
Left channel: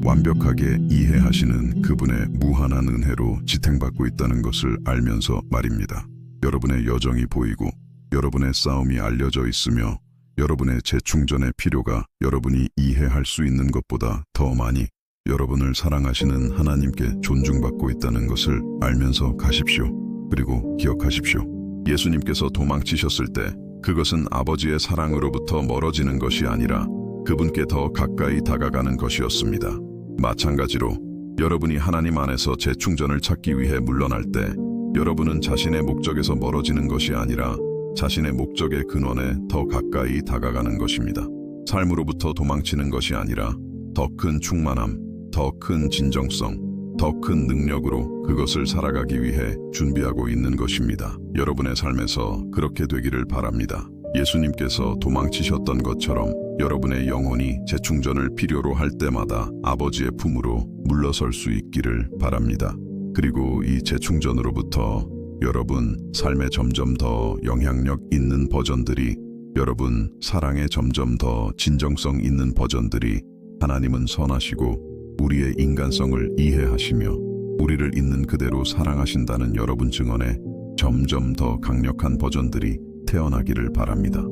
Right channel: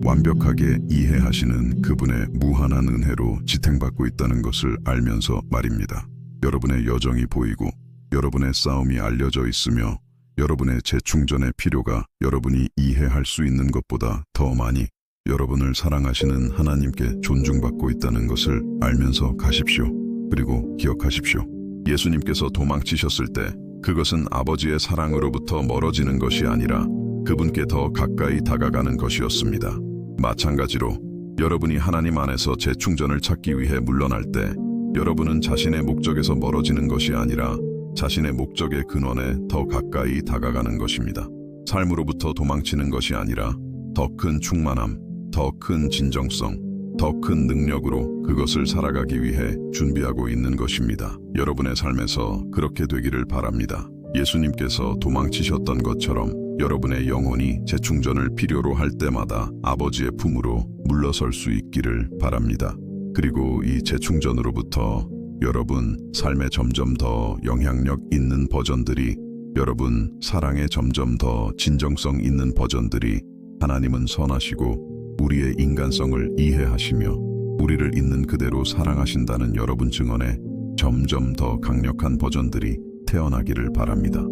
완벽하게 이해하시는 그분의 무한한 은혜로 지탱받고 있다는 것을 알면서 말입니다. 여러분의 여정이 보이고 여러분의 싸움이 알려져 있으며 여러분의 재충전의 필요가 여러분이 이해할 수 있는 것보다 더 많이 여러분을 사랑하시는 하나님께 존중받고 있다는 것을 알면서 가십시오. 그리고 기억하십시오. 예수님께서 도망치셨을 때 그것은 아버지의 사랑으로부터 멀어지는 것이 아니라 그분께 더 가까이 다가가는 것이었습니다. 마찬가지로 여러분이 하나님 안에서 재충전을 찾기 위해 물러날 때 여러분은 자신의 목적에서 멀어지는 것이 아니라 자신의 목적의 근원에 더 가까이 다가가는 것입니다. 삶으로부터 도망치는 것이 아니라 더 큰 충만함, 더 큰 진정성, 더 큰 능력으로 그것을 살아가기 위해 준비하고 있는 것입니다. 여러분의 삶에서 그렇게 되기를 바랍니다. 예수님께서 도망치셨던 것처럼 여러분의 영혼이 재충전을 필요로 할 때마다 아버지의 품으로 물러설 수 있기를 바랍니다. 그리고 이 재충전으로부터 여러분 삶에 점점 더 영향력 있는 버전들이, 여러분 사랑에 점점 더 진정성 있는 버전들이, 하나님은 선하시고 우리의 인간성을 이해하시며 우리를 있는 그대로 사랑하신다는 여러분 증언에 점점 더 강력한 버전들이 태어나기를 바랍니다.